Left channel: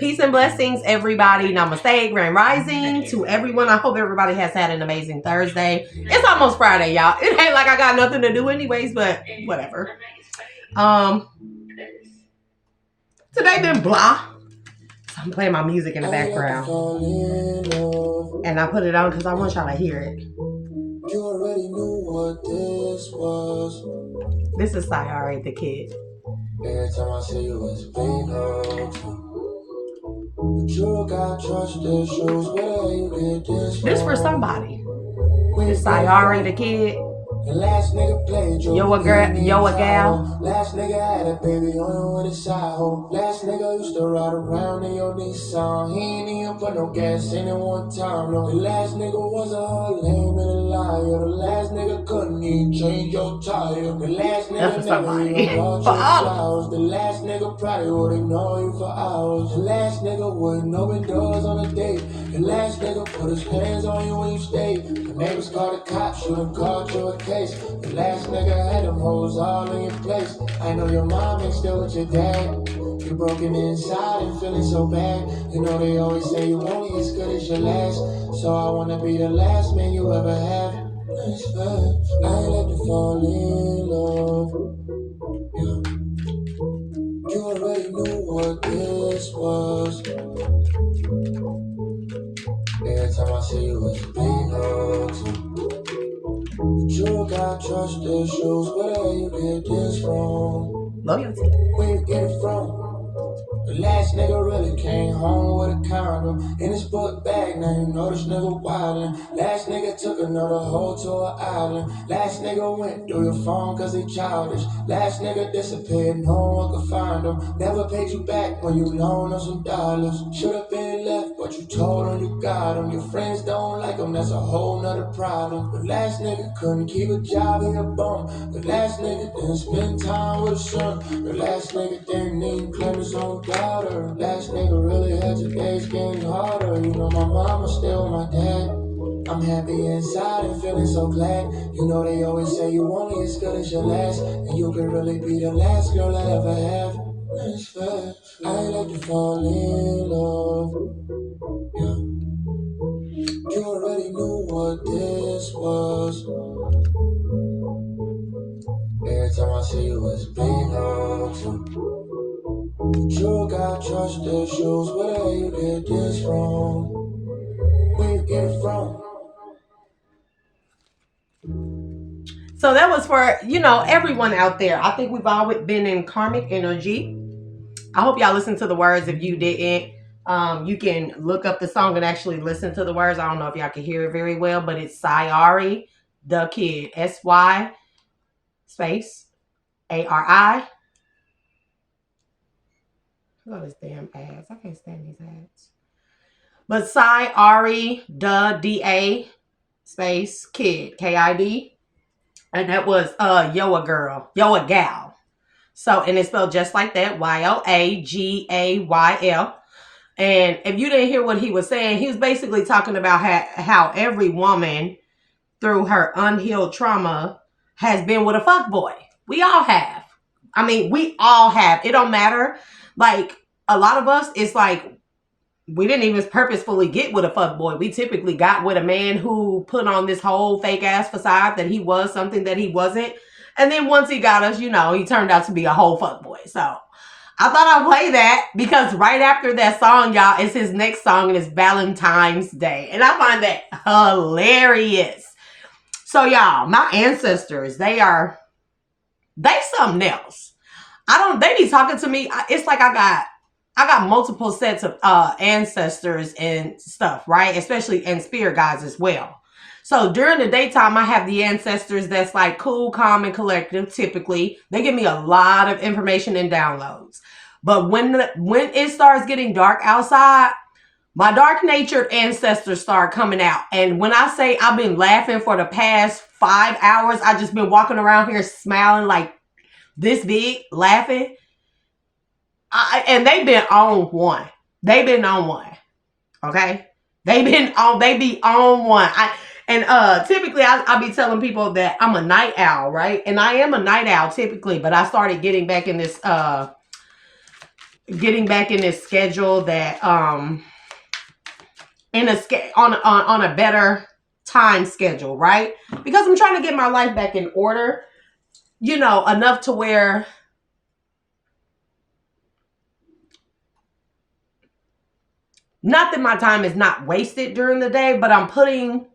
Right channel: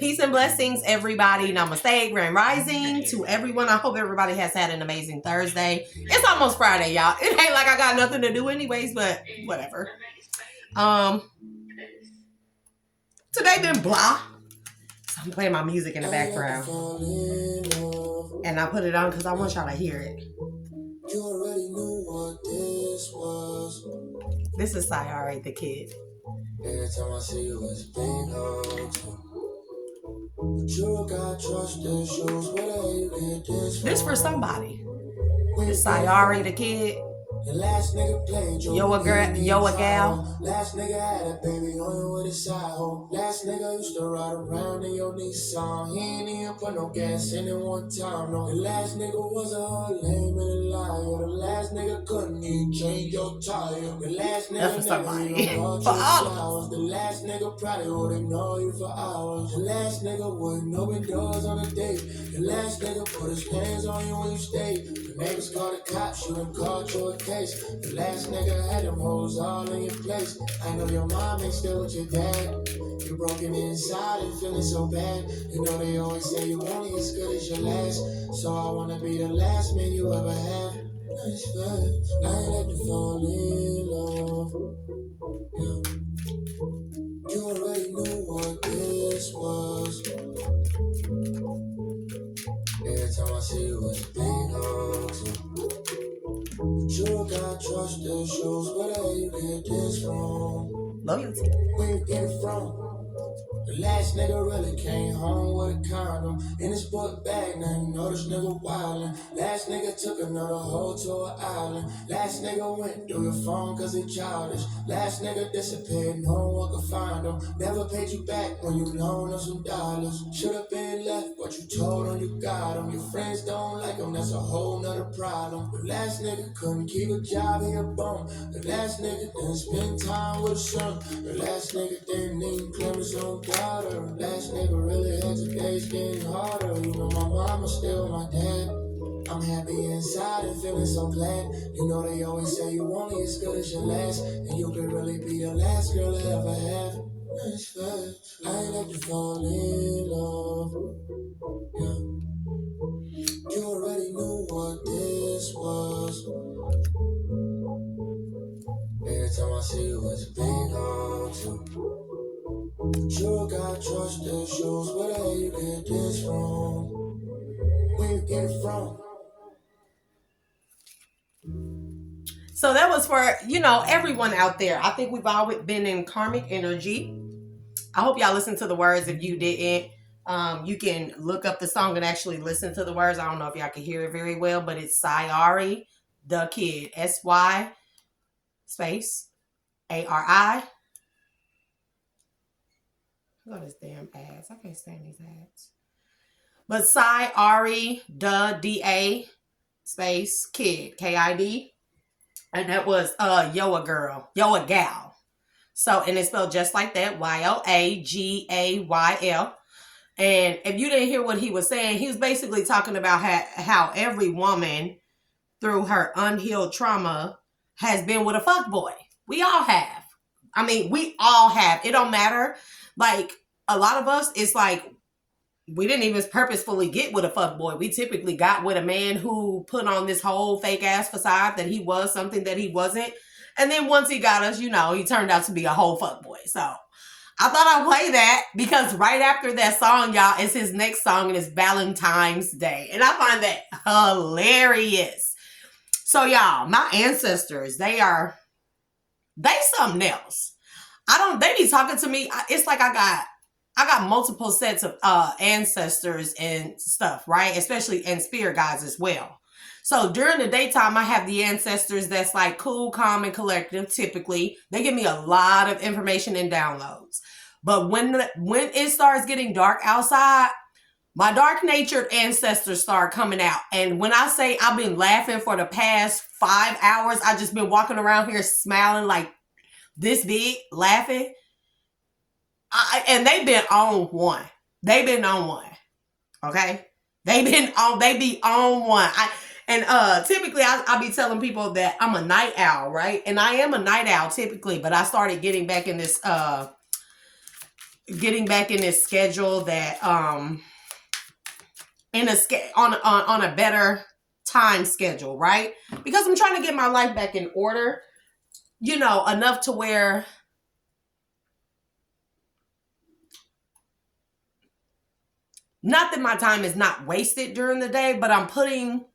Peace and blessings, everybody. Namaste, Grand Rising to everyone. I hope everybody has had an amazing Thursday. It's almost Friday, y'all. It ain't like I got nothing to do anyways, but whatever. Today been blah. So I'm playing my music in the background. And I put it on because I want y'all to hear it. You already knew what this was. This is Sayari the Kid. Every time I see you, it's big hugs. But you got trust issues. Where you get this from? This for somebody. It's Sayari the Kid. The last nigga played yo a gal. Last nigga had a baby on him with a side hoe. Last nigga used to ride around in your Nissan. He ain't even put no gas in it one time. No, the last nigga was a whole lame and a liar. The last nigga couldn't even change your tire. The last nigga never even bought you flowers. The last nigga probably would ignore you for hours. The last nigga wouldn't open doors on a date. The last nigga put his hands on you when you stayed. The neighbors called the cops, you done called you a case. The last nigga had them hoes all in your place. I know your mom ain't still with your dad. You're broken inside and feeling so bad. You know they always say you only as good as your last. So I wanna be the last man you ever have. That's fine. I ain't like to fall in love. Yeah. You already knew what this was. Every time I see you, it's big hugs. But you got trust issues. Where you get this from? Loyalty. Where you get it from? The last nigga really came home with a condom in his book bag. Now you know this nigga wildin'. Last nigga took another hoe to an island. Last nigga went through your phone cause he childish. Last nigga disappeared, no one could find him. Never paid you back when you loaned him some dollars. Should've been left, but you told him you got him. Your friends don't like him, that's a whole nother problem. The last nigga couldn't keep a job, he a bum. The last nigga didn't spend time with his son. The last nigga didn't even claim his own daughter. Last nigga really had your days getting harder. You know my mama still my dad. I'm happy inside and feeling so glad. You know they always say you only as good as your last. And you could really be the last girl I ever have. That's fast. I ain't like to fall in love. Yeah. You already knew what this was. Every time I see you, it's big hugs. But you got trust issues. Where you get this from? Where you get it from? So that was for, everyone out there. I think we've all been in karmic energy. I hope y'all listened to the words. If you didn't, you can look up the song and actually listen to the words. I don't know if y'all can hear it very well, but it's Sayari the Kid. SY space ARI. Look at this damn ads. I can't stand these ads. But Sayari the DA space Kid KID. And that was Yo a Gal. So, and it's spelled just like that, YOAGAYL. And if you didn't hear what he was saying, he was basically talking about how every woman through her unhealed trauma has been with a fuckboy. We all have. I mean, we all have. It don't matter. Like, a lot of us, it's like, we didn't even purposefully get with a fuckboy. We typically got with a man who put on this whole fake ass facade that he was something that he wasn't. And then once he got us, he turned out to be a whole fuckboy. So I thought I'd play that because right after that song, y'all, is his next song and it's Valentine's Day. And I find that hilarious. So y'all, my ancestors, they something else. They be talking to me. It's like I got multiple sets of ancestors and stuff, right? Especially and spirit guides as well. So during the daytime, I have the ancestors that's like cool, calm, and collective. Typically, they give me a lot of information and downloads. But when it starts getting dark outside, my dark-natured ancestors start coming out. And when I say I've been laughing for the past 5 hours, I just been walking around here smiling like this big, laughing. And they've been on one. Okay? They be on one. Typically I'll be telling people that I'm a night owl, right? And I am a night owl typically, but I started getting back in this getting back in this schedule that in a on a better time schedule, right? Because I'm trying to get my life back in order, you know, enough to where not that my time is not wasted during the day, but I'm putting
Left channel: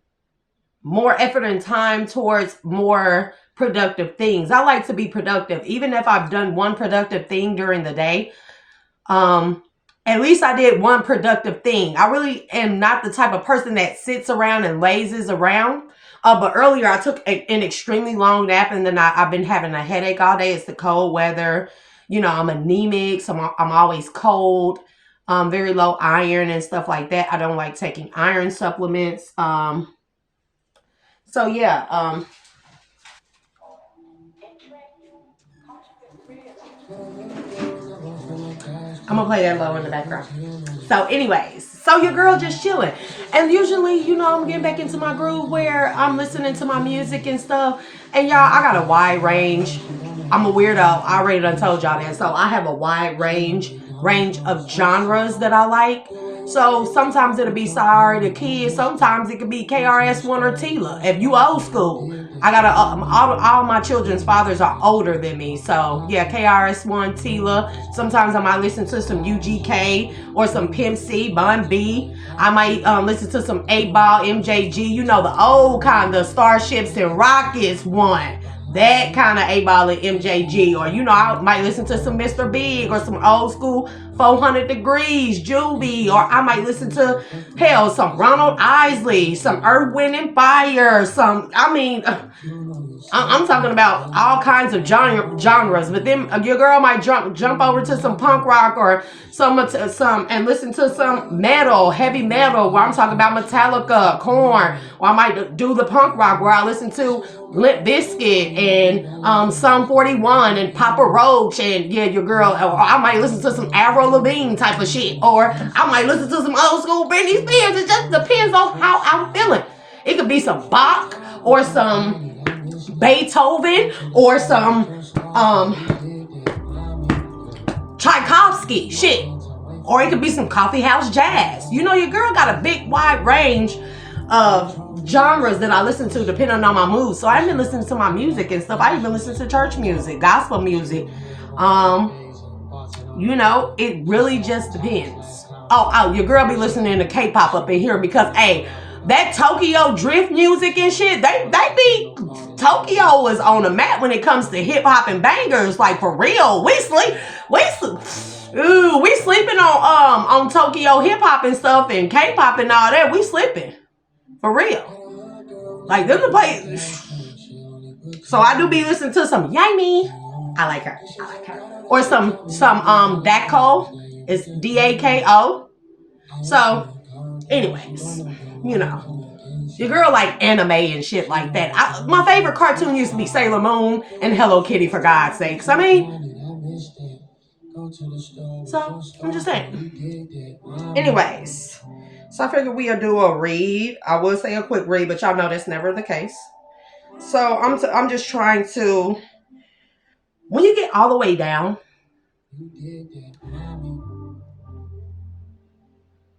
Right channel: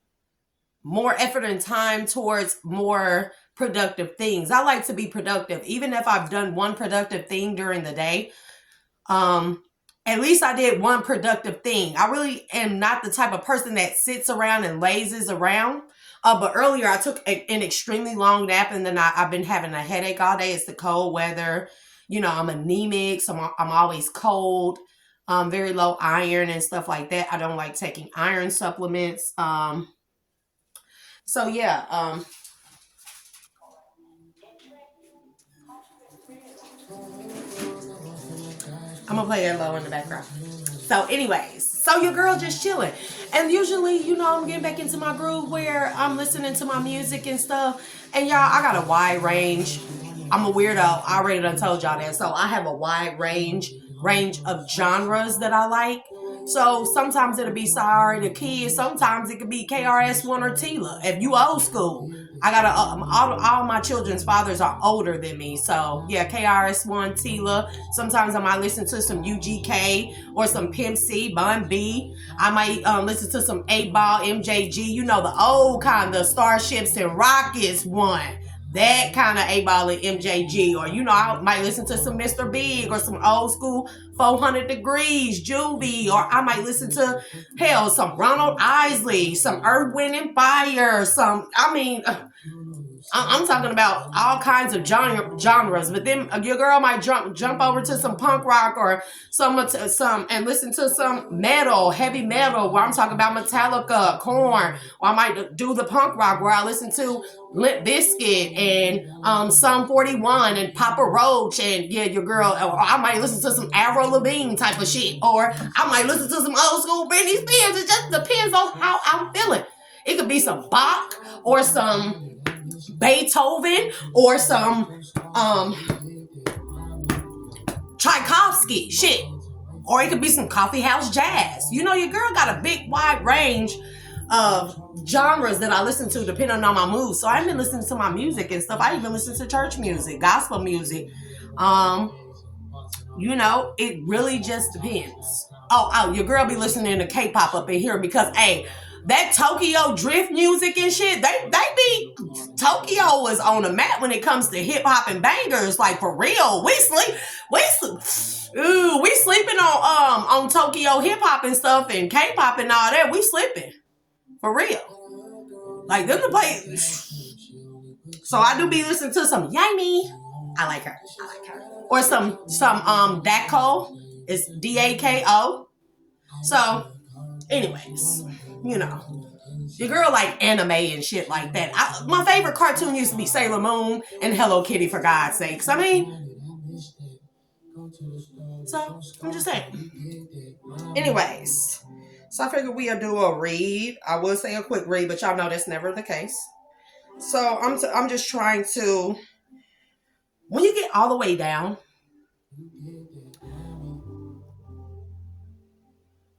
more effort and time towards more productive things. I like to be productive, even if I've done one productive thing during the day. At least I did one productive thing. I really am not the type of person that sits around and lazes around. But earlier I took an extremely long nap, and then I've been having a headache all day. It's the cold weather. You know, I'm anemic, so I'm always cold. Very low iron and stuff like that. I don't like taking iron supplements. So yeah, I'm gonna play that low in the background. So anyways, so your girl just chilling. And usually, you know, I'm getting back into my groove where I'm listening to my music and stuff. And y'all, I got a wide range. I'm a weirdo. I already done told y'all that. So I have a wide range of genres that I like. So sometimes it'll be Sorry the Kids. Sometimes it could be KRS-One or Tila. If you old school, I got all my children's fathers are older than me. So yeah, KRS-One, Tila. Sometimes I might listen to some UGK or some Pimp C, Bun B. I might listen to some 8-Ball, MJG. You know, the old kind of Starships and Rockets one. That kind of 8-Ball and MJG. Or, you know, I might listen to some Mr. Big or some old school 400 Degrees, Juvie. Or I might listen to, hell, some Ronald Isley, some Earth, Wind, and Fire. I'm talking about all kinds of genres. But then your girl might jump over to some punk rock or some and listen to some metal, heavy metal, where I'm talking about Metallica, Korn. Or I might do the punk rock where I listen to Limp Bizkit and Sum 41 and Papa Roach, and yeah, your girl. Or I might listen to some Avril Lavigne type of shit, or I might listen to some old school Britney Spears. It just depends on how I'm feeling. It could be some Bach or some Beethoven or some Tchaikovsky shit, or it could be some coffee house jazz. You know, your girl got a big wide range of genres that I listen to depending on my mood. So I've been listening to my music and stuff. I even listen to church music, gospel music. You know, it really just depends. Oh, your girl be listening to K-pop up in here because, hey, that Tokyo drift music and shit, they be, Tokyo is on the map when it comes to hip hop and bangers. Like, for real, we sleeping on Tokyo hip hop and stuff and K-pop and all that. We slipping, for real. Like, them the play. So I do be listening to some Yami. I like her. Or some Dako. It's Dako. So, anyways, you know, your girl like anime and shit like that. My favorite cartoon used to be Sailor Moon and Hello Kitty, for God's sakes. I mean, so I'm just saying. Anyways, so I figured we'll do a read. I will say a quick read, but y'all know that's never the case. So I'm just trying to, when you get all the way down,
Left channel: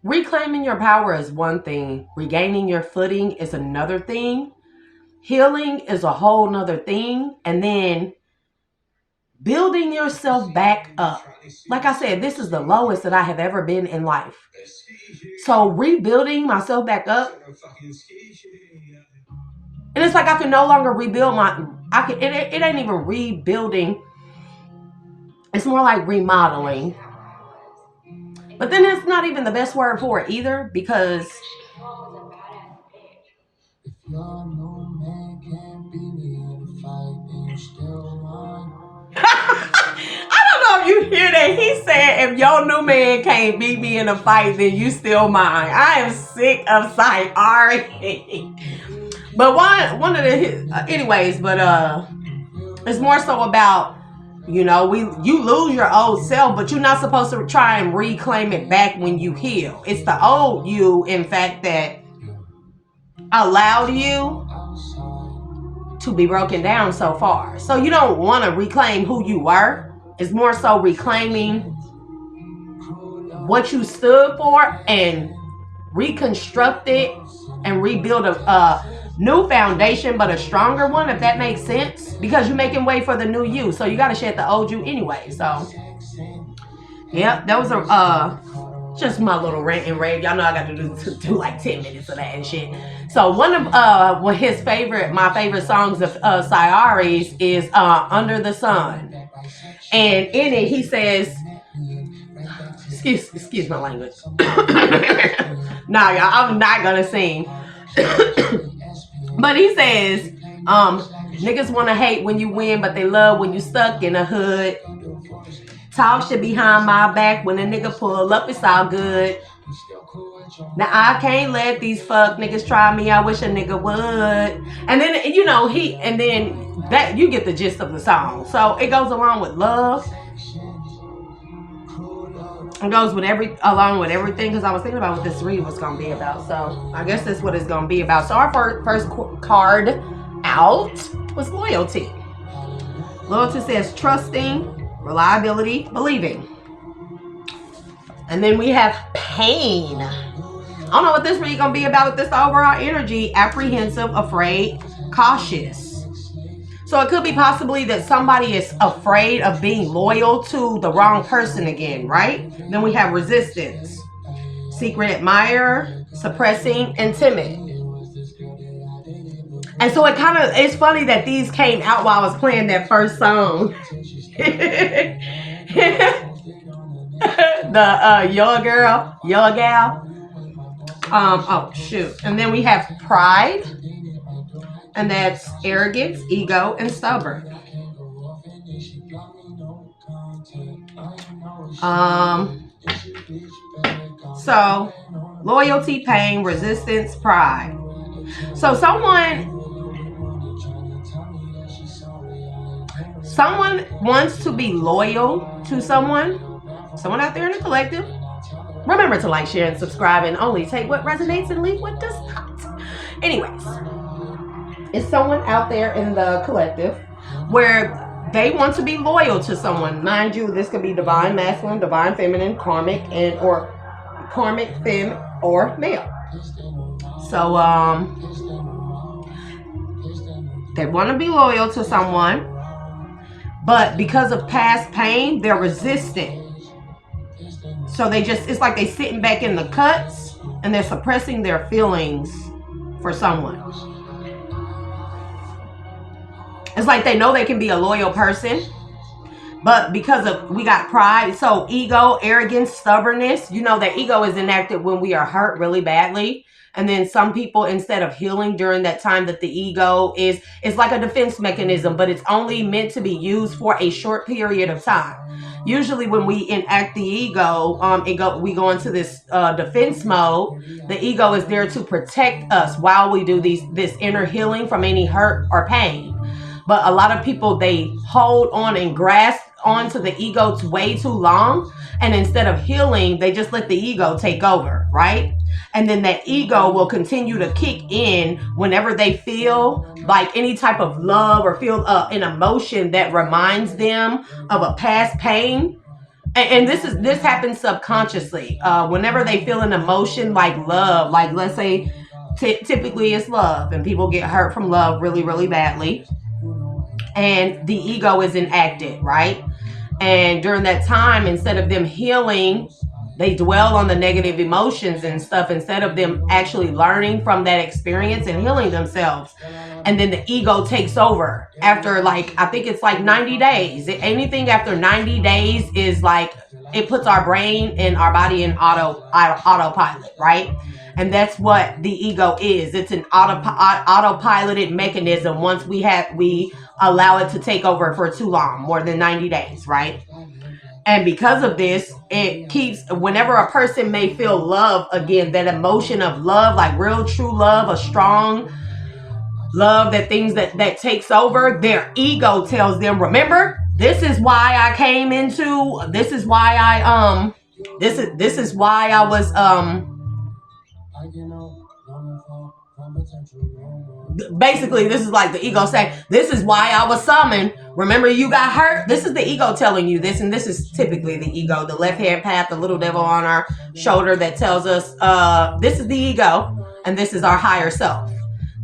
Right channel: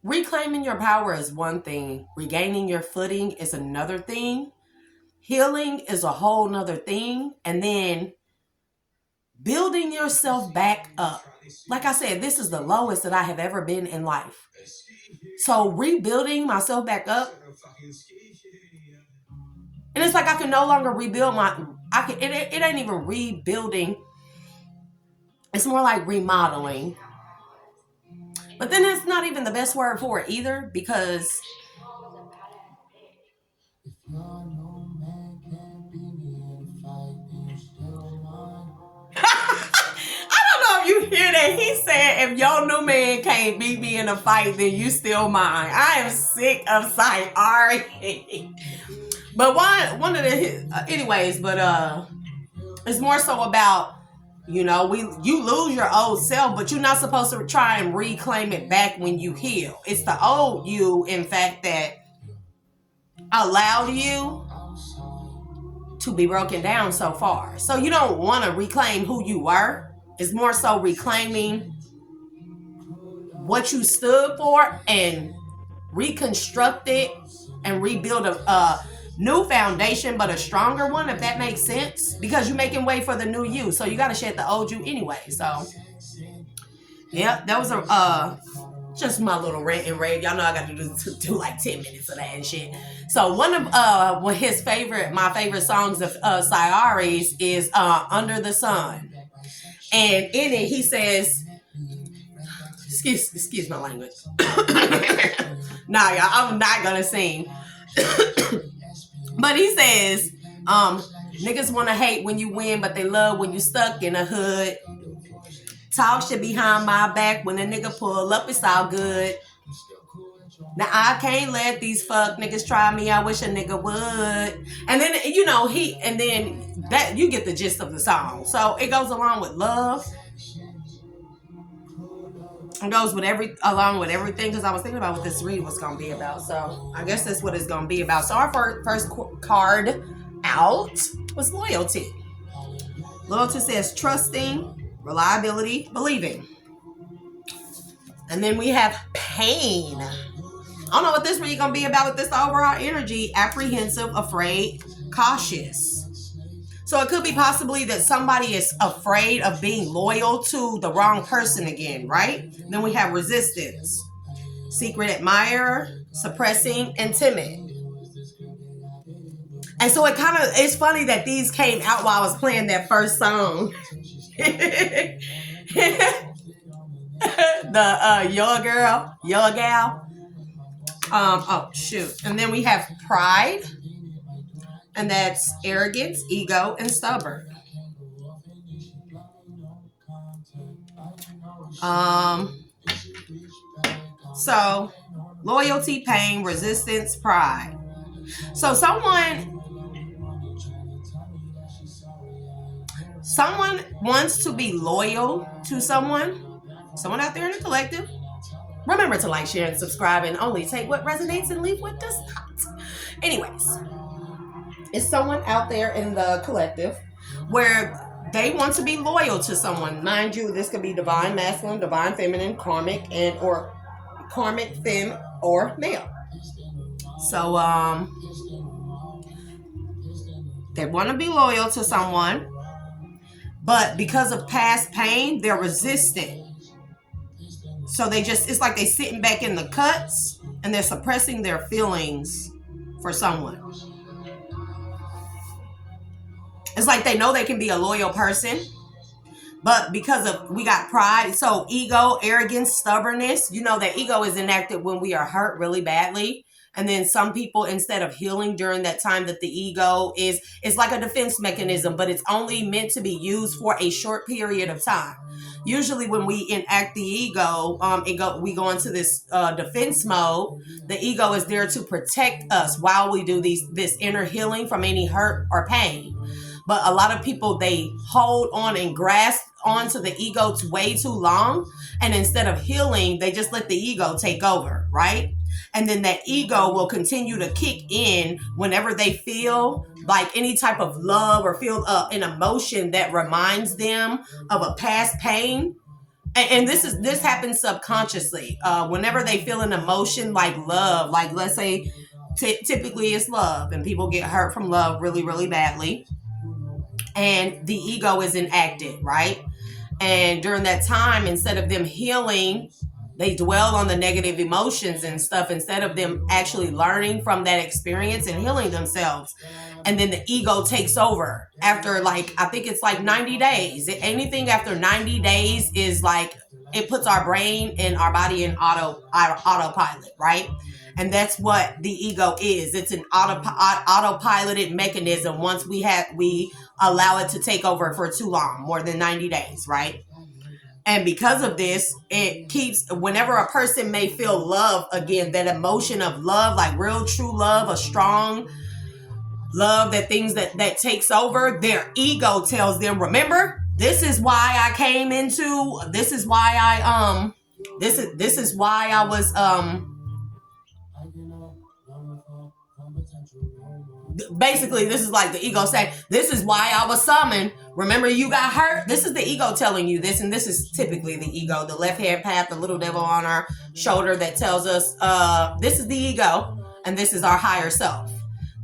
reclaiming your power is one thing. Regaining your footing is another thing. Healing is a whole nother thing. And then building yourself back up. Like I said, this is the lowest that I have ever been in life. So rebuilding myself back up. And it's like I can no longer rebuild it ain't even rebuilding. It's more like remodeling. But then it's not even the best word for it either, because I don't know if you hear that. He said, if your new man can't beat me in a fight, then you still mine. I am sick of sight already. But one of the anyways, but it's more so about, you know, you lose your old self, but you're not supposed to try and reclaim it back when you heal. It's the old you, in fact, that allowed you to be broken down so far. So you don't want to reclaim who you were. It's more so reclaiming what you stood for and reconstruct it and rebuild a new foundation, but a stronger one, if that makes sense, because you're making way for the new you. So you got to shed the old you anyway. So yeah, that was a just my little rant and rave. Y'all know I got to do like 10 minutes of that and shit. So one of my favorite songs of Sayari's is Under the Sun. And in it he says, excuse my language. Nah, y'all, I'm not gonna sing. But he says, niggas wanna hate when you win, but they love when you stuck in the hood. Talk shit behind my back. When a nigga pull up, it's all good. Now I can't let these fuck niggas try me. I wish a nigga would. And then that you get the gist of the song. So it goes along with love. It goes along with everything, because I was thinking about what this read was gonna be about. So I guess that's what it's gonna be about. So our first card out was loyalty. Loyalty says trusting, reliability, believing. And then we have pain. I don't know what this read gonna be about with this overall energy. Apprehensive, afraid, cautious. So it could be possibly that somebody is afraid of being loyal to the wrong person again, right? Then we have resistance, secret admirer, suppressing, and timid. And so it's funny that these came out while I was playing that first song. The Yo Gal. Oh shoot. And then we have pride. And that's arrogance, ego, and stubborn. So loyalty, pain, resistance, pride. So someone wants to be loyal to someone out there in the collective. Remember to like, share, and subscribe, and only take what resonates and leave what does not. Anyways, it's someone out there in the collective where they want to be loyal to someone. Mind you, this could be divine masculine, divine feminine, karmic femme, or male. So they want to be loyal to someone, but because of past pain, they're resistant. So it's like they sitting back in the cuts and they're suppressing their feelings for someone. It's like they know they can be a loyal person, but we got pride, so ego, arrogance, stubbornness. You know that ego is enacted when we are hurt really badly. And then some people, instead of healing during that time that the ego it's like a defense mechanism, but it's only meant to be used for a short period of time. Usually when we enact the ego, we go into this defense mode. The ego is there to protect us while we do this inner healing from any hurt or pain. But a lot of people, they hold on and grasp onto the ego way too long. And instead of healing, they just let the ego take over, right? And then that ego will continue to kick in whenever they feel like any type of love or feel an emotion that reminds them of a past pain. And this happens subconsciously. Whenever they feel an emotion like love, like let's say typically it's love, and people get hurt from love really, really badly. And the ego is enacted, right? And during that time, instead of them healing, they dwell on the negative emotions and stuff instead of them actually learning from that experience and healing themselves. And then the ego takes over after I think it's 90 days. Anything after 90 days is it puts our brain and our body in autopilot, right? And that's what the ego is. It's an autopiloted mechanism once we allow it to take over for too long, more than 90 days, right? And because of this, it keeps, whenever a person may feel love again, that emotion of love, like real true love, a strong love, that things that takes over, their ego tells them, remember, this is why I came into, this is why I was basically, this is like the ego saying, this is why I was summoned. Remember, you got hurt? This is the ego telling you this, and this is typically the ego, the left-hand path, the little devil on our shoulder that tells us, this is the ego, and this is our higher self.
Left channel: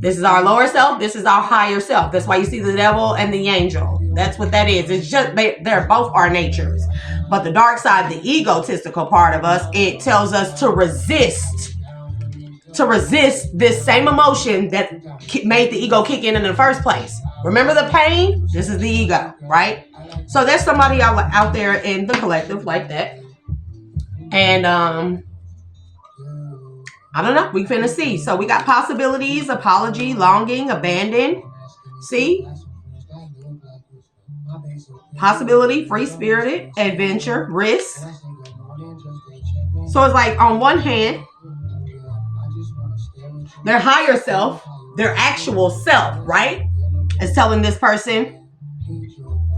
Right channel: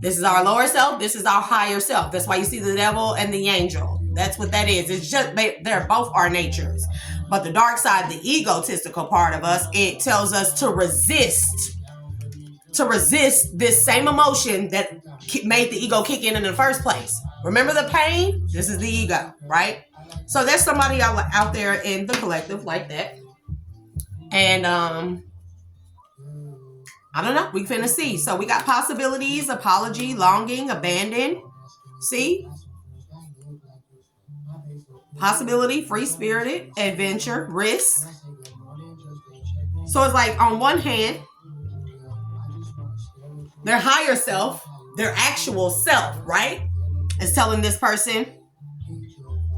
This is our lower self. This is our higher self. That's why you see the devil and the angel. That's what that is. It's just, they're both our natures. But the dark side, the egotistical part of us, it tells us to resist this same emotion that made the ego kick in the first place. Remember the pain? This is the ego, right? So there's somebody out there in the collective like that. And I don't know. We finna see. So we got possibilities, apology, longing, abandon. See? Possibility, free-spirited, adventure, risk. So it's like on one hand, their higher self, their actual self, right, is telling this person,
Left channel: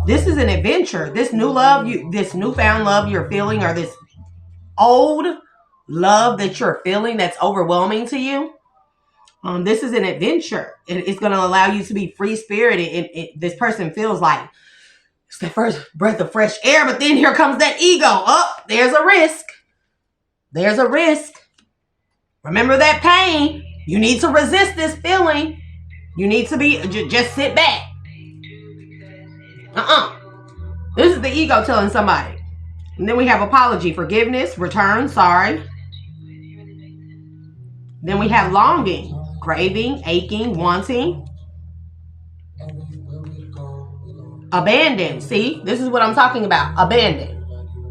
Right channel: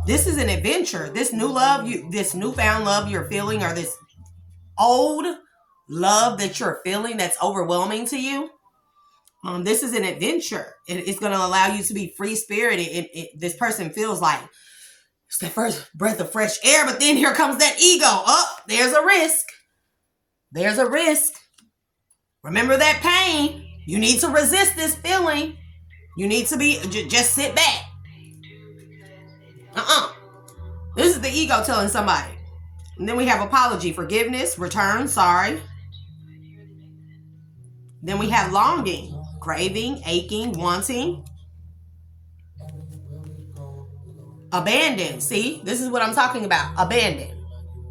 this is an adventure. This new love, this newfound love you're feeling, or this old love that you're feeling that's overwhelming to you, this is an adventure. It's going to allow you to be free-spirited. This person feels like it's the first breath of fresh air, but then here comes that ego. Oh, there's a risk. There's a risk. Remember that pain. You need to resist this feeling. You need to be, just sit back. This is the ego telling somebody. And then we have apology, forgiveness, return, sorry. Then we have longing, craving, aching, wanting. Abandon. See, this is what I'm talking about. Abandon.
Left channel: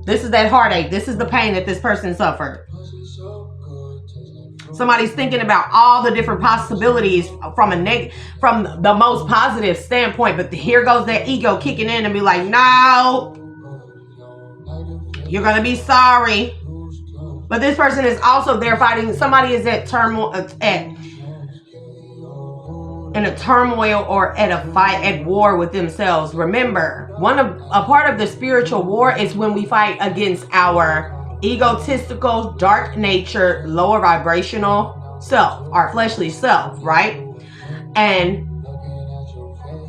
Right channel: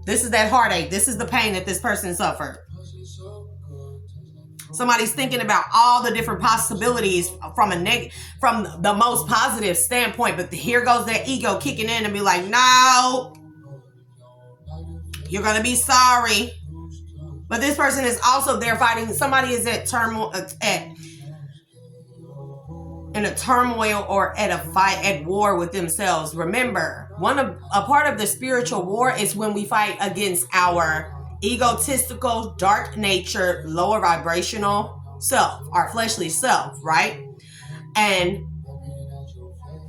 This is that heartache. This is the pain that this person suffered. Somebody's thinking about all the different possibilities from the most positive standpoint, but here goes that ego kicking in and be like, no, you're gonna be sorry. But this person is also there fighting. Somebody is at turmoil, in a turmoil or at a fight, at war with themselves. Remember, a part of the spiritual war is when we fight against our egotistical, dark nature, lower vibrational self, our fleshly self, right? And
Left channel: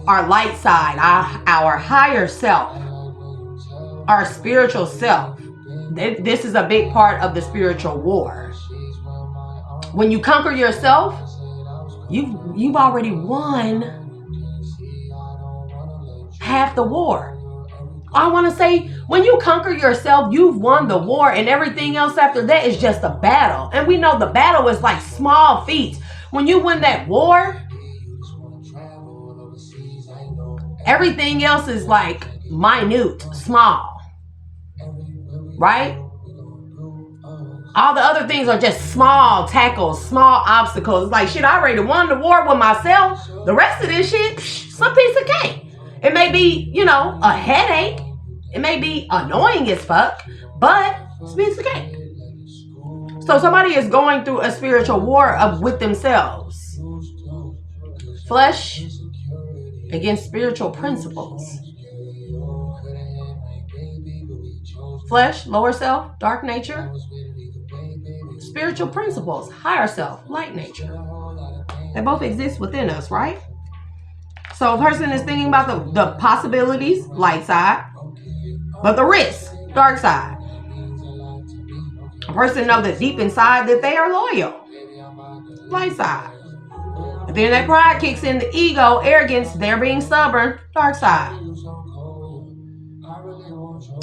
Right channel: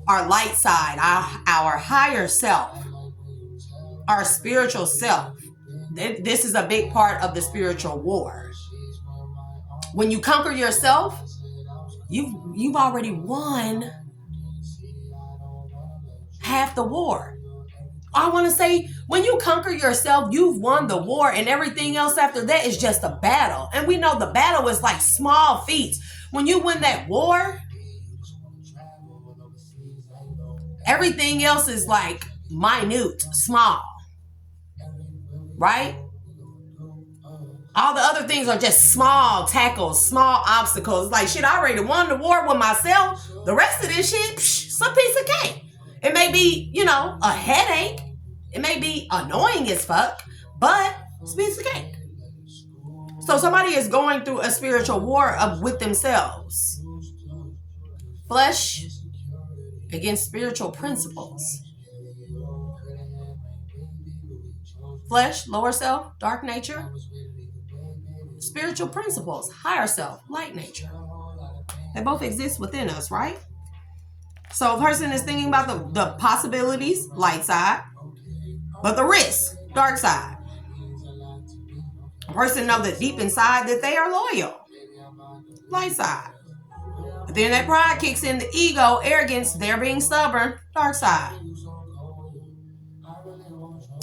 our light side, our higher self, our spiritual self. This is a big part of the spiritual war. When you conquer yourself, you've already won half the war. I want to say, when you conquer yourself, you've won the war, and everything else after that is just a battle. And we know the battle is like small feats. When you win that war, everything else is like minute, small, right? All the other things are just small tackles, small obstacles. Like, shit, I already won the war with myself. The rest of this shit, some piece of cake. It may be, a headache. It may be annoying as fuck, but it's a piece of cake. So somebody is going through a spiritual war with themselves. Flesh against spiritual principles. Flesh, lower self, dark nature. Spiritual principles, higher self, light nature. They both exist within us, right? So a person is thinking about the possibilities, light side, but the risk, dark side. A person knows that deep inside that they are loyal, light side. But then that pride kicks in, the ego, arrogance, they're being stubborn, dark side.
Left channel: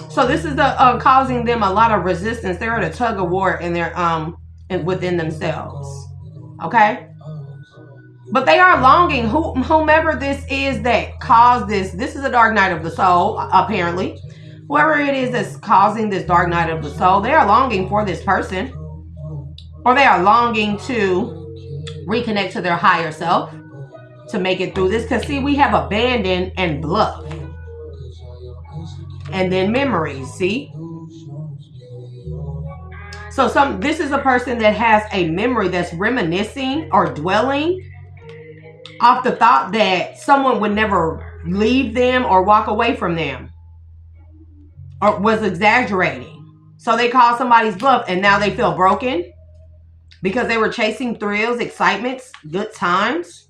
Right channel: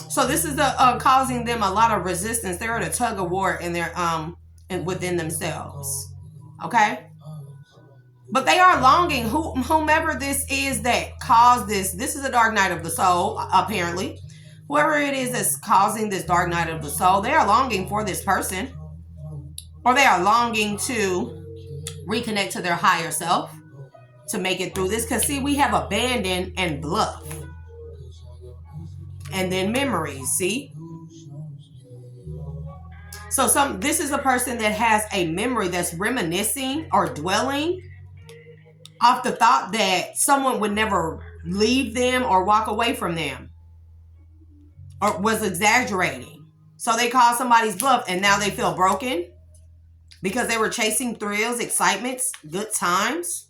So this is causing them a lot of resistance. They're at a tug of war in their within themselves. Okay? But they are longing, whomever this is that caused this. This is a dark night of the soul, apparently. Whoever it is that's causing this dark night of the soul, they are longing for this person. Or they are longing to reconnect to their higher self to make it through this. Because, see, we have abandon and bluff. And then memories, see? So this is a person that has a memory that's reminiscing or dwelling off the thought that someone would never leave them or walk away from them, or was exaggerating. So they call somebody's bluff, and now they feel broken because they were chasing thrills, excitements, good times.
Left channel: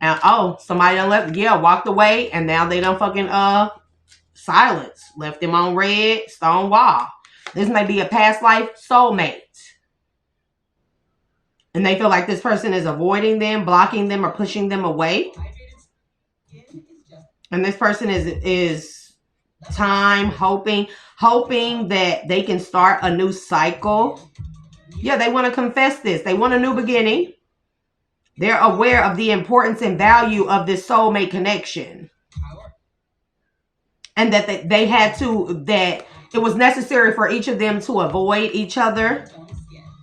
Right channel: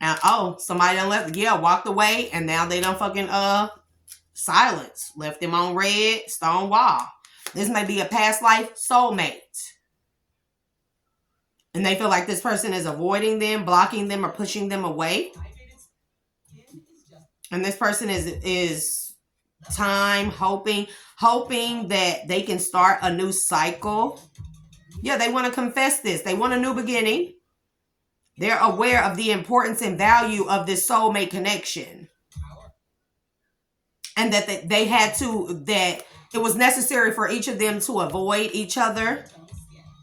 And somebody done left, walked away, and now they done fucking silence. Left them on red, stone wall. This may be a past life soulmate. And they feel like this person is avoiding them, blocking them, or pushing them away. And this person is hoping that they can start a new cycle. Yeah, they want to confess this. They want a new beginning. They're aware of the importance and value of this soulmate connection. And that that it was necessary for each of them to avoid each other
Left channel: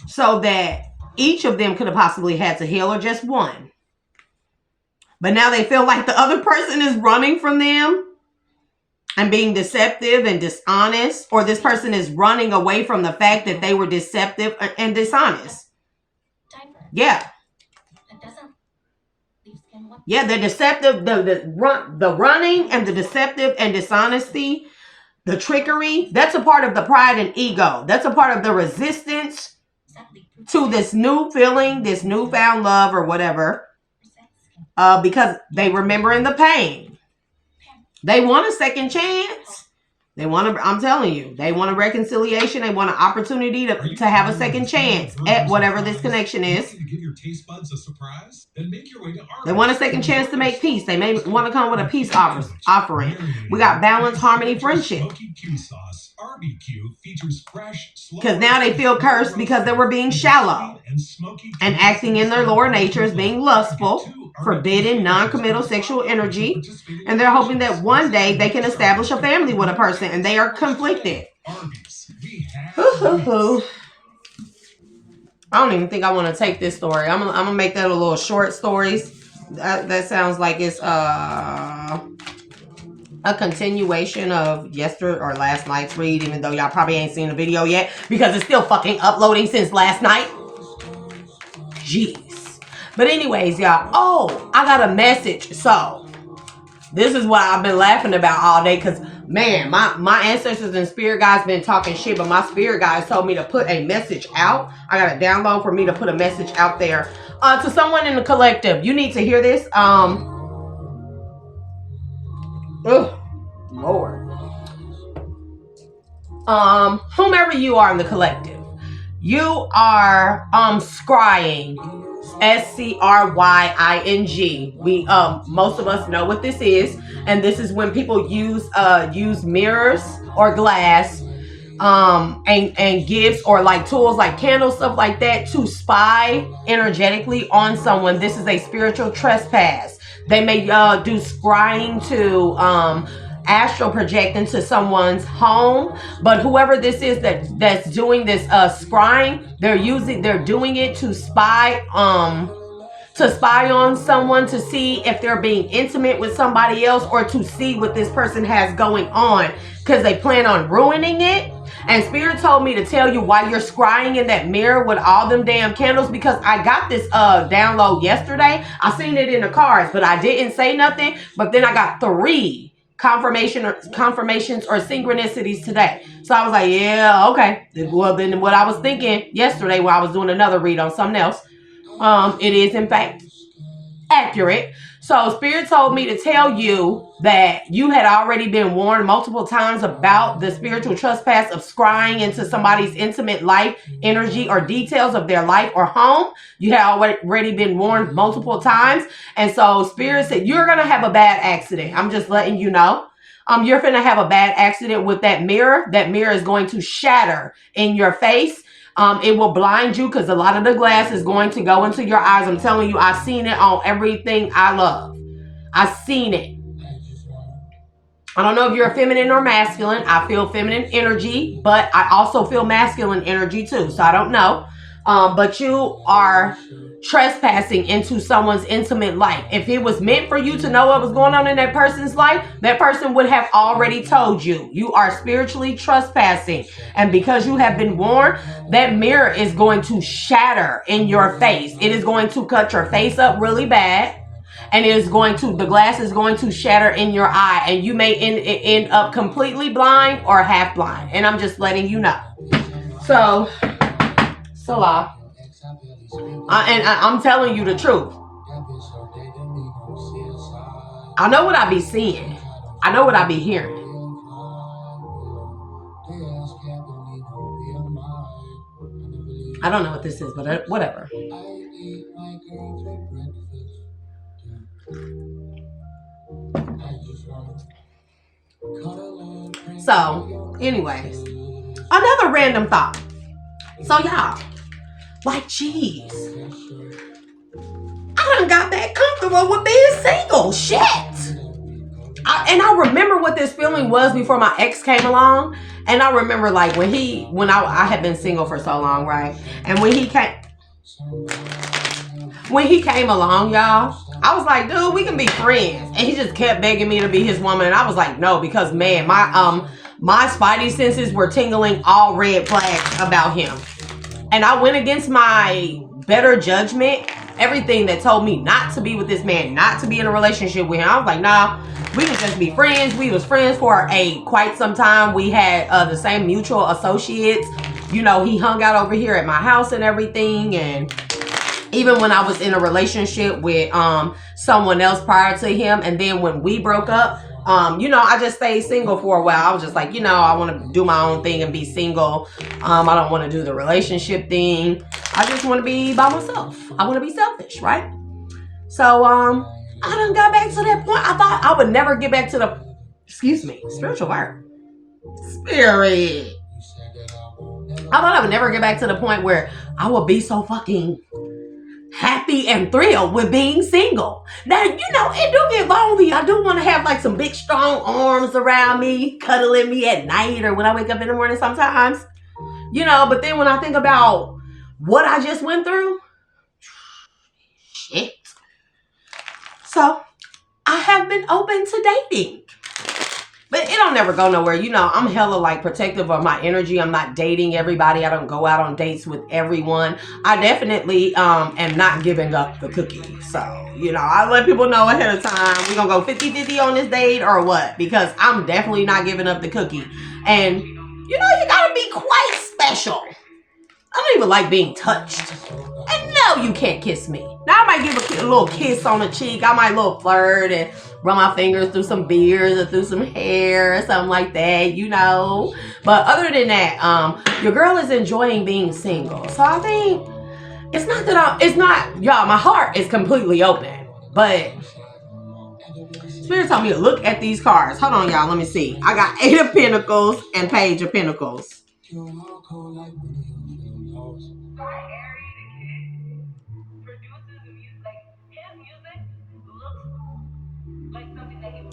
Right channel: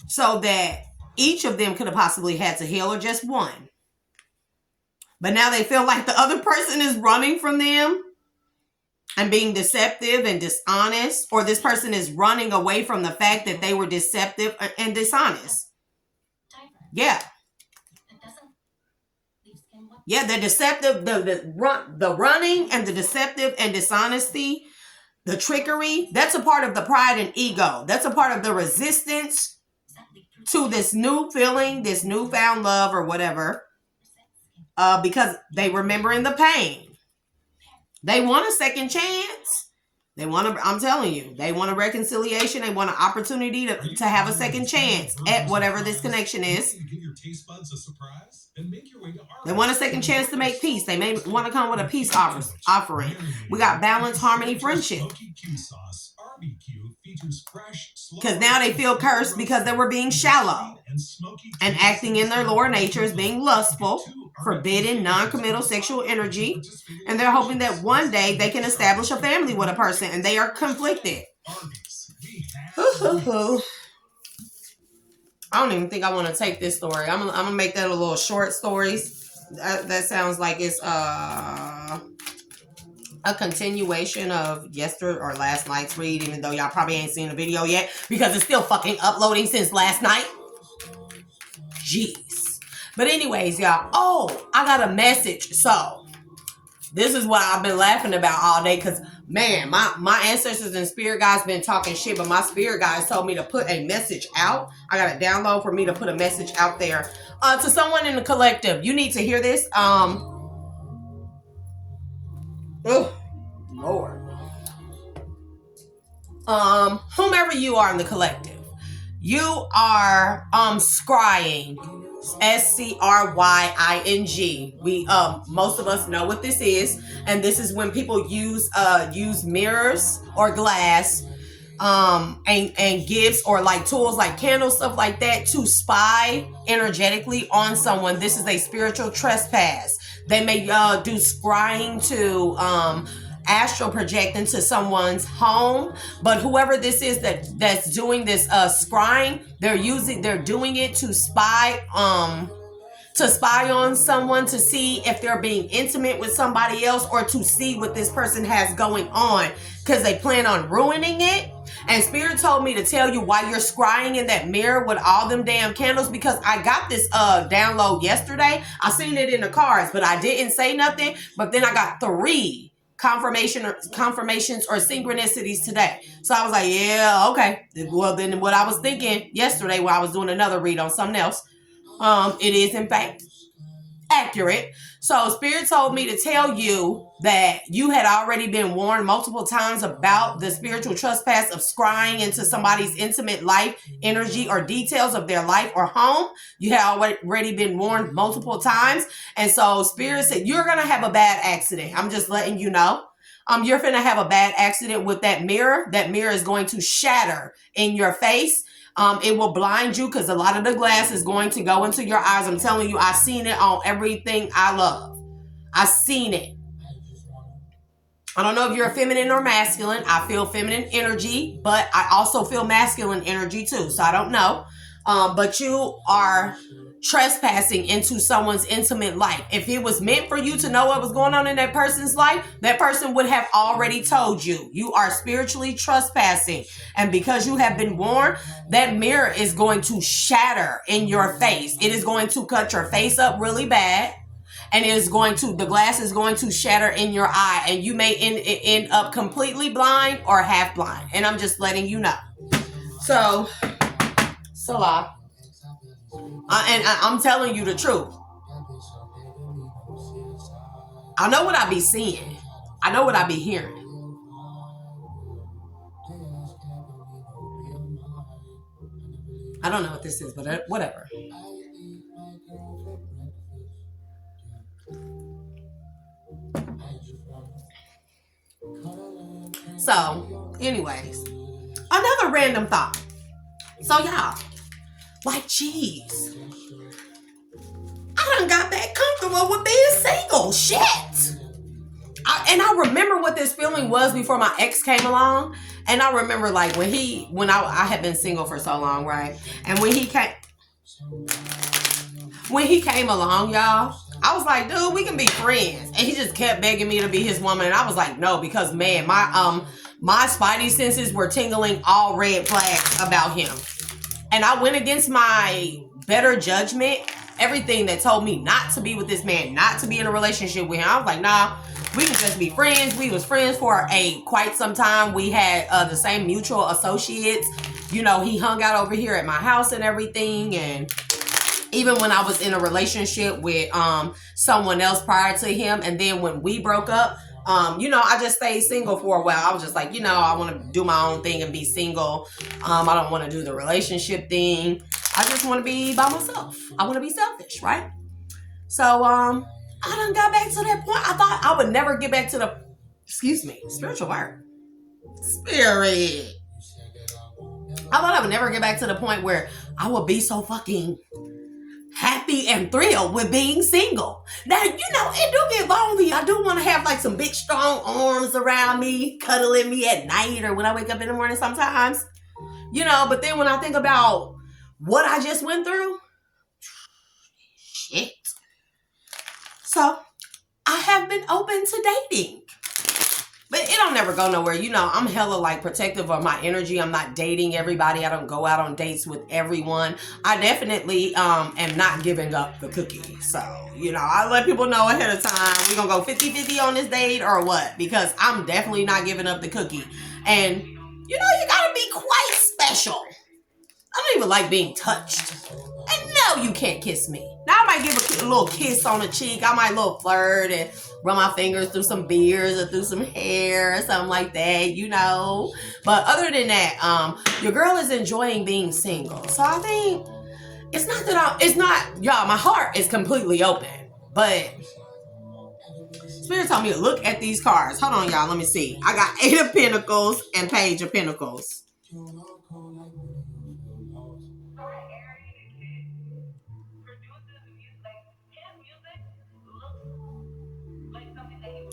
so that each of them could have possibly had to heal, or just one. But now they feel like the other person is running from them and being deceptive and dishonest, or this person is running away from the fact that they were deceptive and dishonest. Yeah. Yeah, the deceptive, the running and the deceptive and dishonesty, the trickery, that's a part of the pride and ego. That's a part of the resistance to this new feeling, this newfound love or whatever, because they remembering the pain. They want a second chance. I'm telling you, they want a reconciliation. They want an opportunity to have a second chance at whatever this connection is. They want a second chance to make peace. They may want to come with a peace offering. We got balance, harmony, friendship. Because now they feel cursed because they were being shallow and acting in their lower natures, being lustful, forbidden, non-committal sexual energy, and they're hoping that one day they can establish a family with a person, and they are conflicted. I don't even think I want to take this story. I'm gonna make that a little short stories. That sounds like it's a continuation of yesterday or last night's read, even though y'all probably ain't seen the video yet because it's still fucking uploading since last night. Jeez. But anyways, y'all, I got a message. So this is what I've been laughing about all day, because man, my ancestors and spirit guides been talking shit, but my spirit guides told me to put a message out. I got a download for me to put a message out there to someone in the collective. You need to hear this. Lord. Whomever you are in the collective, you are scrying. SCRYING. We most of us know what this is, and this is when people use mirrors or glass and gifts or like tools like candles, stuff like that, to spy energetically on someone. This is a spiritual trespass. They may do scrying to astral project into someone's home, but whoever this is that's doing this scrying, they're doing it to spy on someone, to see if they're being intimate with somebody else, or to see what this person has going on, because they plan on ruining it. And Spirit told me to tell you why you're scrying in that mirror with all them damn candles, because I got this download yesterday. I seen it in the cards, but I didn't say nothing. But then I got 3 confirmations or synchronicities today. So I was like, yeah, okay. Well, then what I was thinking yesterday when I was doing another read on something else, it is in fact accurate. So Spirit told me to tell you that you had already been warned multiple times about the spiritual trespass of scrying into somebody's intimate life, energy, or details of their life or home. You had already been warned multiple times. And so Spirit said, you're going to have a bad accident. I'm just letting you know. You're going to have a bad accident with that mirror. That mirror is going to shatter in your face. It will blind you because a lot of the glass is going to go into your eyes. I'm telling you, I've seen it on everything I love. I've seen it. I don't know if you're feminine or masculine. I feel feminine energy, but I also feel masculine energy too. So I don't know. But you are trespassing into someone's intimate life. If it was meant for you to know what was going on in that person's life, that person would have already told you. You are spiritually trespassing. And because you have been warned, that mirror is going to shatter in your face. It is going to cut your face up really bad. And the glass is going to shatter in your eye. And you may end up completely blind or half blind. And I'm just letting you know. So I'm telling you the truth. I know what I be seeing. I know what I be hearing. I don't know what this is, but whatever. So, anyways, another random thought. So, y'all, like, geez, I done got that comfortable with being single. Shit. I remember what this feeling was before my ex came along. And I remember, like, when I had been single for so long, right? And when he came along, y'all, I was like, dude, we can be friends. And he just kept begging me to be his woman. And I was like, no, because, man, my spidey senses were tingling all red flags about him. And I went against my better judgment, everything that told me not to be with this man, not to be in a relationship with him. I was like, nah, we can just be friends. We was friends for quite some time. We had the same mutual associates. You know, he hung out over here at my house and everything. And even when I was in a relationship with someone else prior to him, and then when we broke up, you know, I just stayed single for a while. I was just like, you know, I want to do my own thing and be single. I don't want to do the relationship thing. I just want to be by myself. I want to be selfish, right? So, I done got back to that point. I thought I would never get back to the, spiritual word. Spirit. I thought I would never get back to the point where I would be so fucking happy and thrilled with being single. Now, you know, it do get lonely. I do want to have like some big strong arms around me, cuddling me at night or when I wake up in the morning sometimes. You know, but then when I think about what I just went through, shit. So, I have been open to dating. But it don't never go nowhere. You know, I'm hella like protective of my energy. I'm not dating everybody. I don't go out on dates with everyone. I definitely am not giving up the cookie. So, you know, I let people know ahead of time. We're going to go 50-50 on this date or what? Because I'm definitely not giving up the cookie. And, you know, you got to be quite special. I don't even like being touched. And no, you can't kiss me. Now I might give a little kiss on the cheek. I might little flirt and run my fingers through some beards or through some hair or something like that, you know. But other than that, your girl is enjoying being single. So I think y'all, my heart is completely open. But Spirit told me to look at these cards. Hold on, y'all. Let me see. I got 8 of Pentacles and Page of Pentacles.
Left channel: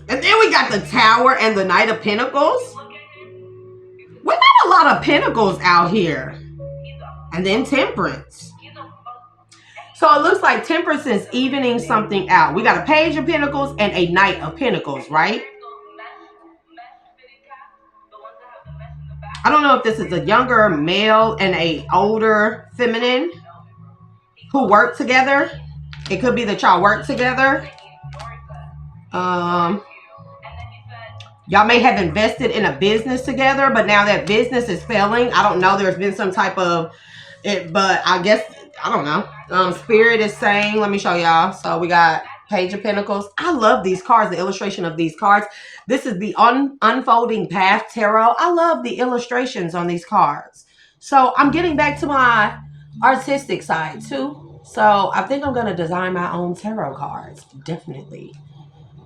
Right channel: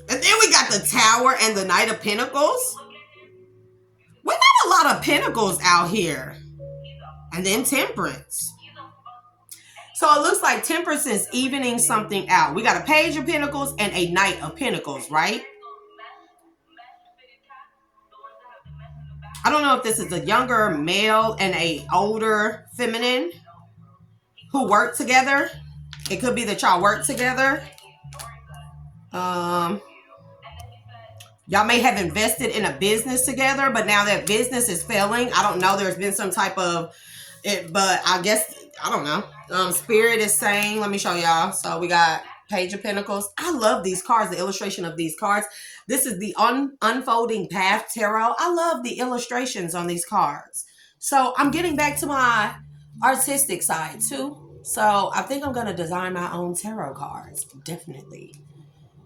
And then we got the Tower and the Knight of Pentacles. We got a lot of Pentacles out here. And then Temperance. So it looks like Temperance is evening something out. We got a Page of Pentacles and a Knight of Pentacles, right? I don't know if this is a younger male and a older feminine who work together. It could be that y'all work together. Y'all may have invested in a business together, but now that business is failing. I don't know. There's been some type of it, but I guess, I don't know. Spirit is saying, let me show y'all. So we got Page of Pentacles. I love these cards, the illustration of these cards. This is the Unfolding Path Tarot. I love the illustrations on these cards. So I'm getting back to my artistic side too. So I think I'm going to design my own tarot cards. Definitely.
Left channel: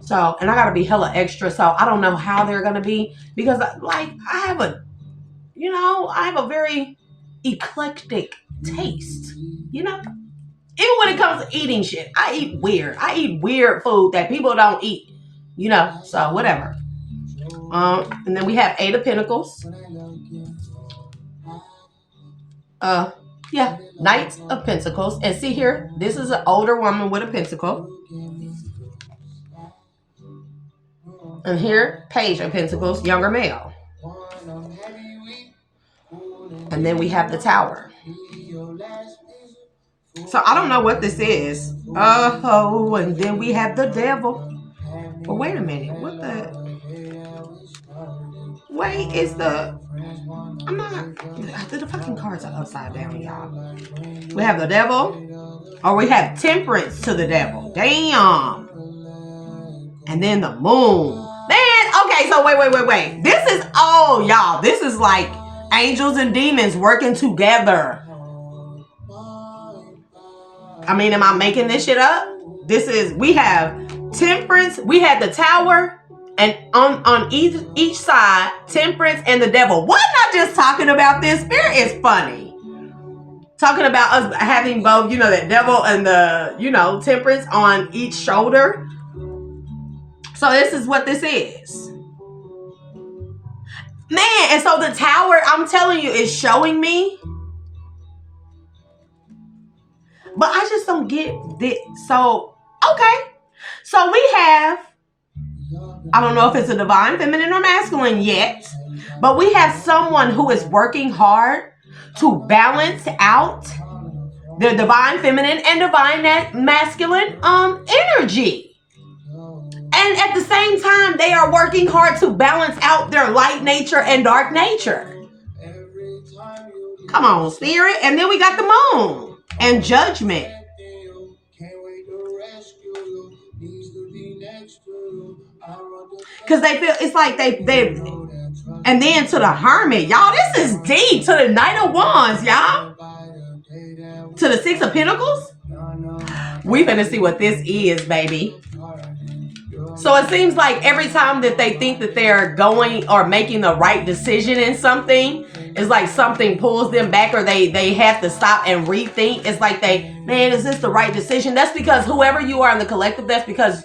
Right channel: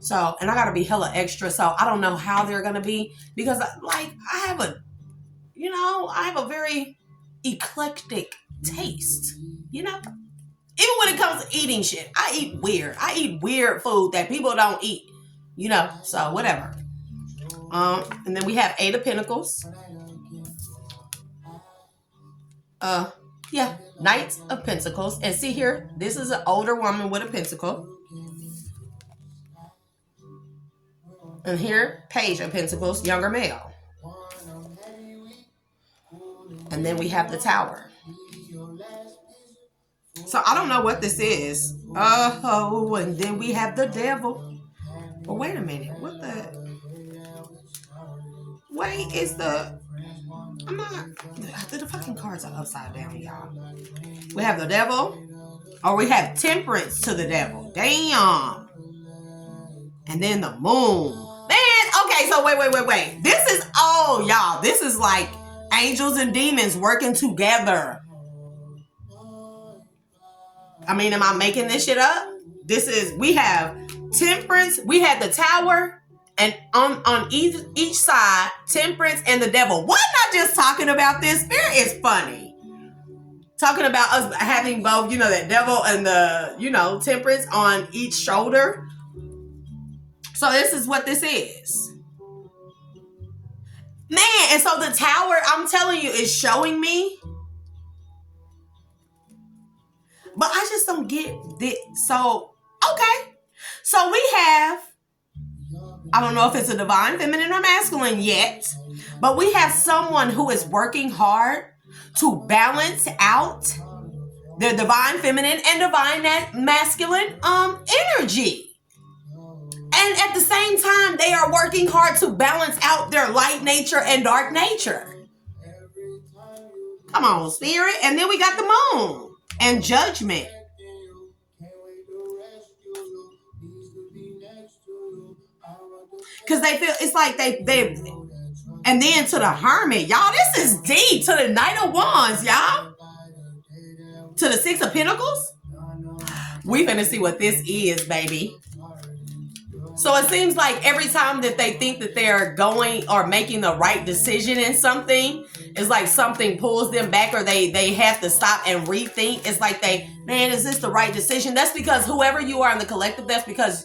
So, and I got to be hella extra. So I don't know how they're going to be because like I have a very eclectic taste, you know, even when it comes to eating shit. I eat weird food that people don't eat, you know, so whatever. And then we have 8 of Pentacles. Knight of Pentacles. And see here, this is an older woman with a pentacle. And here, Page of Pentacles, younger male. And then we have the Tower. So I don't know what this is. Oh, and then we have the Devil. But wait a minute. What the? Wait, is the... I'm not... The fucking cards are upside down, y'all. We have the Devil. Or we have Temperance to the Devil. Damn. And then the moon. Man, okay, so wait. This is, oh, y'all, this is like angels and demons working together. I mean, am I making this shit up? We have temperance, we had the tower, and on each side, temperance and the devil. Why not just talking about this? Spirit is funny. Talking about us having both, that devil and the, temperance on each shoulder. So this is what this is. Man, and so the tower, I'm telling you, is showing me. But I just don't get this. So, okay. So we have, I don't know if it's a divine feminine or masculine yet, but we have someone who is working hard to balance out the divine feminine and divine masculine energy. And at the same time, they are working hard to balance out their light nature and dark nature. Come on, spirit. And then we got the moon and judgment. Because they feel, it's like they and then to the hermit. Y'all, this is deep. To the Knight of Wands, y'all. To the Six of Pentacles. We finna see what this is, baby. So it seems like every time that they think that they're going or making the right decision in something, it's like something pulls them back, or they have to stop and rethink. It's like man, is this the right decision? That's because whoever you are in the collective, that's because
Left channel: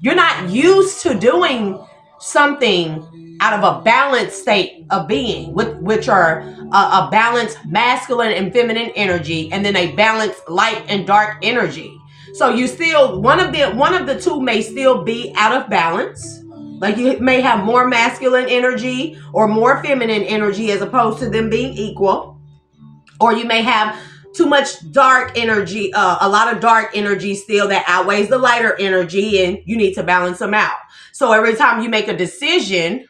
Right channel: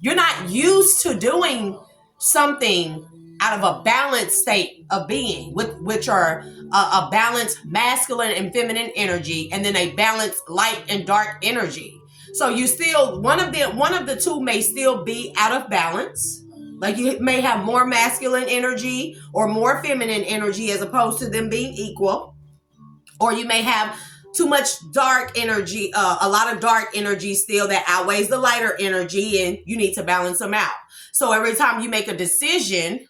you're not used to doing something out of a balanced state of being, which are a balanced masculine and feminine energy, and then a balanced light and dark energy. So you still, one of the two may still be out of balance. Like you may have more masculine energy or more feminine energy as opposed to them being equal. Or you may have too much dark energy, a lot of dark energy still that outweighs the lighter energy, and you need to balance them out. So every time you make a decision,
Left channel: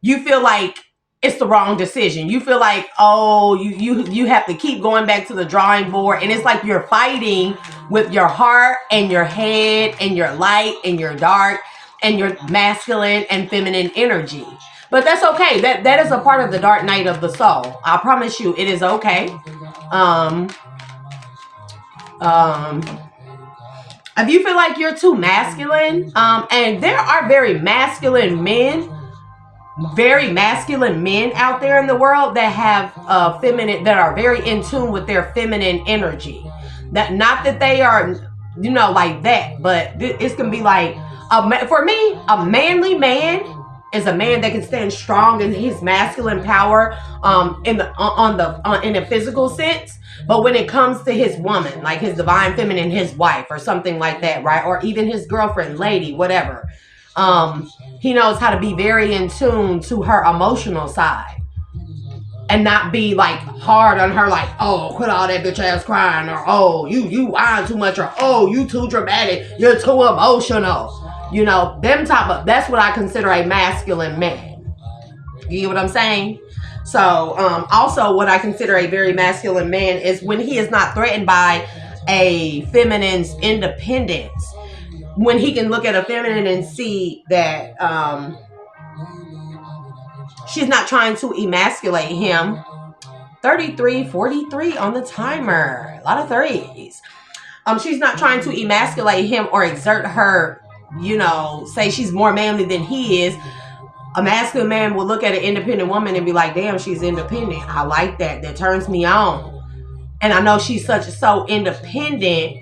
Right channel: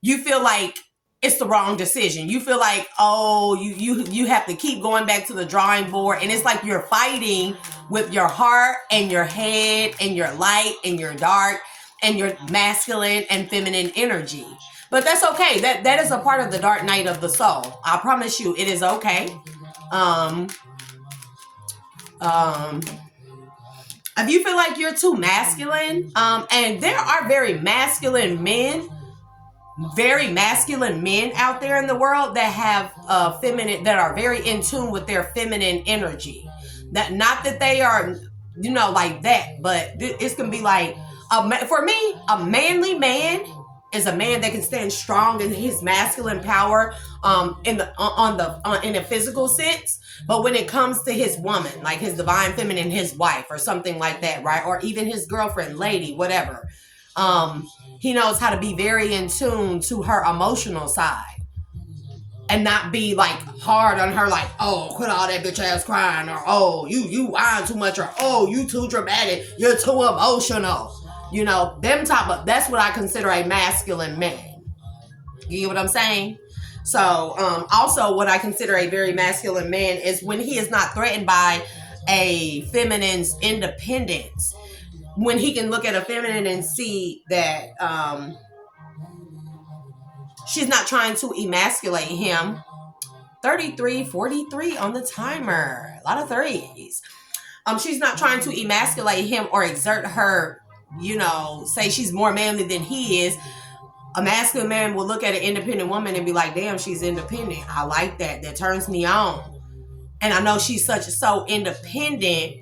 you feel like it's the wrong decision. You feel like, oh, you have to keep going back to the drawing board. And it's like you're fighting with your heart and your head and your light and your dark and your masculine and feminine energy. But that's okay. That is a part of the dark night of the soul. I promise you, it is okay. If you feel like you're too masculine, and there are very masculine men out there in the world that have feminine, that are very in tune with their feminine energy. That not that they are, like that, but it's gonna be like for me, a manly man is a man that can stand strong in his masculine power, in a physical sense. But when it comes to his woman, like his divine feminine, his wife or something like that, right? Or even his girlfriend, lady, whatever. He knows how to be very in tune to her emotional side and not be like hard on her, like, oh, quit all that bitch ass crying, or oh, you whine too much, or oh, you too dramatic, you're too emotional. That's what I consider a masculine man. You get what I'm saying? So, also what I consider a very masculine man is when he is not threatened by a feminine's independence. When he can look at a feminine and see that she's not trying to emasculate him. 33, 43 on the timer. A lot of threes. She's not trying to emasculate him or exert her, say she's more manly than he is. A masculine man will look at an independent woman and be like, damn, she's independent. I like that. That turns me on. And I know she's so independent,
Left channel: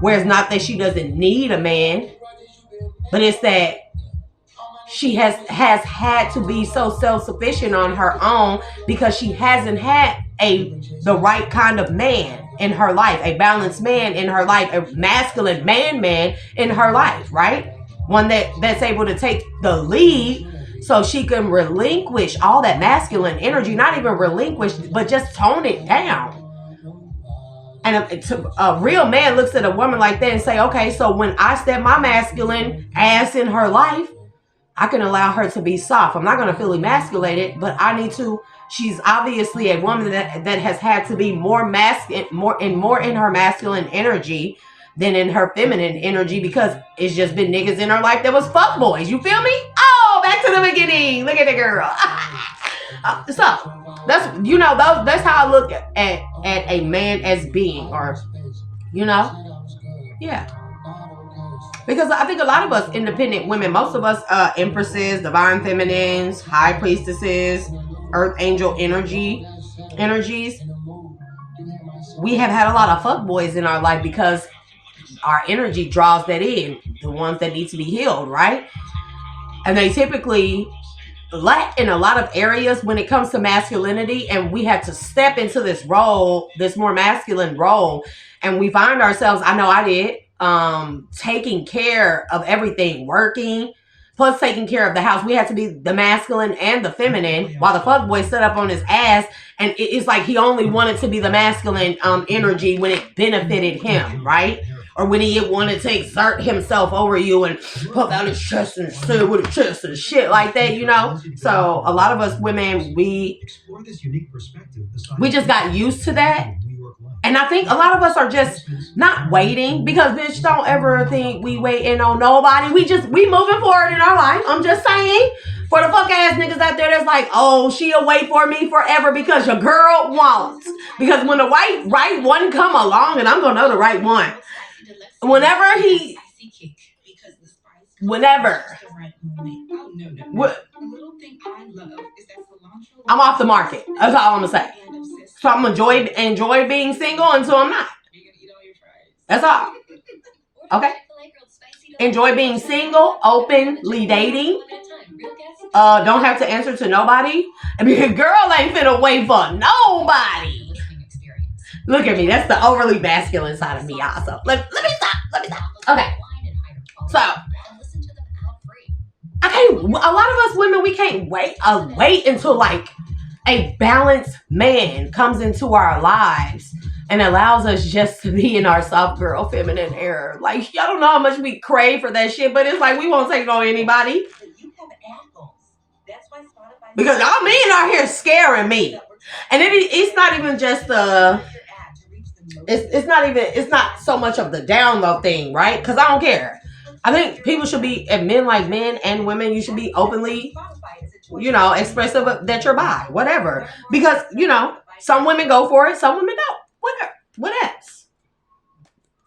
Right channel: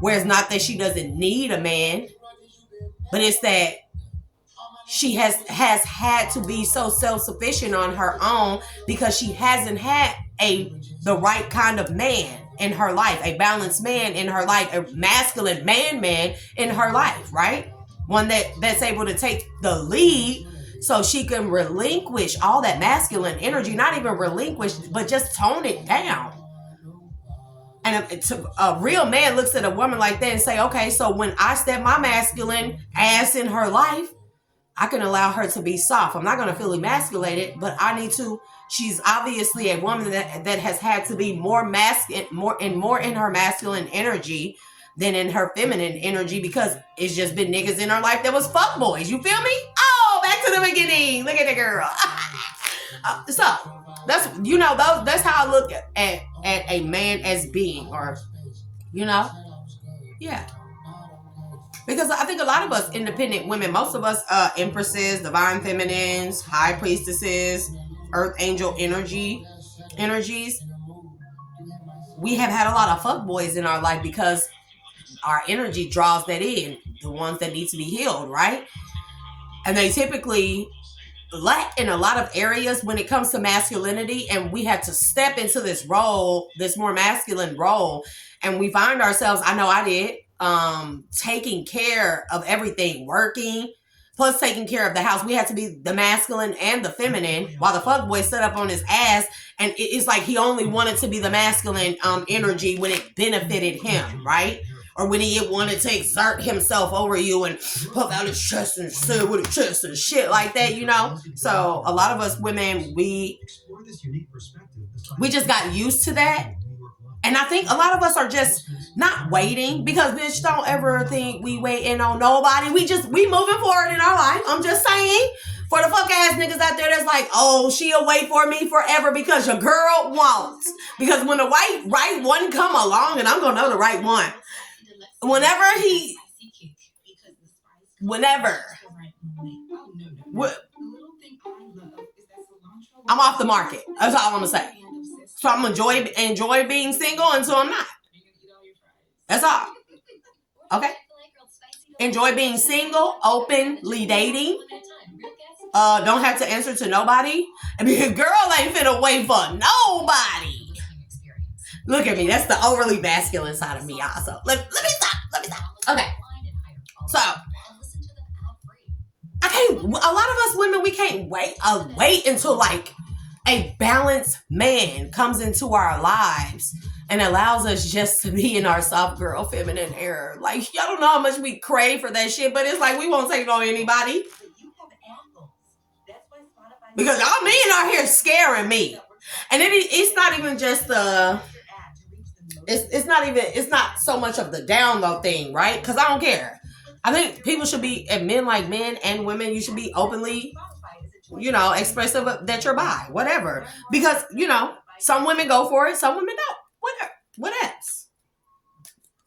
where it's not that she doesn't need a man, but it's that she has had to be so self-sufficient on her own because she hasn't had the right kind of man in her life, a balanced man in her life, a masculine man in her life, right? One that's able to take the lead so she can relinquish all that masculine energy, not even relinquish, but just tone it down. And a real man looks at a woman like that and say, okay, so when I step my masculine ass in her life, I can allow her to be soft. I'm not going to feel emasculated, but I need to. She's obviously a woman that has had to be more in her masculine energy than in her feminine energy because it's just been niggas in her life that was fuckboys. You feel me? Oh, back to the beginning. Look at the girl. So that's that's how I look at a man as being, or yeah. Because I think a lot of us independent women, most of us empresses, divine feminines, high priestesses, earth angel energies, we have had a lot of fuckboys in our life because our energy draws that in, the ones that need to be healed, right? And they typically lack in a lot of areas when it comes to masculinity, and we had to step into this role, this more masculine role, and we find ourselves, I know I did, taking care of everything, working, plus taking care of the house. We had to be the masculine and the feminine, while the fuckboy stood up on his ass, and it's like he only wanted to be the masculine energy when it benefited him, right? Or when he wanted to exert himself over you and puff out his chest and sit with his chest and shit like that, So a lot of us women, we just got used to that. And I think a lot of us are just not waiting, because bitch, don't ever think we waiting on nobody. We moving forward in our life. I'm just saying, for the fuck ass niggas out there that's like, oh, she'll wait for me forever, because your girl won't. Because when the right one come along, and I'm gonna know the right one, whenever I'm off the market. That's all I'm gonna say. So I'm gonna enjoy being single until I'm not. That's all. Okay. Enjoy being single, openly dating. Don't have to answer to nobody. I mean, girl ain't finna wait for nobody. Look at me. That's the overly masculine side of me, also. Let me stop. Okay. So, a lot of us women, we can't wait until like a balanced man comes into our lives and allows us just to be in our soft girl feminine era. Like, y'all don't know how much we crave for that shit, but it's like we won't take it on anybody. Because y'all men out here scaring me. And it's not even just it's not so much of the download thing, right? Because I don't care. I think people should be, and men like men and women, you should be openly, expressive that you're bi, whatever. Because, some women go for it, some women don't. Whatever. What else?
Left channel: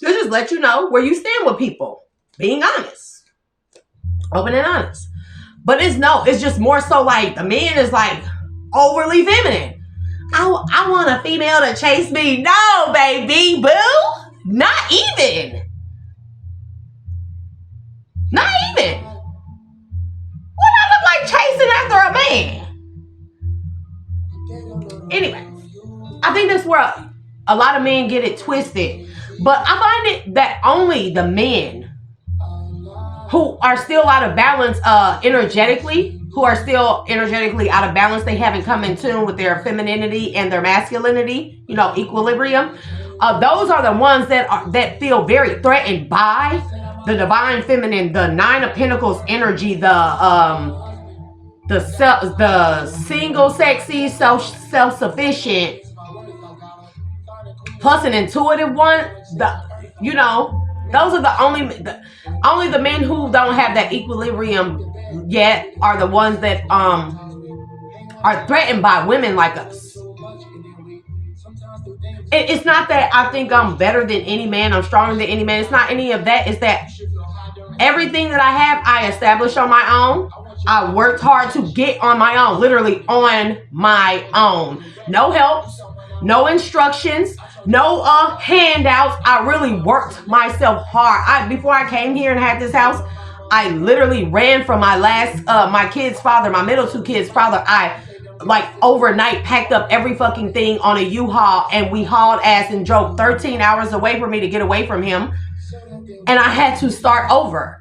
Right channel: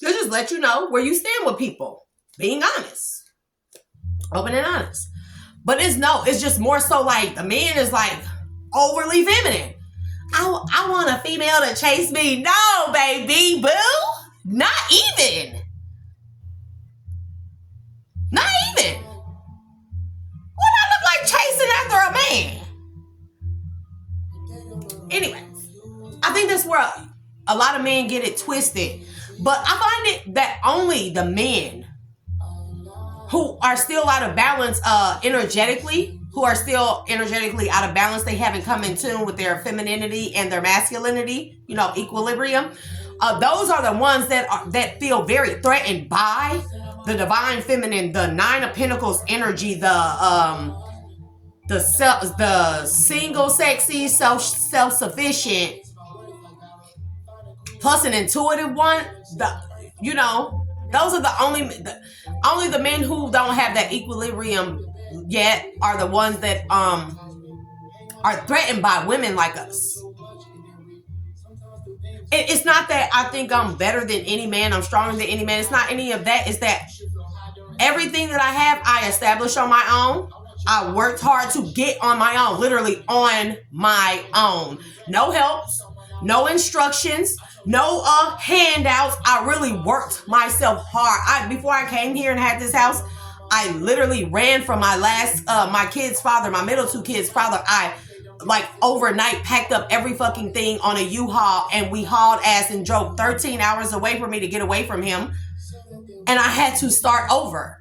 It just let you know where you stand with people. Being honest. Open and honest. But it's just more so like the man is like overly feminine. I want a female to chase me. No, baby, boo. Not even. Not even. What I look like chasing after a man? Anyway, I think that's where a lot of men get it twisted. But I find it that only the men who are still out of balance energetically, out of balance, they haven't come in tune with their femininity and their masculinity, equilibrium. Those are the ones that feel very threatened by the divine feminine, the Nine of Pentacles energy, the single, sexy, self-sufficient, plus an intuitive one. Those are only the men who don't have that equilibrium yet are the ones that are threatened by women like us. It's not that I think I'm better than any man, I'm stronger than any man. It's not any of that. It's that everything that I have, I established on my own. I worked hard to get on my own, literally on my own. No helps, no instructions, no handouts. I really worked myself hard. Before I came here and had this house, I literally ran from my my kid's father, my middle two kids' father. I overnight packed up every fucking thing on a U-Haul, and we hauled ass and drove 13 hours away from me to get away from him. And I had to start over.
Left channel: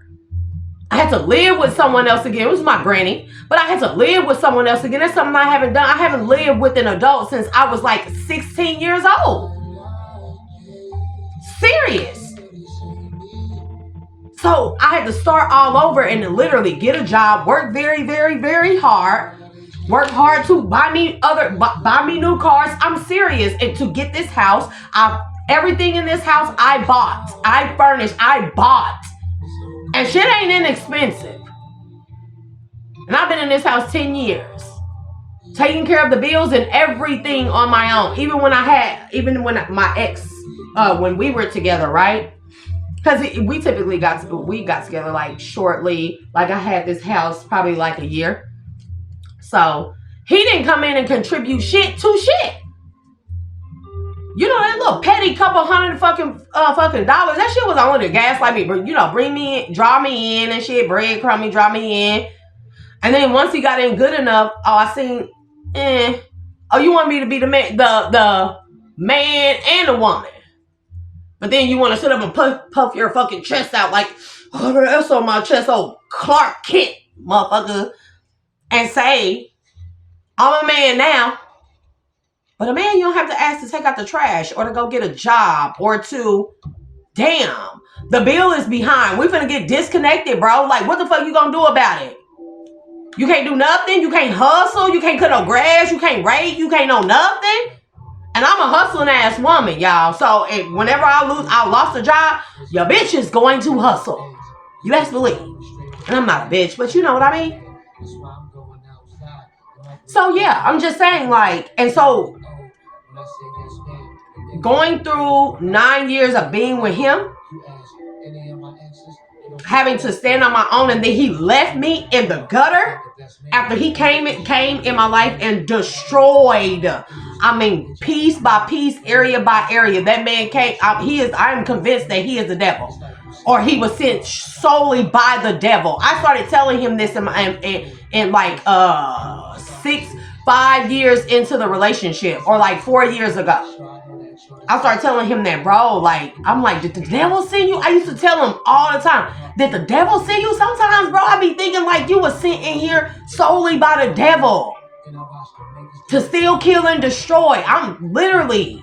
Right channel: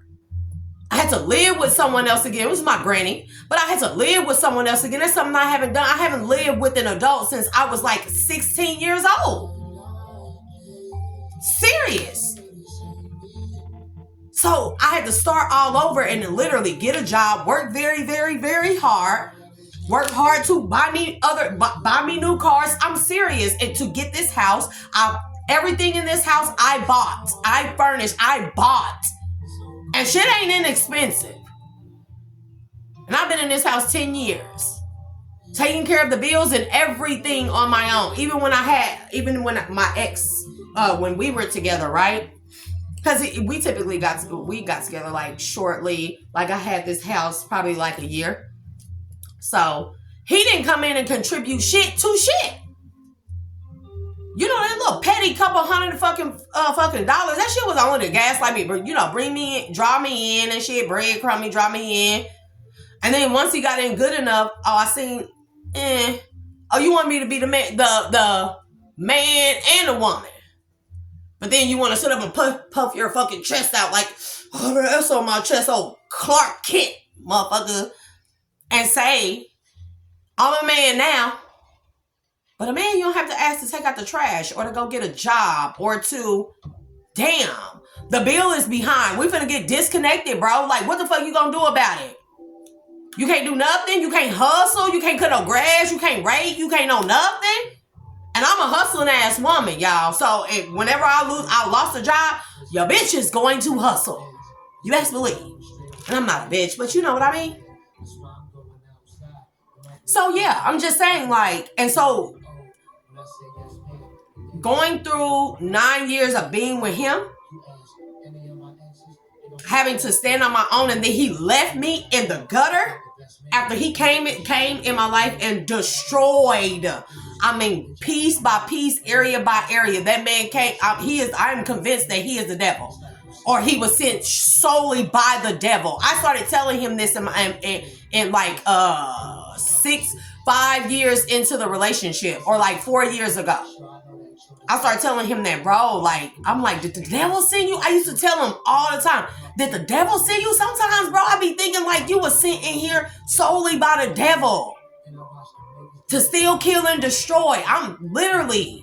I had to live with someone else again. It was my granny, but I had to live with someone else again. That's something I haven't done. I haven't lived with an adult since I was like 16 years old. Serious. So I had to start all over and literally get a job, work very, very, very hard, work hard to buy me new cars. I'm serious. And to get this house, I Everything in this house, I bought. I furnished. I bought. And shit ain't inexpensive. And I've been in this house 10 years. Taking care of the bills and everything on my own. Even when my ex, when we were together, right? Because we typically got together like shortly. Like I had this house probably like a year. So he didn't come in and contribute shit to shit. You know, that little petty couple $100 fucking dollars. That shit was only to gaslight me. You know, bring me in, draw me in and shit. Breadcrumb me, draw me in. And then once he got in good enough, I seen, oh, you want me to be the man and the woman. But then you want to sit up and puff your fucking chest out like, oh, that's on my chest, oh, Clark Kent, motherfucker. And say, I'm a man now. But a man, you don't have to ask to take out the trash or to go get a job or to, damn, the bill is behind. We're finna get disconnected, bro. Like, what the fuck you gonna do about it? You can't do nothing. You can't hustle. You can't cut no grass. You can't rake. You can't know nothing. And I'm a hustling ass woman, y'all. So whenever I lost a job, your bitch is going to hustle. You best believe. And I'm not a bitch, but you know what I mean? So yeah, I'm just saying, like, and so going through 9 years of being with him, having to stand on my own, and then he left me in the gutter after he came in my life and destroyed, I mean, piece by piece, area by area. That man came, I'm convinced that he is the devil, or he was sent solely by the devil. I started telling him this in like 5 years into the relationship, or like 4 years ago. I started telling him that, bro, like, I'm like, did the devil send you? I used to tell him all the time, did the devil send you? Sometimes, bro, I be thinking like you was sent in here solely by the devil to steal, kill, and destroy. I'm literally.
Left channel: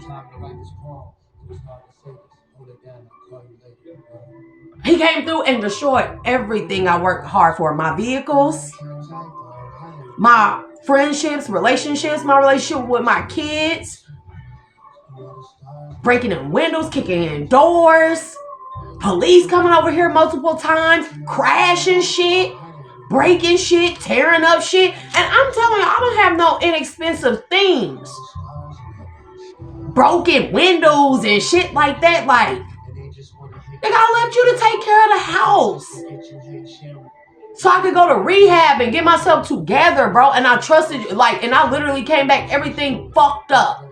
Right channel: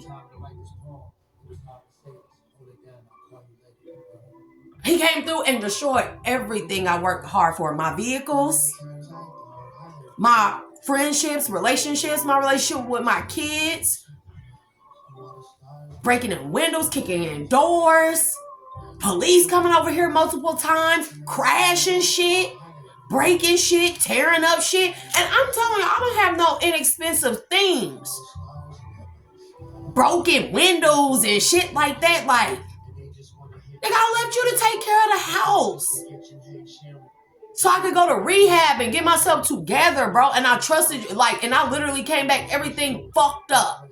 He came through and destroyed everything I worked hard for. My vehicles, my friendships, relationships, my relationship with my kids. Breaking in windows, kicking in doors, police coming over here multiple times, crashing shit, breaking shit, tearing up shit. And I'm telling you, I don't have no inexpensive things. Broken windows and shit like that. Like, nigga, I left you to take care of the house so I could go to rehab and get myself together, bro. And I trusted you, like, and I literally came back, everything fucked up.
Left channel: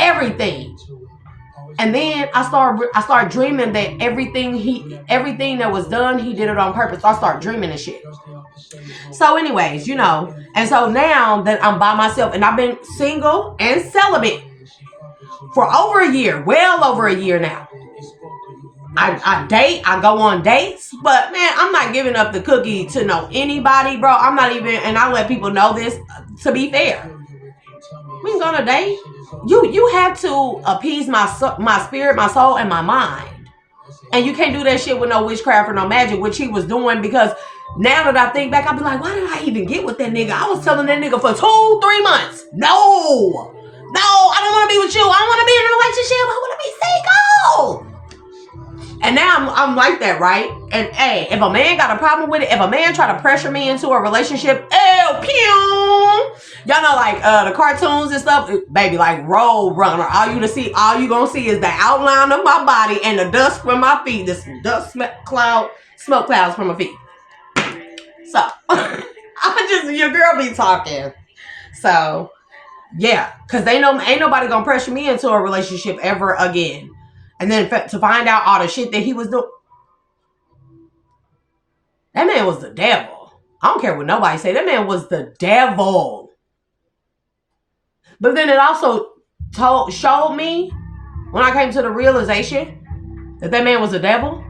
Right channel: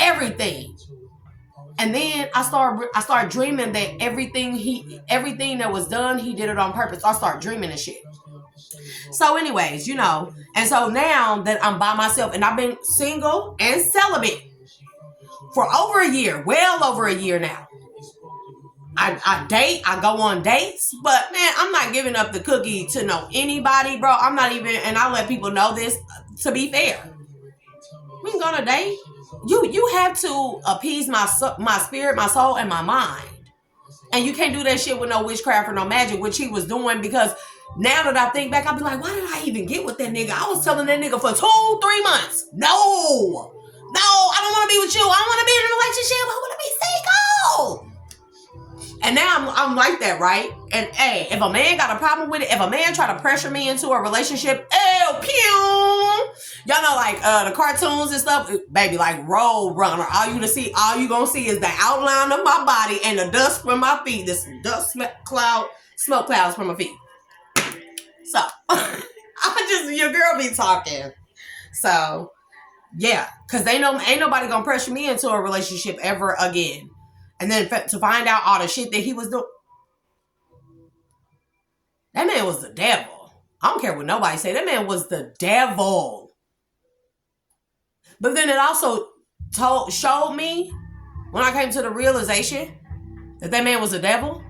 Everything. And then I started dreaming that everything that was done, he did it on purpose. I started dreaming and shit. So anyways, you know, and so now that I'm by myself and I've been single and celibate for over a year, well over a year now. I date, I go on dates, but man, I'm not giving up the cookie to know anybody, bro. I'm not even, and I let people know this, to be fair. We can go on a date. You have to appease my spirit, my soul, and my mind. And you can't do that shit with no witchcraft or no magic, which he was doing, because now that I think back, I'll be like, why did I even get with that nigga? I was telling that nigga for 2-3 months. No, I don't want to be with you. I don't want to be in a relationship. I want to be single. And now I'm like that, right? And hey, if a man got a problem with it, if a man try to pressure me into a relationship, y'all know, like the cartoons and stuff, baby, like Road Runner. All you gonna see is the outline of my body and the dust from my feet. This dust smoke clouds from my feet. So your girl be talking. So yeah, cause ain't nobody gonna pressure me into a relationship ever again. And then to find out all the shit that he was doing. That man was the devil. I don't care what nobody say. That man was the devil. But then it also showed me, when I came to the realization that man was the devil.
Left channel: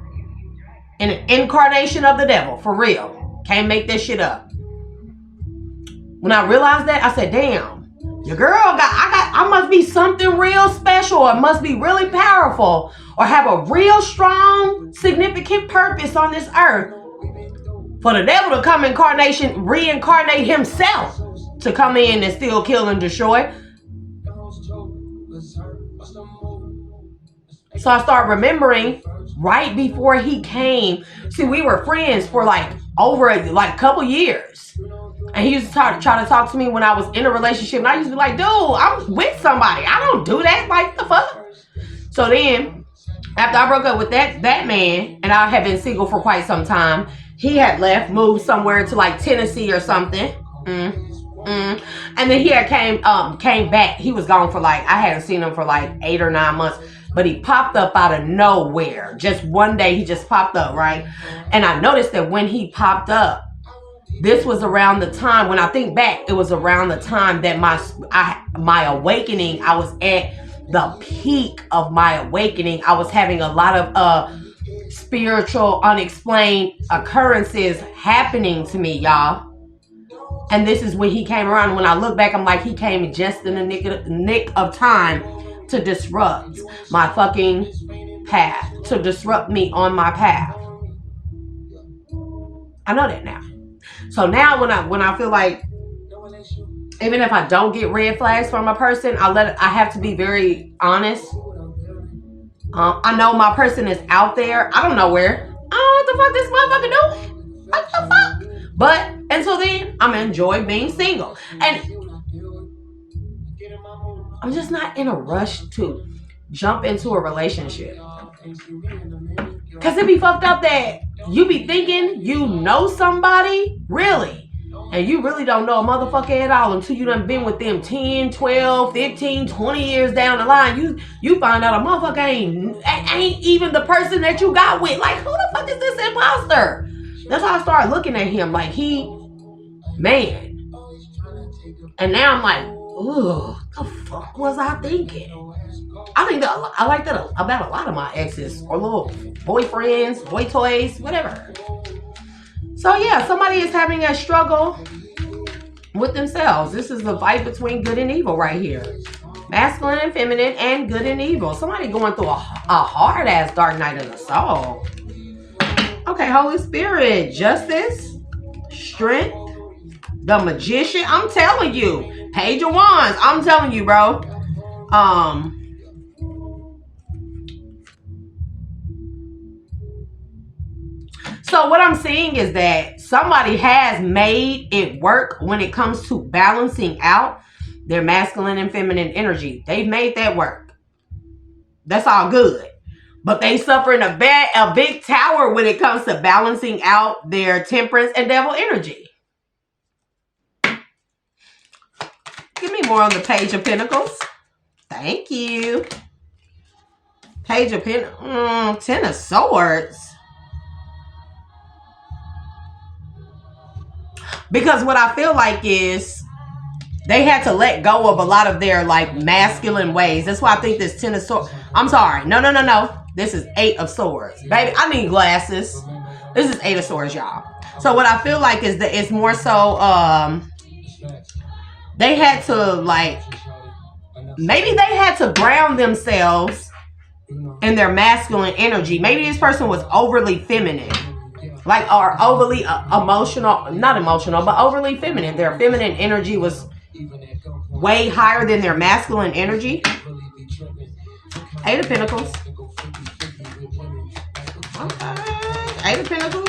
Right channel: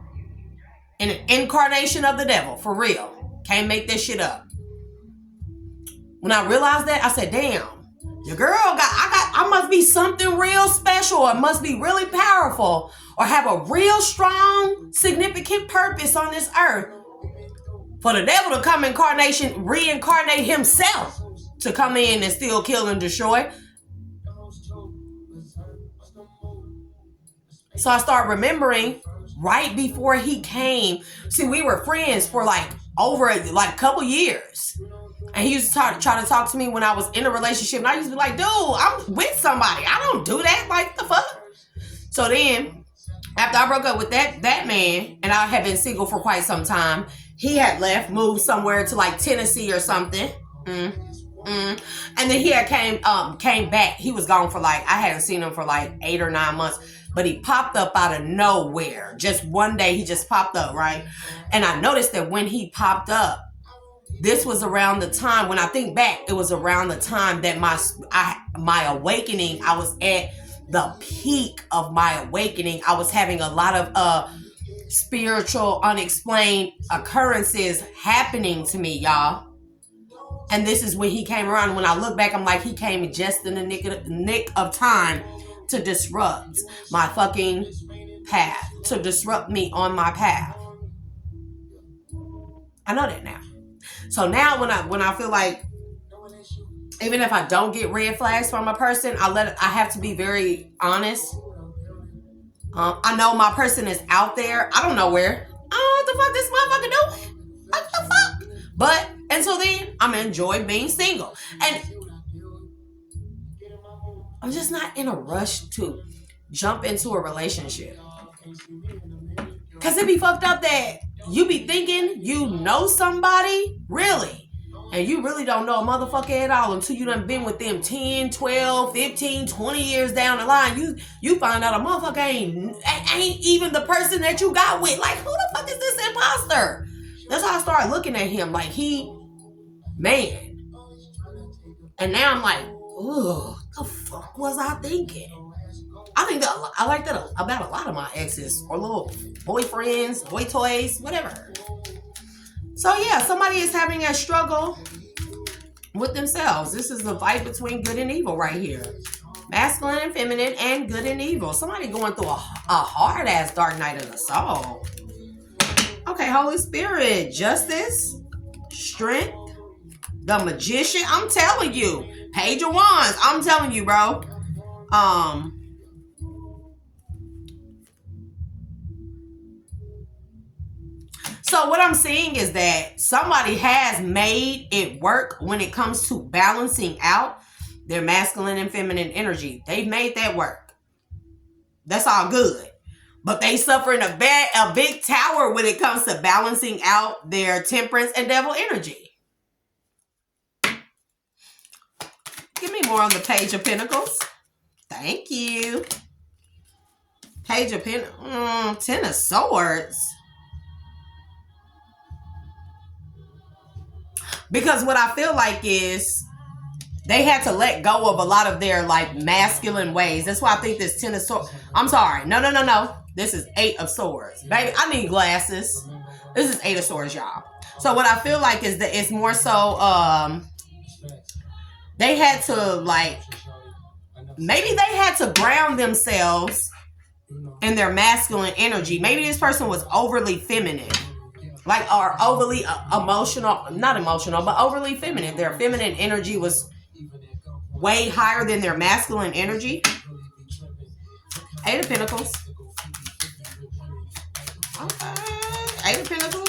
An incarnation of the devil. For real. Can't make this shit up. When I realized that, I said, damn. Your girl I must be something real special, or must be really powerful, or have a real strong, significant purpose on this earth for the devil to come reincarnate himself to come in and steal, kill, and destroy. So I start remembering right before he came. See, we were friends for like over like a couple years. And he used to try to talk to me when I was in a relationship. And I used to be like, dude, I'm with somebody. I don't do that. Like, the fuck? So then, after I broke up with that man, and I had been single for quite some time, he had left, moved somewhere to like Tennessee or something. And then he had came back. He was gone for like, I hadn't seen him for like 8 or 9 months. But he popped up out of nowhere. Just one day, he just popped up, right? And I noticed that when he popped up, this was around the time, when I think back, it was around the time that my awakening, I was at the peak of my awakening. I was having a lot of spiritual, unexplained occurrences happening to me, y'all. And this is when he came around. When I look back, I'm like, he came just in the nick of time to disrupt my fucking path, to disrupt me on my path. I know that now. So now when I feel like, even if I don't get red flags from a person, I have to be very honest. I know my person is out there. I don't know where. I don't know what the fuck this motherfucker doing. What the fuck? But until then, I'm gonna enjoy being single. And I'm just not in a rush to jump into a relationship. Cause it be fucked up that you be thinking you know somebody, really. And you really don't know a motherfucker at all until you done been with them 10, 12, 15, 20 years down the line. You find out a motherfucker ain't even the person that you got with. Like, who the fuck is this imposter? That's how I started looking at him. Like, man. And now I'm like, ooh, the fuck was I thinking? I think that I like that about a lot of my exes or little boyfriends, boy toys, whatever. So yeah, somebody is having a struggle with themselves. This is the fight between good and evil right here. Masculine and feminine and good and evil. Somebody going through a hard ass dark night of the soul. Okay, Holy Spirit, justice, strength, the magician. I'm telling you, Page of Wands. I'm telling you, bro. So what I'm seeing is that somebody has made it work when it comes to balancing out their masculine and feminine energy. They've made that work. That's all good. But they suffering a big tower when it comes to balancing out their temperance and devil energy. Give me more on the Page of Pentacles. Thank you. Page of Pentacles. 10 of Swords. Because what I feel like is they had to let go of a lot of their like masculine ways. That's why I think this 10 of Swords. I'm sorry. No. This is 8 of Swords. Baby, I need glasses. This is 8 of Swords, y'all. So what I feel like is that it's more so they had to like, maybe they had to ground themselves in their masculine energy. Maybe this person was overly feminine. Like, or overly emotional, not emotional, but overly feminine. Their feminine energy was way higher than their masculine energy. 8 of Pentacles. Okay. 8 of Pentacles.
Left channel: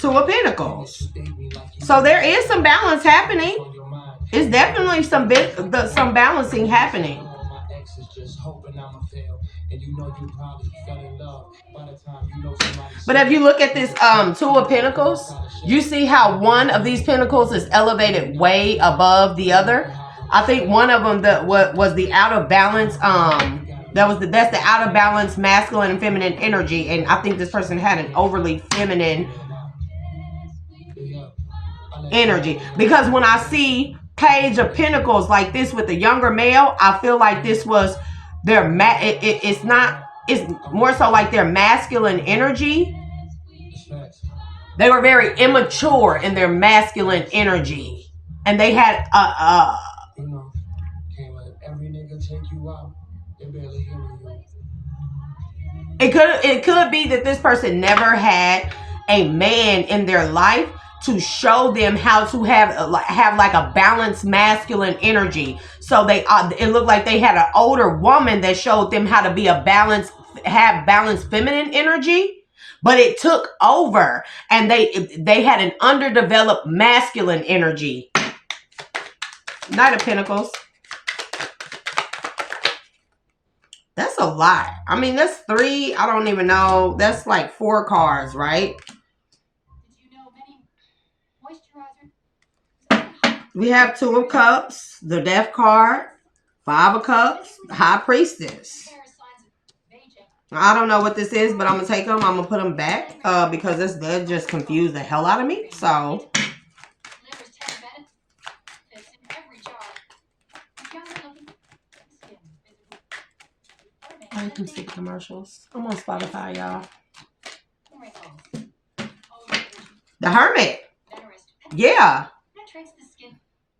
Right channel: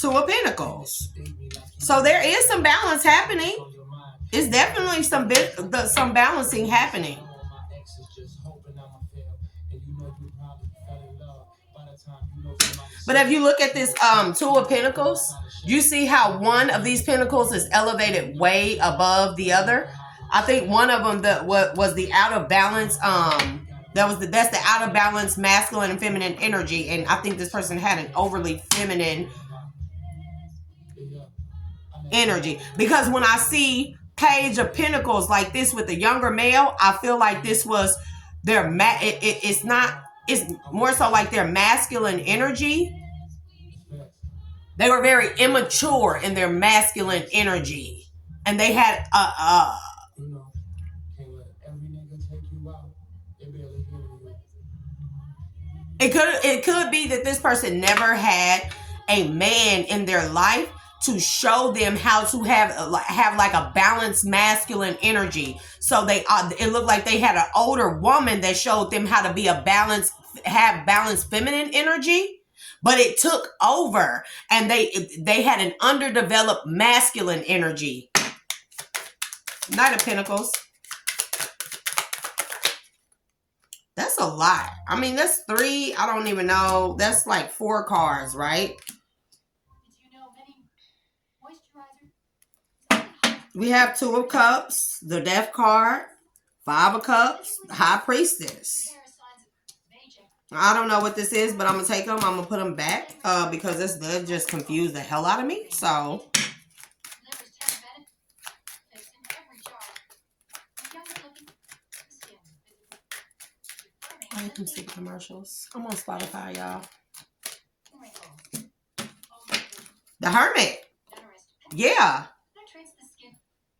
2 of Pentacles. So there is some balance happening. It's definitely some balancing happening. But if you look at this 2 of Pentacles, you see how one of these pentacles is elevated way above the other. I think one of them was the out of balance. That's the out of balance masculine and feminine energy, and I think this person had an overly feminine energy. Because when I see Page of Pentacles like this with the younger male, I feel like this was their it's more so like their masculine energy. They were very immature in their masculine energy, and they had it could be that this person never had a man in their life, to show them how to have like a balanced masculine energy. So it looked like they had an older woman that showed them how to be have balanced feminine energy, but it took over, and they had an underdeveloped masculine energy. Knight of Pentacles. That's a lot. I mean, that's 3. I don't even know. That's like 4 cards, right? We have 2 of Cups, the Death card, 5 of Cups, High Priestess. I don't know what this is, but I'm going to take them. I'm going to put them back because that just confused the hell out of me. So, I can see commercials. I'm on Spotify, y'all. The Hermit. Yeah.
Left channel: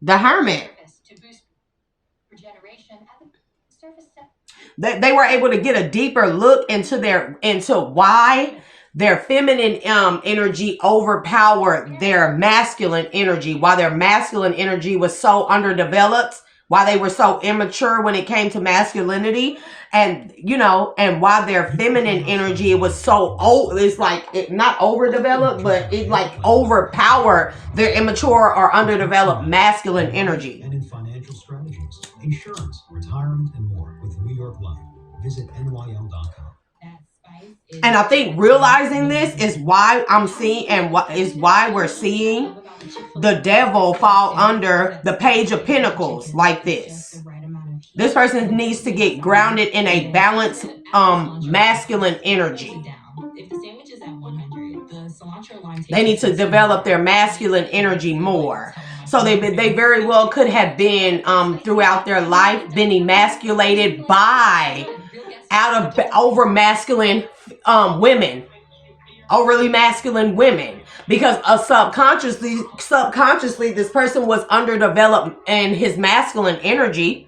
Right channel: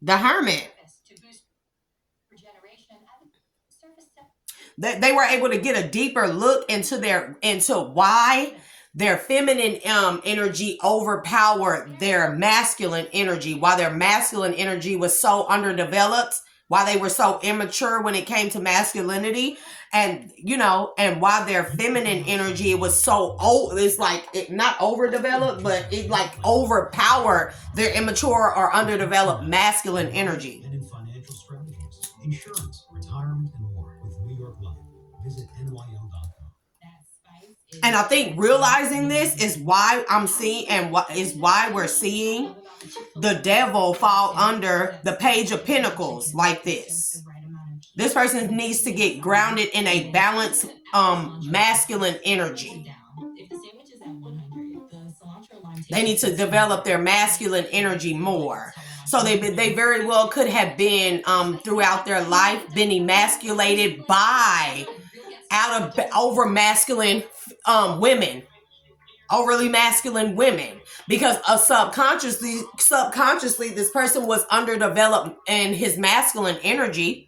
The Hermit. They were able to get a deeper look into why their feminine energy overpowered their masculine energy, why their masculine energy was so underdeveloped, why they were so immature when it came to masculinity, and and why their feminine energy was so old. It's like not overdeveloped, but it like overpowered their immature or underdeveloped masculine energy. And in financial strategies, insurance, retirement, and more with New York Life. Visit nyl.com. And I think realizing this is why I'm seeing, and what is why we're seeing the devil fall under the Page of Pentacles like this. This person needs to get grounded in a balanced masculine energy. They need to develop their masculine energy more. So they very well could have been throughout their life been emasculated by over masculine women, overly masculine women, because subconsciously this person was underdeveloped in his masculine energy.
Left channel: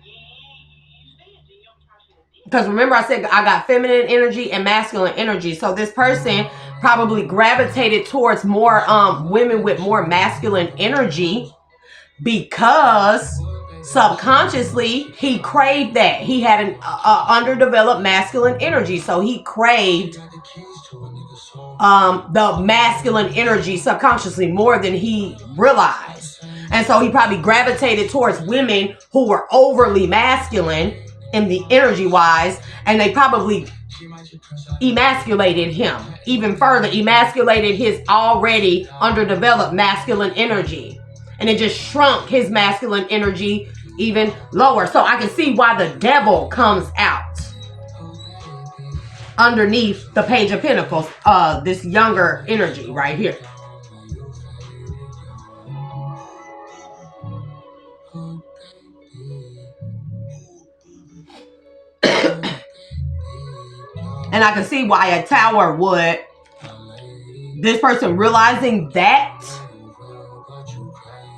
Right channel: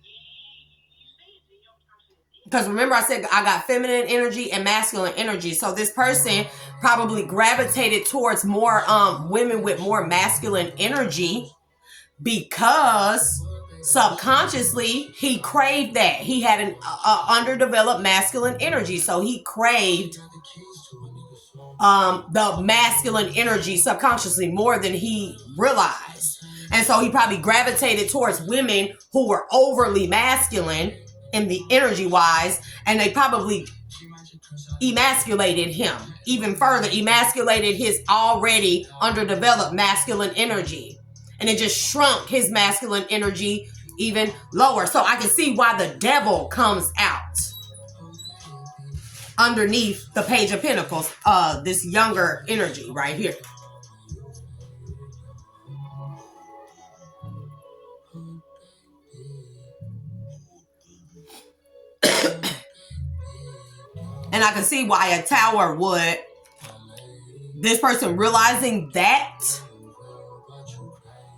Because remember I said I got feminine energy and masculine energy. So this person probably gravitated towards more women with more masculine energy because subconsciously he craved that. He had an underdeveloped masculine energy. So he craved the masculine energy subconsciously more than he realized. And so he probably gravitated towards women who were overly masculine in the energy wise, and they probably emasculated him even further, emasculated his already underdeveloped masculine energy, and it just shrunk his masculine energy even lower. So I can see why the devil comes out underneath the Page of Pentacles, this younger energy right here. And I can see why a Tower would, this person realizing that,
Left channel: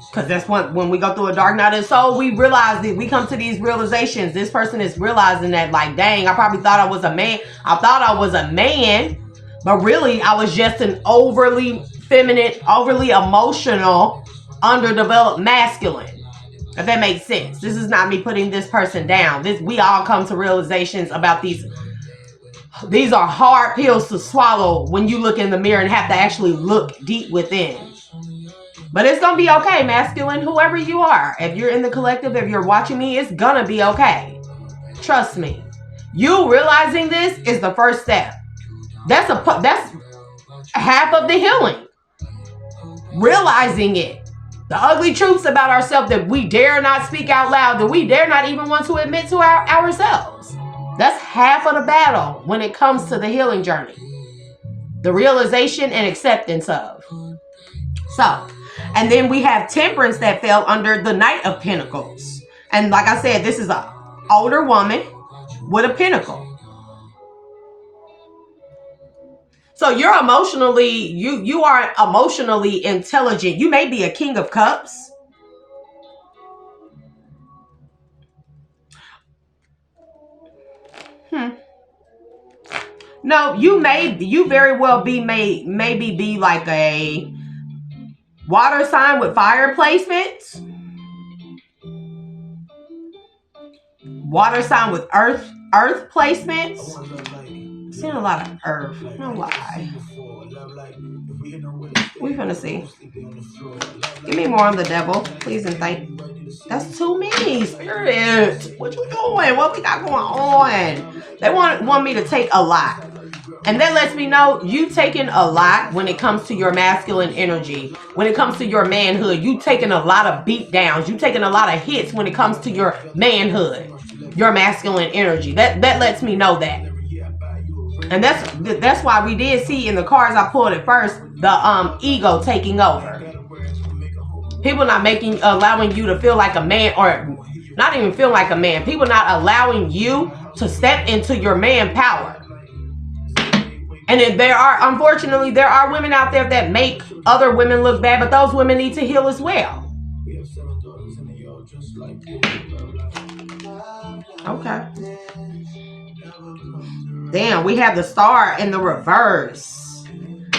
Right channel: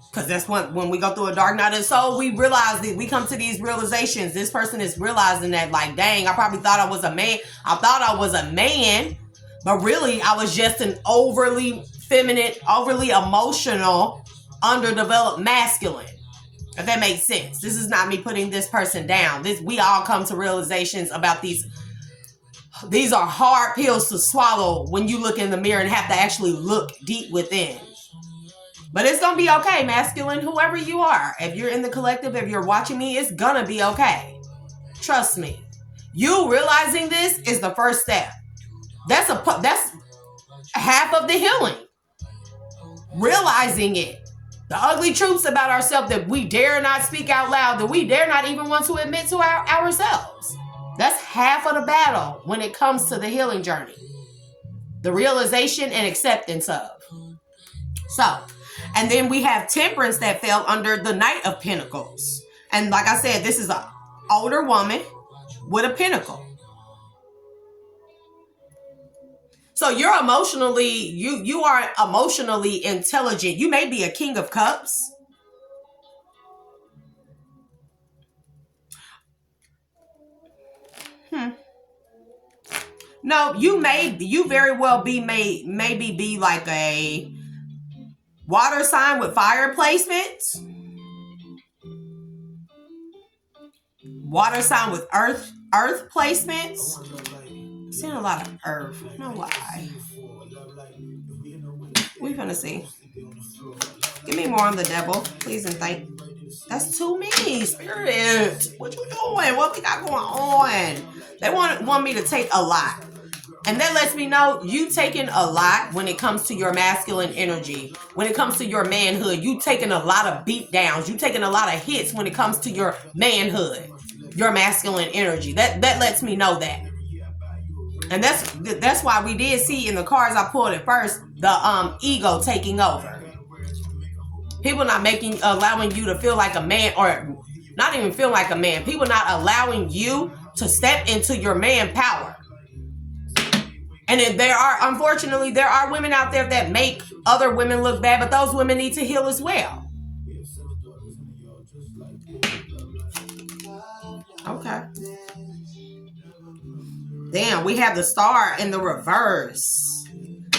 because that's when we go through a dark night of soul, we realize that we come to these realizations. This person is realizing that, like, dang, I probably thought I was a man. I thought I was a man, but really I was just an overly feminine, overly emotional, underdeveloped masculine. If that makes sense. This is not me putting this person down. We all come to realizations about these. These are hard pills to swallow when you look in the mirror and have to actually look deep within. But it's going to be okay, masculine, whoever you are. If you're in the collective, if you're watching me, it's going to be okay. Trust me. You realizing this is the first step. That's half of the healing. Realizing it. The ugly truths about ourselves that we dare not speak out loud, that we dare not even want to admit to ourselves. That's half of the battle when it comes to the healing journey. The realization and acceptance of. So, and then we have Temperance that fell under the Knight of Pentacles. And like I said, this is an older woman with a pentacle. So you're emotionally, you are emotionally intelligent. You may be a King of Cups. No, you very well be maybe be like a Water sign with fire placements. Water sign with earth placements. I'm seeing a lot of earth. I don't know why. We're gonna see. Give me more on the devil, please and thank. That's too many, Spirit. What you doing? What we got going on? They want me to take a lot. And that lets me know you taking a lot when it comes to your masculine energy. When it comes to your manhood, you taking a lot of beat downs. You taking a lot of hits when it comes to your manhood, your masculine energy. That lets me know that. And that's why we did see in the cards I pulled at first, the ego taking over. People not allowing you to feel like a man, or not even feel like a man. People not allowing you to step into your man power. And unfortunately, there are women out there that make other women look bad, but those women need to heal as well. Okay. Damn, we have the star in the reverse.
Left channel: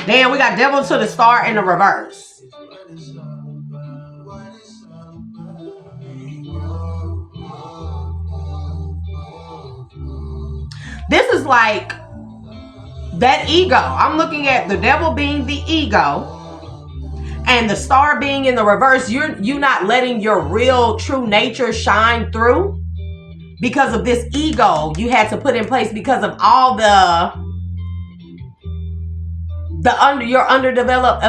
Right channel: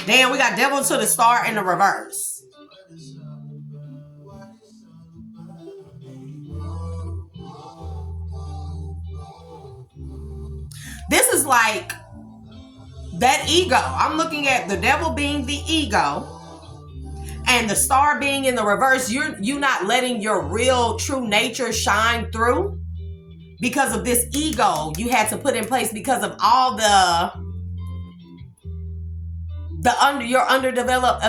Damn, we got devil to the star in the reverse. This is like that ego. I'm looking at the devil being the ego and the star being in the reverse. You not letting your real true nature shine through because of this ego you had to put in place because of all your underdeveloped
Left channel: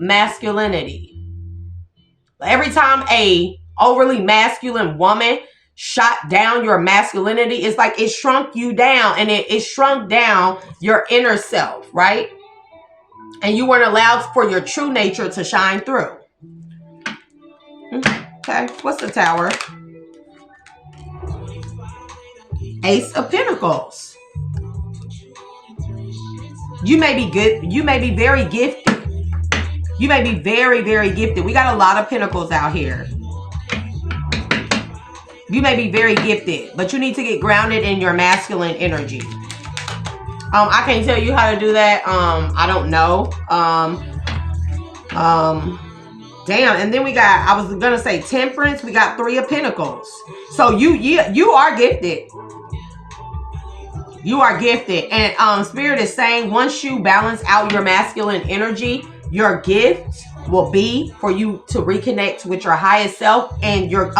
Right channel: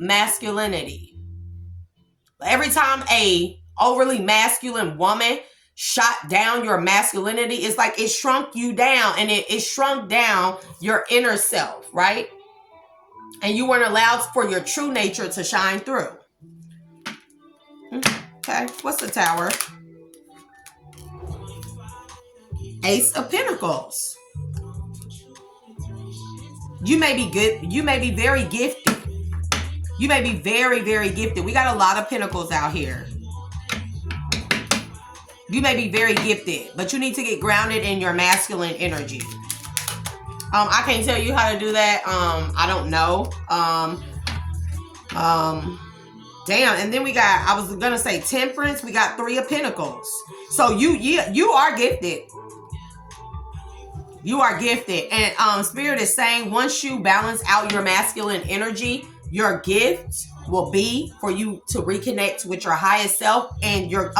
masculinity. Every time a overly masculine woman shot down your masculinity, it's like it shrunk you down, and it shrunk down your inner self, right? And you weren't allowed for your true nature to shine through. Okay, what's the Tower? Ace of Pentacles. You may be good. You may be very gifted. You may be very, very gifted. We got a lot of pentacles out here. You may be very gifted, but you need to get grounded in your masculine energy. I can't tell you how to do that. I don't know. Damn. And then we got, I was gonna say Temperance. We got 3 of Pentacles. So you are gifted. You are gifted. And Spirit is saying once you balance out your masculine energy, your gift will be for you to reconnect with your highest self, and your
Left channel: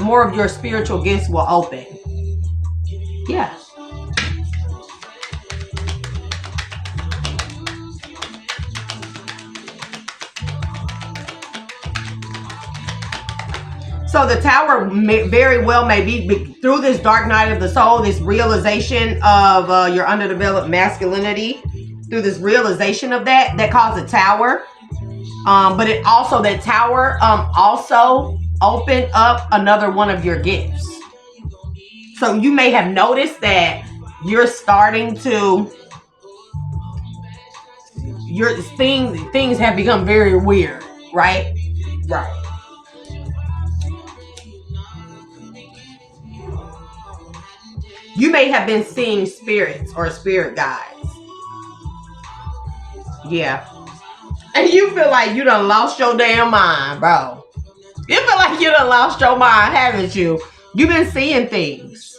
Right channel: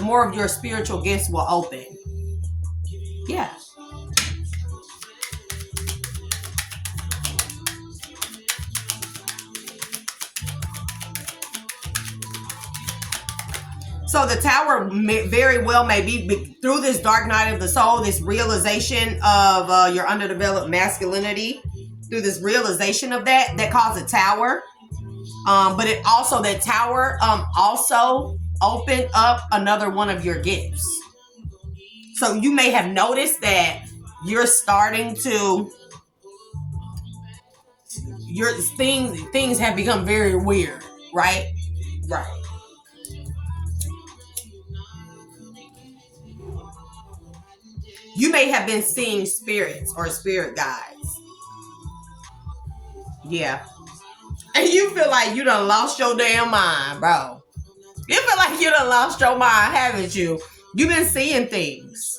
more of your spiritual gifts will open. Yeah. So the Tower very well may be through this dark night of the soul, this realization of your underdeveloped masculinity, through this realization of that caused the Tower. But it also, that Tower also opened up another one of your gifts. So you may have noticed that you're starting to, things have become very weird, right? Right. You may have been seeing spirits or spirit guides. Yeah. And you feel like you done lost your damn mind, bro. You feel like you done lost your mind, haven't you? You've been seeing things.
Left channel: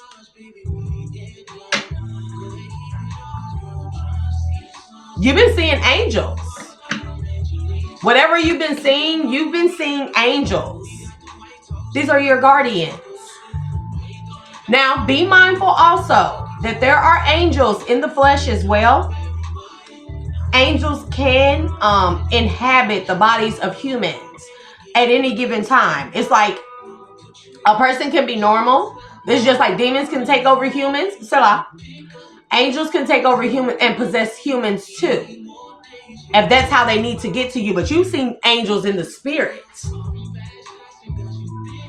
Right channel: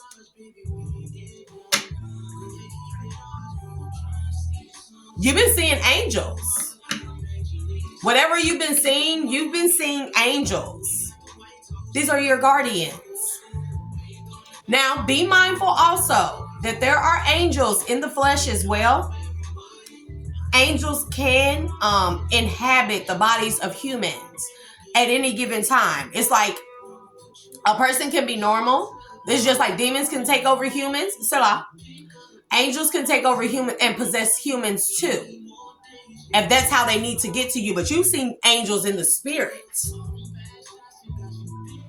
You've been seeing angels. Whatever you've been seeing angels. These are your guardians. Now, be mindful also that there are angels in the flesh as well. Angels can inhabit the bodies of humans at any given time. It's like a person can be normal. It's just like demons can take over humans. Salah. Angels can take over humans and possess humans too, if that's how they need to get to you. But you've seen angels in the spirit,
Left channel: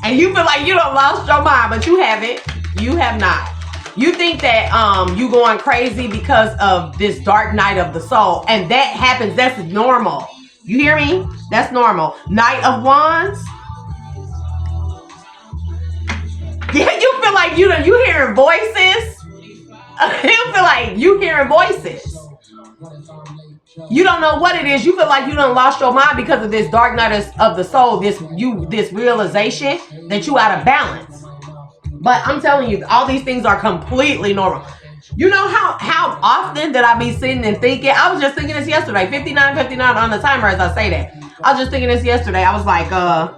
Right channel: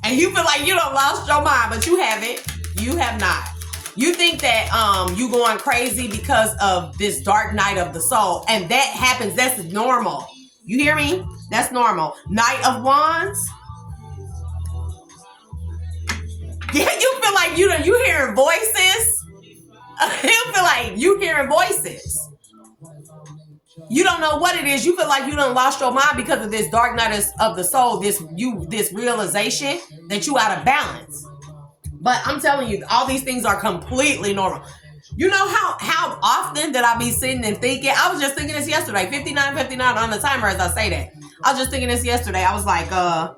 and you feel like you done lost your mind, but you haven't. You have not. You think that you going crazy because of this dark night of the soul, and that happens. That's normal. You hear me? That's normal. Knight of Wands. Yeah, you feel like you hearing voices. You feel like you hearing voices. You don't know what it is. You feel like you done lost your mind because of this dark night of the soul, this realization that you out of balance. But I'm telling you, all these things are completely normal. You know how often that I be sitting and thinking, I was just thinking this yesterday, 59:59 on the timer as I say that. I was just thinking this yesterday. I was like, I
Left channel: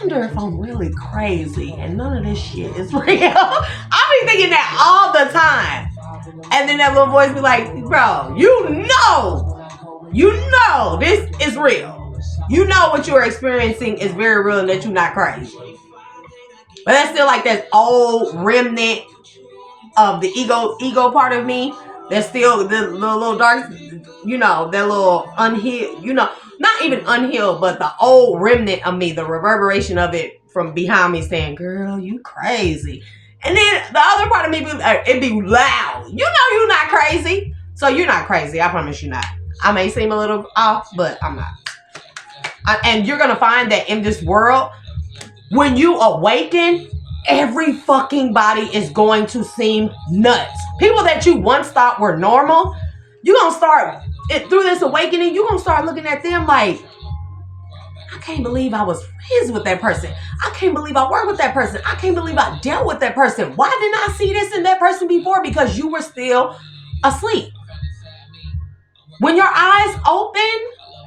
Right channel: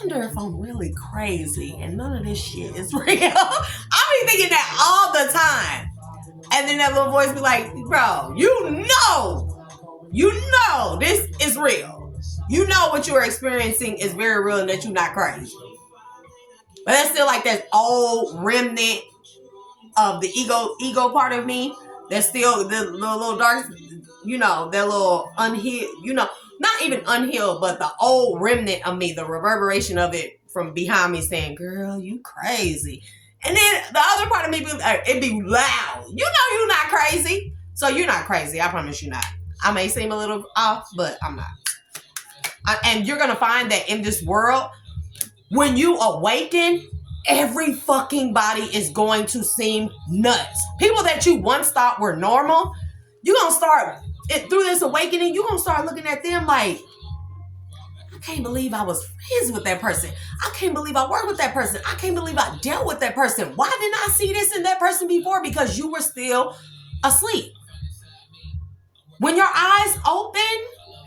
wonder if I'm really crazy and none of this shit is real. I be thinking that all the time. And then that little voice be like, bro, you know this is real. You know what you're experiencing is very real and that you're not crazy. But that's still like that old remnant of the ego part of me. That's still the little dark, that little unhealed, not even unhealed, but the old remnant of me, the reverberation of it from behind me saying, girl, you crazy. And then the other part of me, it'd be loud. You know you're not crazy. So you're not crazy. I promise you not. I may seem a little off, but I'm not. And you're going to find that in this world, when you awaken, every fucking body is going to seem nuts. People that you once thought were normal, you're going to start, through this awakening, you're going to start looking at them like, I can't believe I was friends with that person. I can't believe I worked with that person. I can't believe I dealt with that person. Why didn't I see this in that person before? Because you were still asleep. When your eyes open,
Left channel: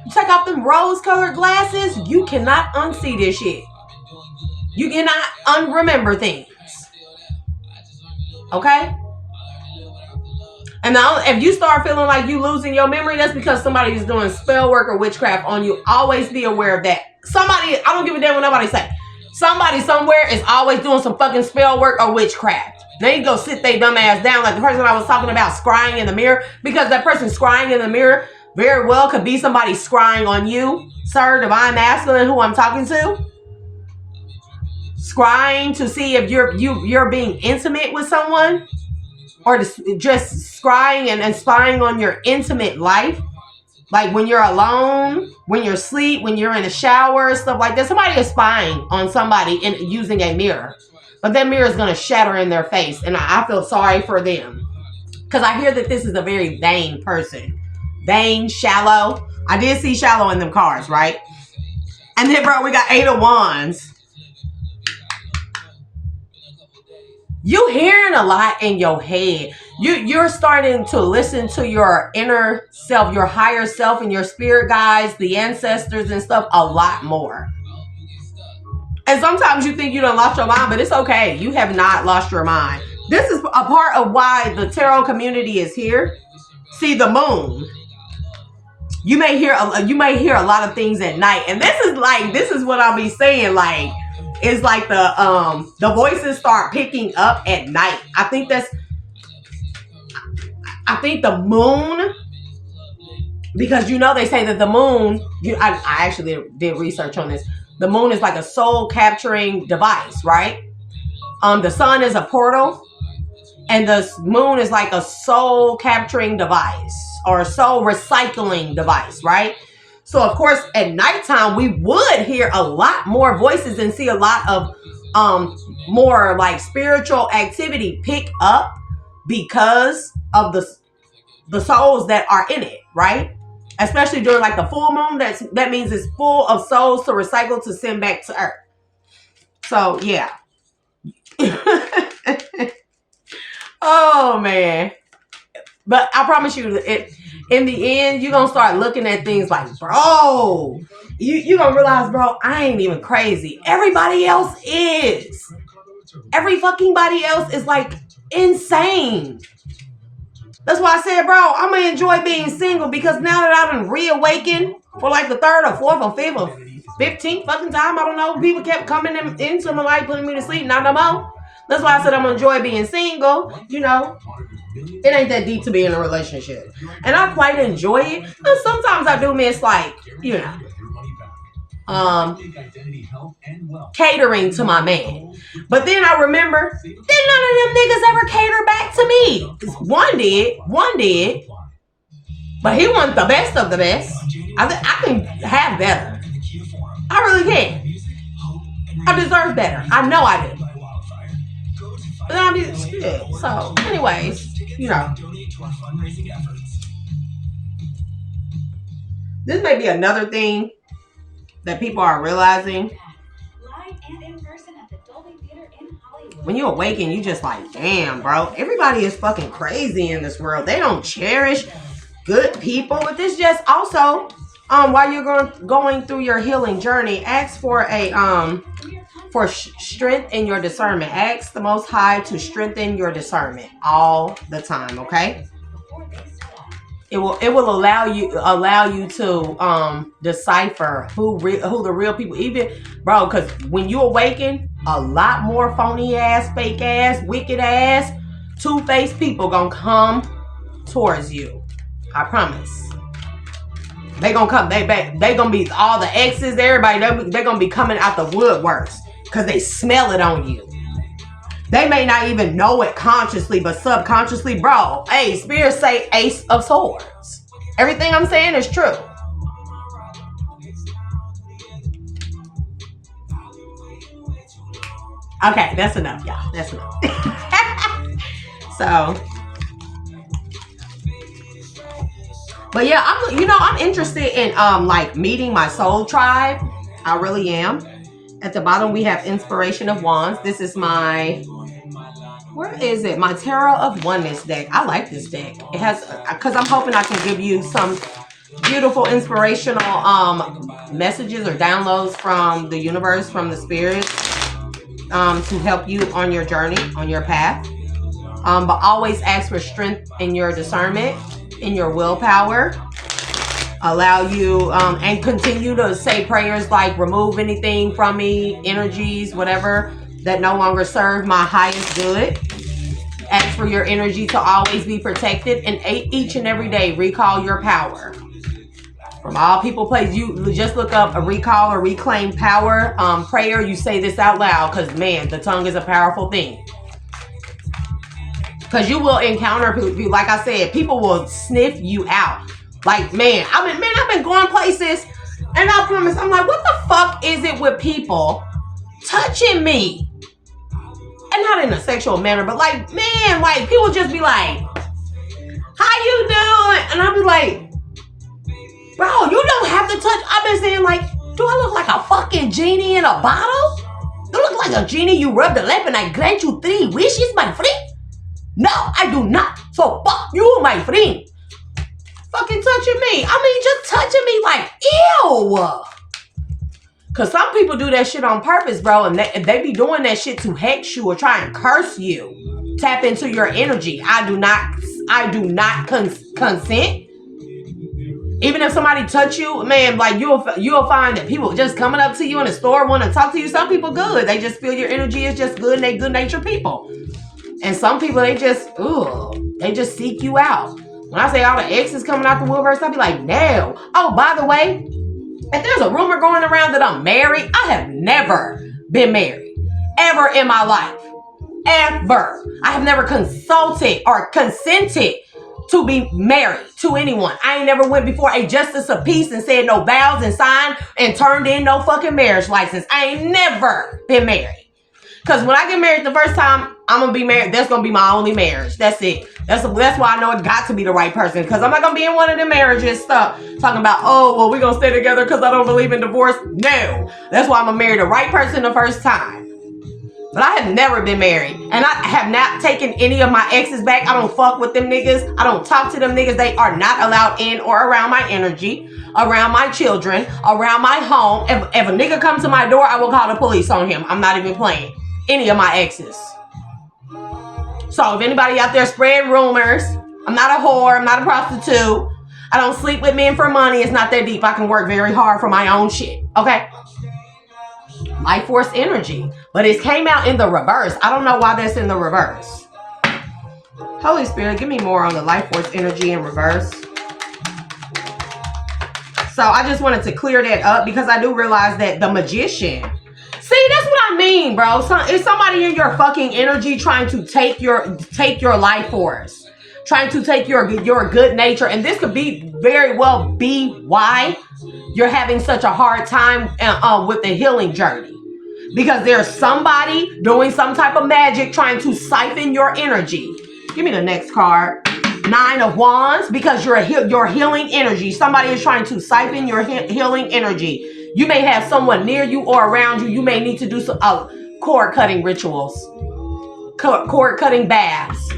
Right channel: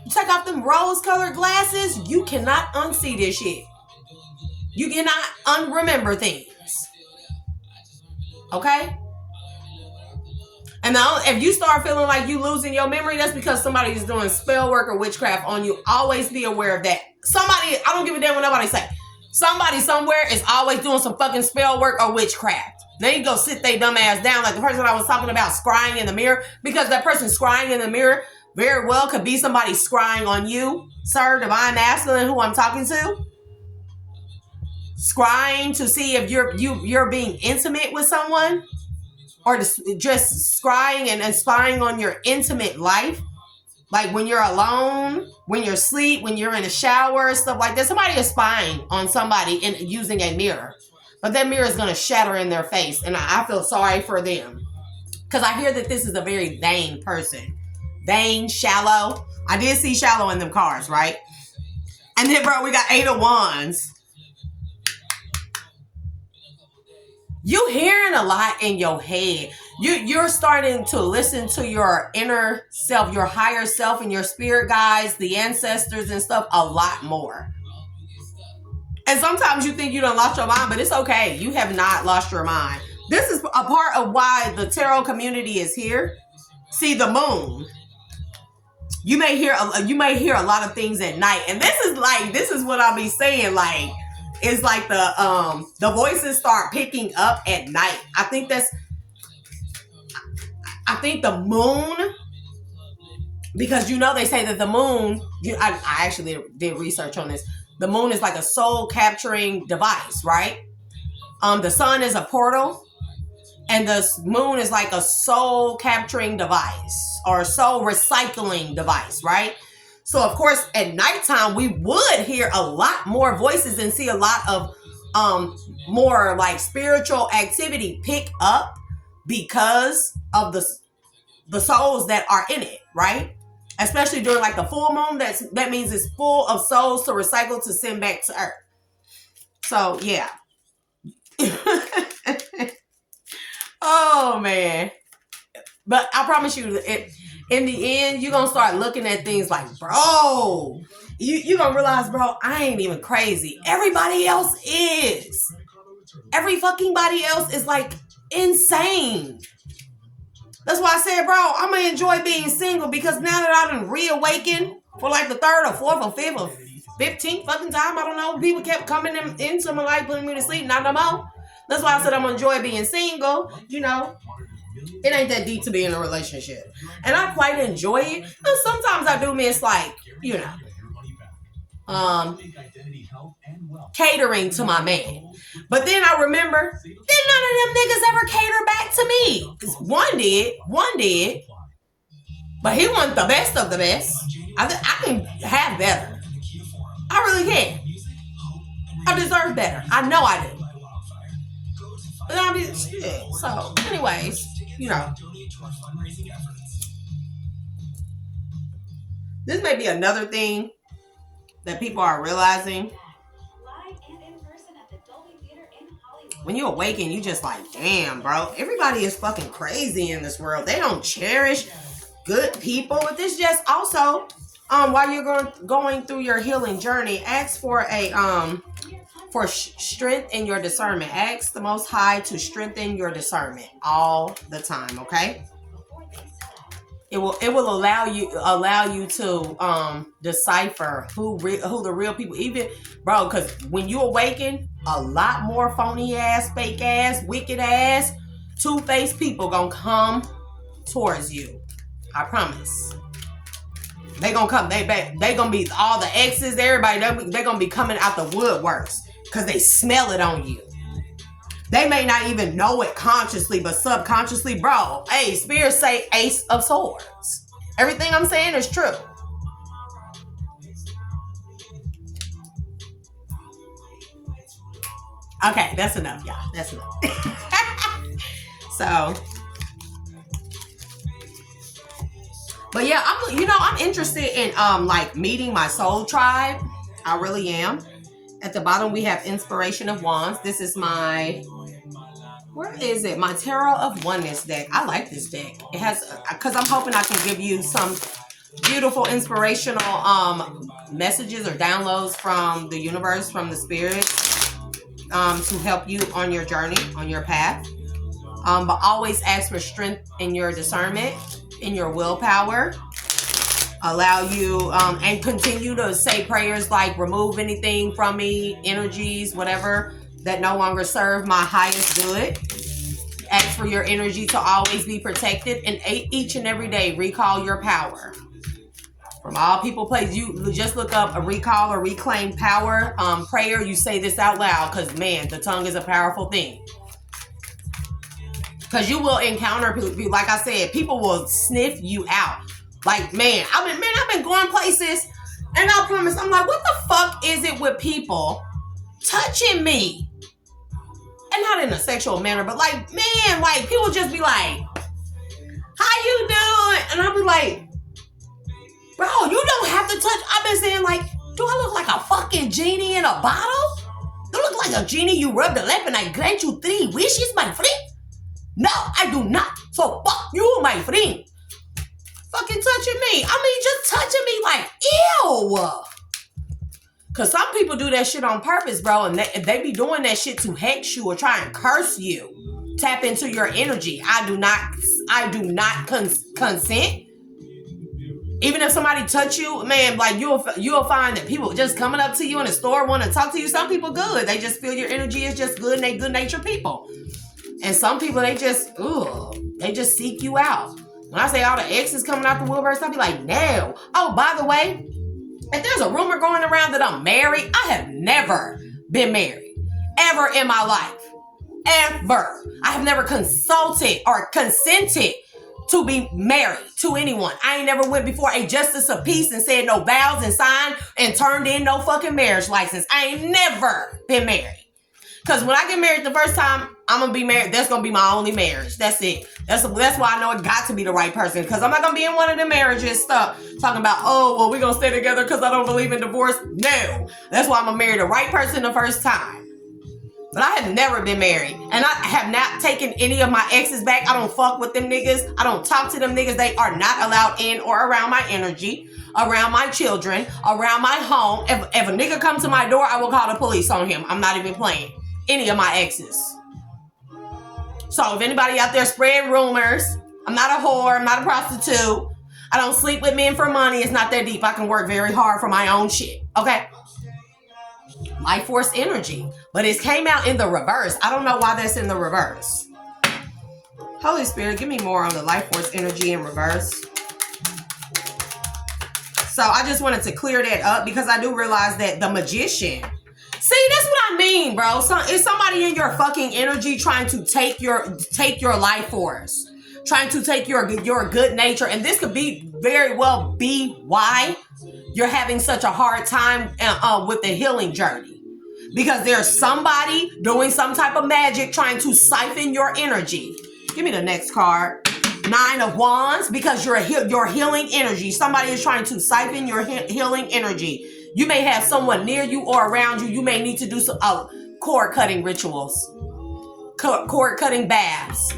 you take off them rose-colored glasses, you cannot unsee this shit. You cannot unremember things. Okay? And now, if you start feeling like you losing your memory, that's because somebody is doing spell work or witchcraft on you. Always be aware of that. Somebody, I don't give a damn what nobody say. Somebody somewhere is always doing some fucking spell work or witchcraft. They go sit their dumb ass down like the person I was talking about scrying in the mirror, because that person scrying in the mirror very well could be somebody scrying on you, sir, divine masculine, who I'm talking to. Scrying to see if you're being intimate with someone, or just scrying and spying on your intimate life, like when you're alone, when you're asleep, when you're in the shower, stuff like that. Somebody is spying on somebody using a mirror, but that mirror is going to shatter in their face, and I feel sorry for them, because I hear that this is a very vain person. Vain, shallow. I did see shallow in them cards, right? And then, bro, we got 8 of Wands. You hearing a lot in your head. You're starting to listen to your inner self, your higher self, and your spirit guides, the ancestors and stuff a lot more. And sometimes you think you done lost your mind, but it's okay. You have not lost your mind. This is a part of why the tarot community is here. See, the moon. You may hear a lot of things at night, and this is what I'll be saying, like. It's like the voices start picking up at night. I think the moon, because they say that the moon, I actually did research on this. The moon is like a soul capturing device, right? The sun is a portal, and the moon is like a soul capturing device or a soul recycling device, right? So, of course, at nighttime, we would hear a lot more voices and see a lot of more like spiritual activity pick up because of the souls that are in it, right? Especially during like the full moon, that means it's full of souls to recycle to send back to Earth. So, yeah. Oh, man. But I promise you, in the end, you're going to start looking at things like, bro, you're going to realize, bro, I ain't even crazy. Everybody else is. Every fucking body else is like insane. That's why I said, bro, I'm going to enjoy being single, because now that I've been reawakened for like the 3rd or 4th or 5th or 15th fucking time, I don't know, people kept coming into my life, putting me to sleep, not no more. That's why I said I'm going to enjoy being single, It ain't that deep to be in a relationship. And I quite enjoy it. And sometimes I do miss, like, catering to my man. But then I remember, then none of them niggas ever cater back to me. One did. But he wasn't the best of the best. I can have better. I really can. I deserve better. I know I do. And I did shit. So, anyways, This may be another thing that people are realizing. When you awaken, you just like, damn, bro. Everybody is fucking crazy in this world. They don't cherish good people. But this just also, while you're going through your healing journey, ask for strength in your discernment. Ask the Most High to strengthen your discernment all the time. Okay. It will allow you to decipher who the real people, even, bro, because when you awaken, a lot more phony ass, fake ass, wicked ass, two-faced people gonna come towards you. I promise. They gonna come. They gonna be all the exes, everybody. They're gonna be coming out the woodworks because they smell it on you. They may not even know it consciously, but subconsciously, bro. Hey, spirits say Ace of Swords. Everything I'm saying is true. Okay, that's enough, y'all. That's enough. So, but yeah, I'm interested in like meeting my soul tribe. I really am. At the bottom, we have Inspiration of Wands. This is my, where is it? My Tarot of Oneness deck. I like this deck. It has, because I'm hoping I can give you some beautiful inspirational messages or downloads from the universe, from the spirits, to help you on your journey, on your path. But always ask for strength in your discernment, in your willpower. Allow you, and continue to say prayers like, remove anything from me, energies, whatever, that no longer serve my highest good. Ask for your energy to always be protected, and each and every day, recall your power. From all people, places, you just look up a recall or reclaim power prayer. You say this out loud, because man, the tongue is a powerful thing. Because you will encounter people, like I said, people will sniff you out. Like, man, I've been going places, and I promise, I'm like, what the fuck is it with people touching me? And not in a sexual manner, but like, man, like, people just be like, how you doing? And I'll be like, bro, you don't have to touch. I've been saying, like, do I look like a fucking genie in a bottle? Do I look like a genie you rub the lamp and I grant you 3 wishes, my friend? No, I do not. So fuck you, my friend. Fucking touching me. Just touching me like, ew. Because some people do that shit on purpose, bro. And they be doing that shit to hex you or try and curse you. Tap into your energy. I do not consent. Even if somebody touch you, man, like you'll find that people just coming up to you in the store want to talk to you. Some people good. They just feel your energy is just good and they good natured people. And some people, they just seek you out. When I say all the exes coming out the woodworks, I'll be like, no. Oh, by the way, if there's a rumor going around that I'm married, I have never been married. Ever in my life. Ever. I have never consulted or consented to be married to anyone. I ain't never went before a justice of peace and said no vows and signed and turned in no fucking marriage license. I ain't never been married. Because when I get married the first time, I'm going to be married. That's going to be my only marriage. That's it. That's why I know it got to be the right person. Because I'm not going to be in one of the marriages stuff. Talking about, oh, well, we're going to stay together because I don't believe in divorce. No. That's why I'm going to marry the right person the first time. But I have never been married. And I have not taken any of my exes back. I don't fuck with them niggas. I don't talk to them niggas. They are not allowed in or around my energy, around my children, around my home. If a nigga comes to my door, I will call the police on him. I'm not even playing. Any of my exes. So if anybody out there spreading rumors, I'm not a whore, I'm not a prostitute, I don't sleep with men for money, it's not that deep. I can work very hard for my own shit, okay? Life force energy. But it came out in the reverse. I don't know why that's in the reverse. Holy Spirit, give me more on the life force energy in reverse. So I just wanted to clear that up because I do realize that the magician, see, that's what I mean, bro. It's somebody in your fucking energy trying to take your life force, trying to take your good nature, and this could be very well be why you're having such a hard time with the healing journey, because there's somebody doing some type of magic trying to siphon your energy. Give me the next card. Nine of Wands, because you're your healing energy. Somebody is trying to siphon your healing energy. You may have someone near you or around you. You may need to do some cord cutting rituals, cord cutting baths.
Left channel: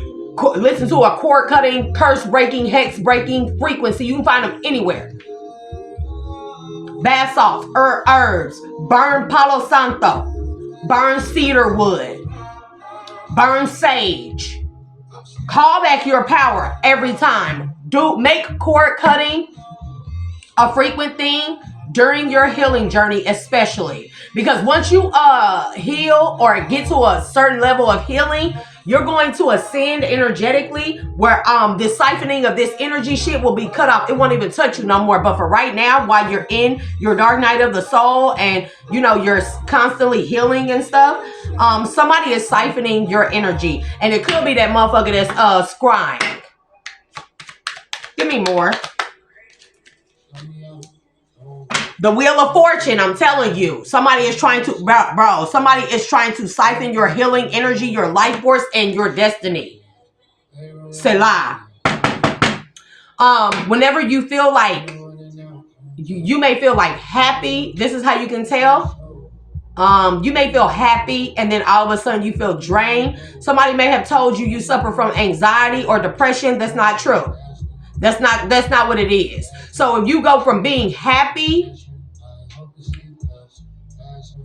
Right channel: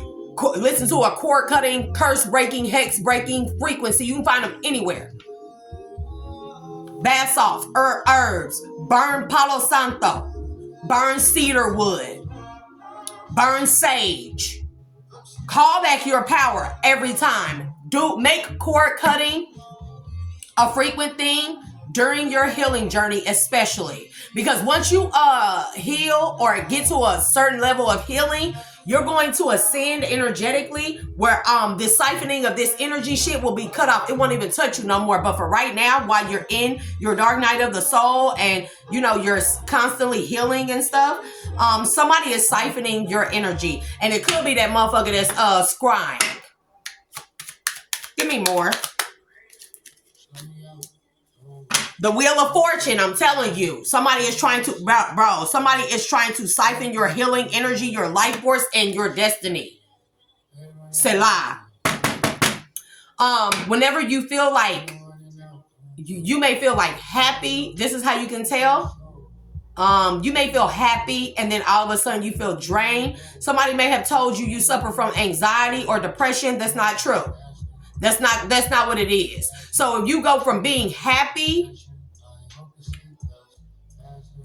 Listen to a cord cutting, curse breaking, hex breaking frequency. You can find them anywhere. Bath salts, herbs, burn Palo Santo, burn cedar wood, burn sage. Call back your power every time. Make cord cutting a frequent thing during your healing journey, especially because once you heal or get to a certain level of healing, you're going to ascend energetically where the siphoning of this energy shit will be cut off. It won't even touch you no more. But for right now, while you're in your dark night of the soul and you know you're constantly healing and stuff, somebody is siphoning your energy. And it could be that motherfucker that's scrying. Give me more. The Wheel of Fortune, I'm telling you. Somebody is trying to, bro, somebody is trying to siphon your healing energy, your life force, and your destiny. Selah. Whenever you feel like, you may feel like happy. This is how you can tell. You may feel happy and then all of a sudden you feel drained. Somebody may have told you suffer from anxiety or depression. That's not true. That's not what it is. So if you go from being happy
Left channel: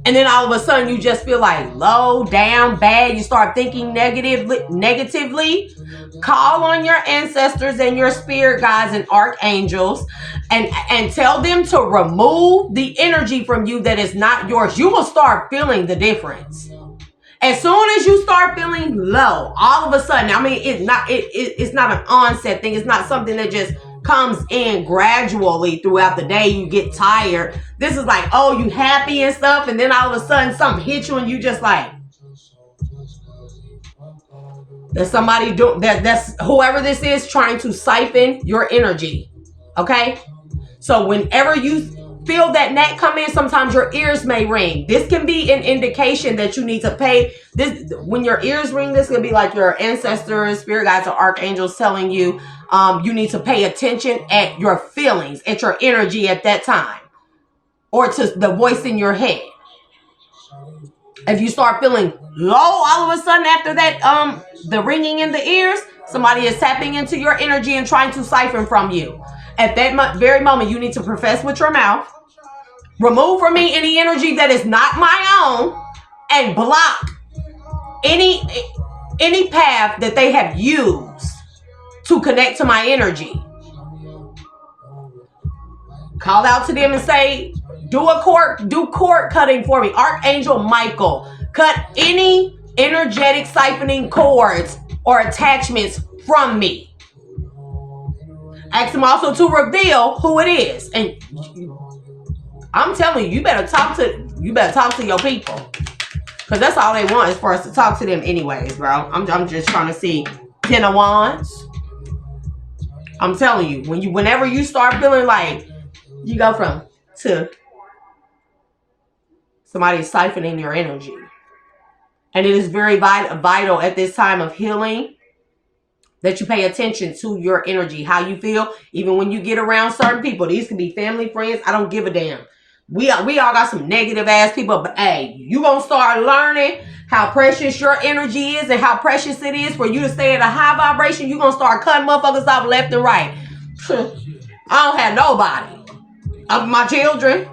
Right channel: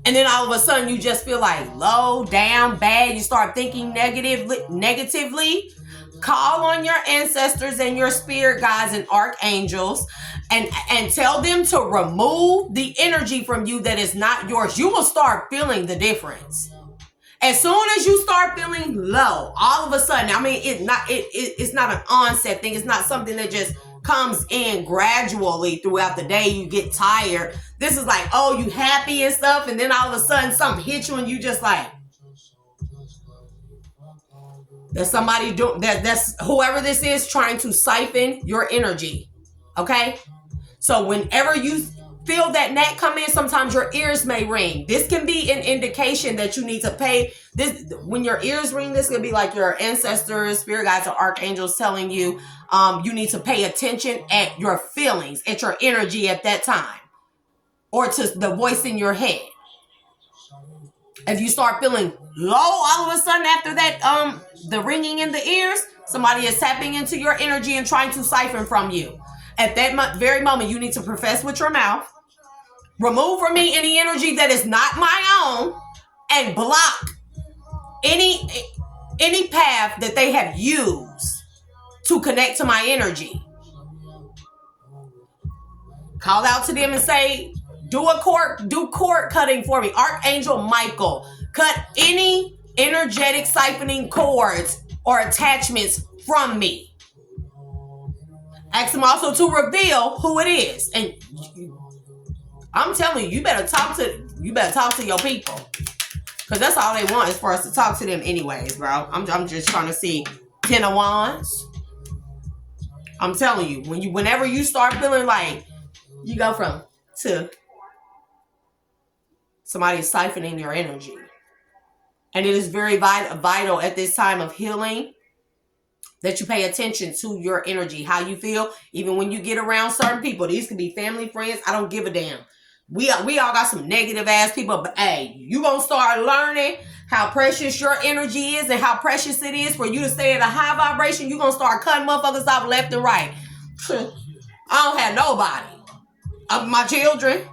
and then all of a sudden you just feel like low, down, bad, you start thinking negatively, call on your ancestors and your spirit guides and archangels and tell them to remove the energy from you that is not yours. You will start feeling the difference. As soon as you start feeling low, all of a sudden, I mean, it's not an onset thing. It's not something that just comes in gradually throughout the day. You get tired. This is like, oh, you happy and stuff. And then all of a sudden something hits you and you just like, there's somebody that's whoever this is trying to siphon your energy. Okay. So whenever you feel that gnat come in, sometimes your ears may ring. This can be an indication that you need to pay this. When your ears ring, this can be like your ancestors, spirit guides, or archangels telling you you need to pay attention at your feelings, at your energy at that time, or to the voice in your head. If you start feeling low all of a sudden after that, the ringing in the ears, somebody is tapping into your energy and trying to siphon from you. At that very moment, you need to profess with your mouth, remove from me any energy that is not my own, and block any path that they have used to connect to my energy. Call out to them and say, do cord cutting for me. Archangel Michael, cut any energetic siphoning cords or attachments from me. Ask them also to reveal who it is. And I'm telling you, you better talk to your people. Because that's all they want is for us to talk to them anyways, bro. I'm just trying to see 10 of Wands. I'm telling you, whenever you start feeling like you go from to somebody siphoning your energy. And it is very vital at this time of healing that you pay attention to your energy, how you feel. Even when you get around certain people, these can be family, friends, I don't give a damn. We all got some negative ass people, but hey, you gonna start learning how precious your energy is and how precious it is for you to stay at a high vibration. You gonna start cutting motherfuckers off left and right. I don't have nobody of my children,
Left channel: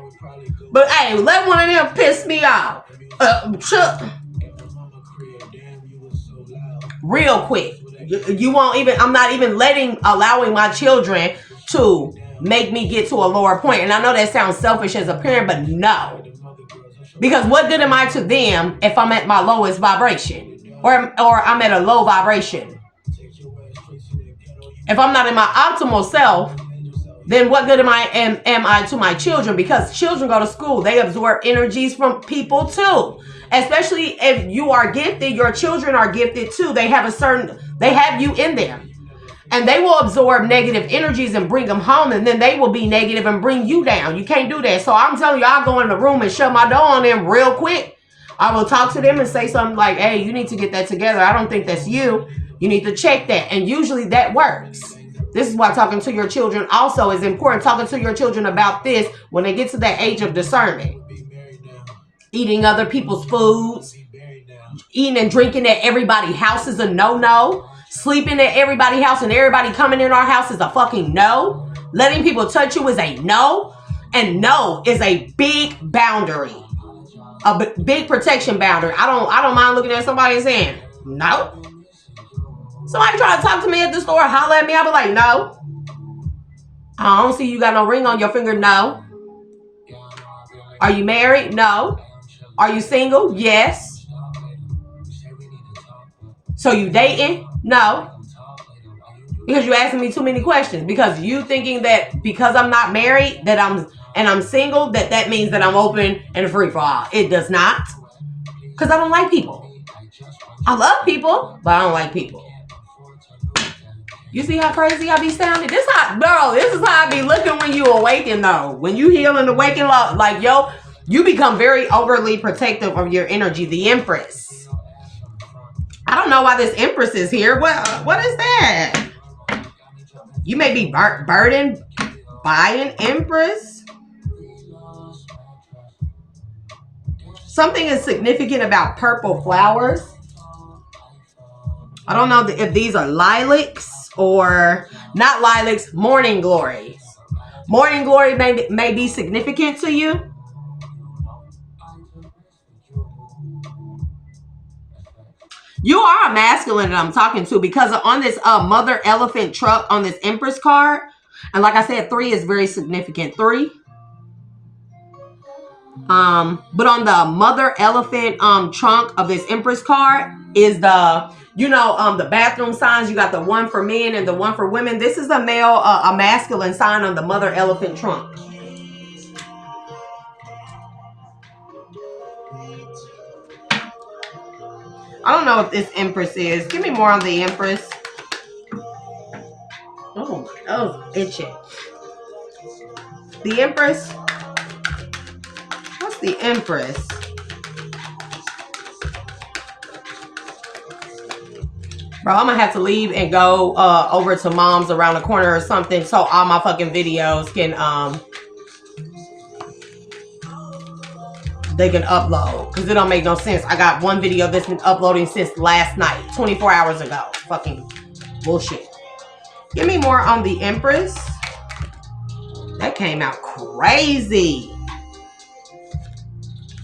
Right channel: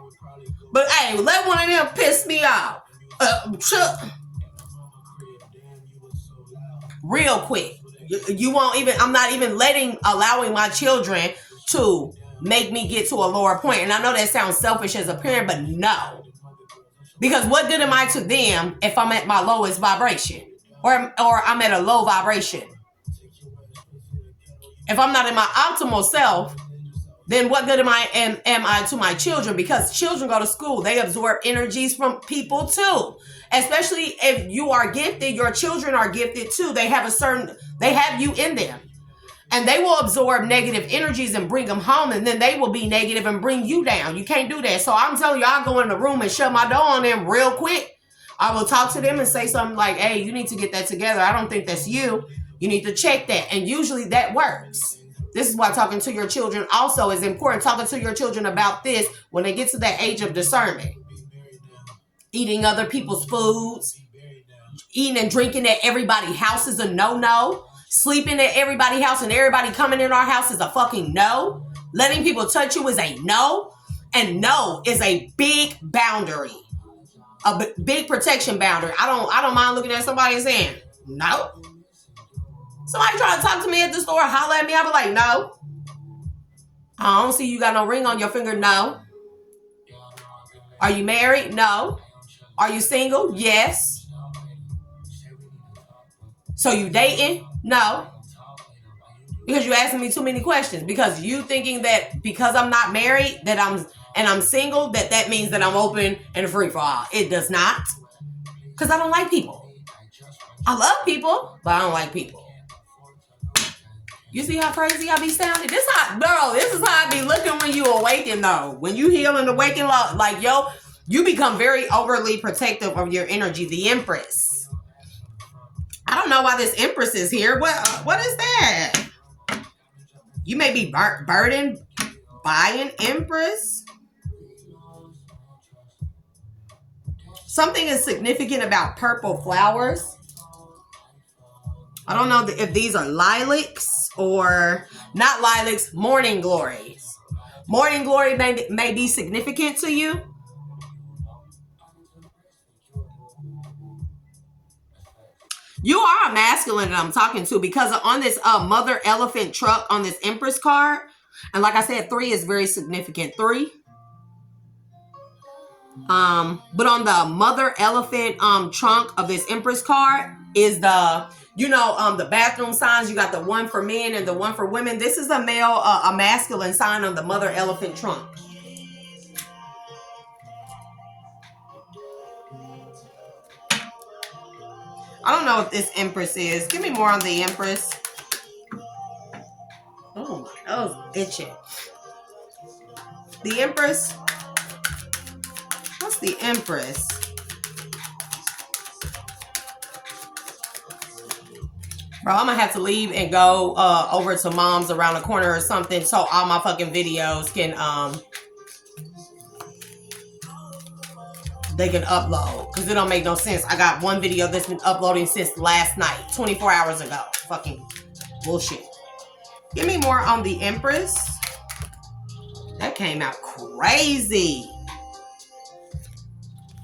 but hey, let one of them piss me off real quick. You won't even, I'm not even allowing my children to make me get to a lower point. And I know that sounds selfish as a parent, but no. Because what good am I to them if I'm at my lowest vibration? Or I'm at a low vibration? If I'm not in my optimal self, then what good am I to my children? Because children go to school. They absorb energies from people too. Especially if you are gifted, your children are gifted too. They have you in them. And they will absorb negative energies and bring them home. And then they will be negative and bring you down. You can't do that. So I'm telling you, I'll go in the room and shut my door on them real quick. I will talk to them and say something like, hey, you need to get that together. I don't think that's you. You need to check that. And usually that works. This is why talking to your children also is important. Talking to your children about this when they get to that age of discernment. Eating other people's foods. Eating and drinking at everybody's house is a no-no. Sleeping at everybody's house and everybody coming in our house is a fucking no. Letting people touch you is a no. And no is a big boundary. A big protection boundary. I don't mind looking at somebody and saying, no. Somebody try to talk to me at the store, holler at me, I'll be like, no. I don't see you got no ring on your finger, no. Are you married? No. Are you single? Yes. So you dating? No. Because you asking me too many questions. Because you thinking that because I'm not married, that I'm single, that means that I'm open and free for all. It does not. Because I don't like people. I love people, but I don't like people. You see how crazy I be sounding? This is how I be looking when you awaken, though. When you heal and awaken, like, yo, you become very overly protective of your energy. The Empress. I don't know why this Empress is here. What is that? You may be burdened by an Empress. Something is significant about purple flowers. I don't know if these are lilacs or not lilacs, morning glories. Morning glory may be significant to you. You are a masculine that I'm talking to because on this mother elephant truck on this Empress card, and like I said, 3 is very significant. 3. But on the mother elephant trunk of this Empress card is the the bathroom signs. You got the one for men and the one for women. This is a masculine sign on the mother elephant trunk. I don't know if this Empress is. Give me more on the Empress. Oh my nose itching. The Empress. What's the Empress? Bro, I'm gonna have to leave and go over to Mom's around the corner or something so all my fucking videos can they can upload. Because it don't make no sense. I got one video that's been uploading since last night, 24 hours ago. Fucking bullshit. Give me more on the Empress. That came out crazy.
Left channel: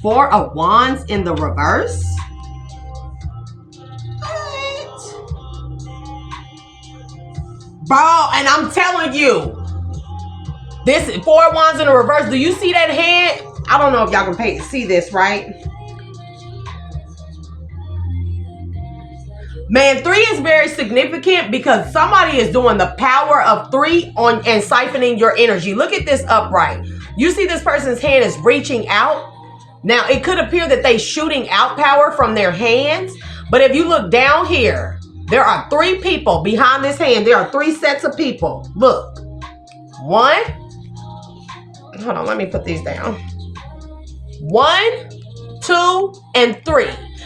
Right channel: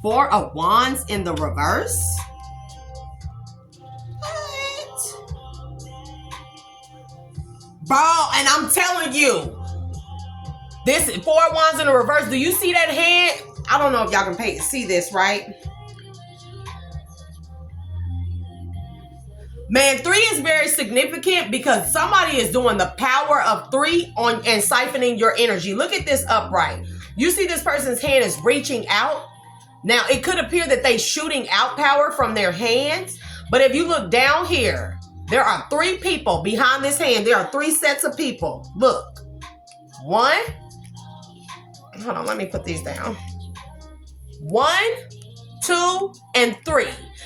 4 of Wands in the reverse. What? Bro, and I'm telling you, this 4 of Wands in the reverse. Do you see that hand? I don't know if y'all can see this, right? Man, 3 is very significant because somebody is doing the power of 3 and siphoning your energy. Look at this upright. You see this person's hand is reaching out. Now, it could appear that they're shooting out power from their hands. But if you look down here, there are 3 people behind this hand. There are 3 sets of people. Look. 1. Hold on, let me put these down. 1, 2, and 3.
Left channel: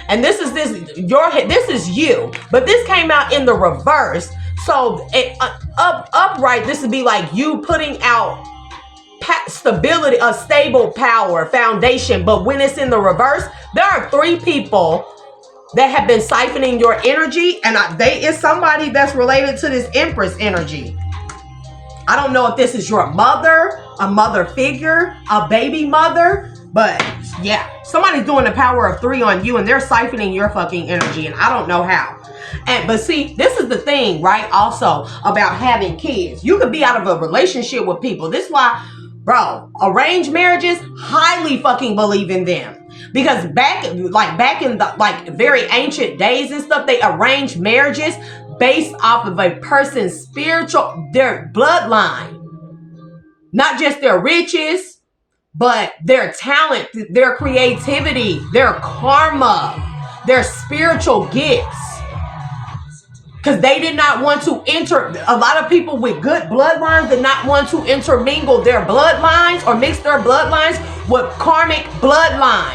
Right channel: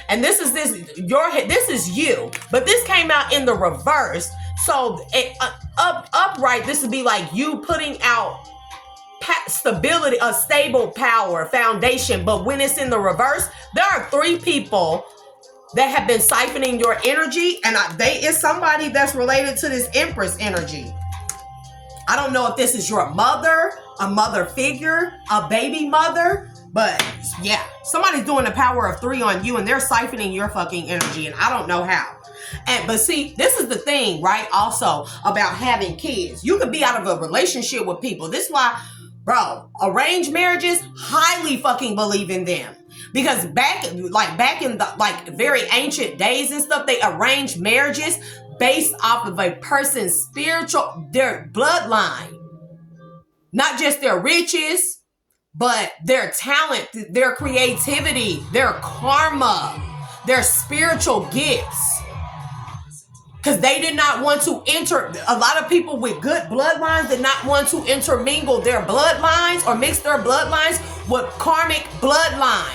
And this is you. But this came out in the reverse. So upright, this would be like you putting out stability, a stable power, foundation. But when it's in the reverse, there are 3 people that have been siphoning your energy. And it's somebody that's related to this Empress energy. I don't know if this is your mother, a mother figure, a baby mother. But yeah, somebody's doing the power of 3 on you and they're siphoning your fucking energy. And I don't know how. But see, this is the thing, right? Also about having kids. You could be out of a relationship with people. This is why, bro, arranged marriages, highly fucking believe in them. Because back in the very ancient days and stuff, they arranged marriages based off of a person's their bloodline. Not just their riches, but their talent, their creativity, their karma, their spiritual gifts. Because they did not want to a lot of people with good bloodlines did not want to intermingle their bloodlines or mix their bloodlines with karmic bloodlines.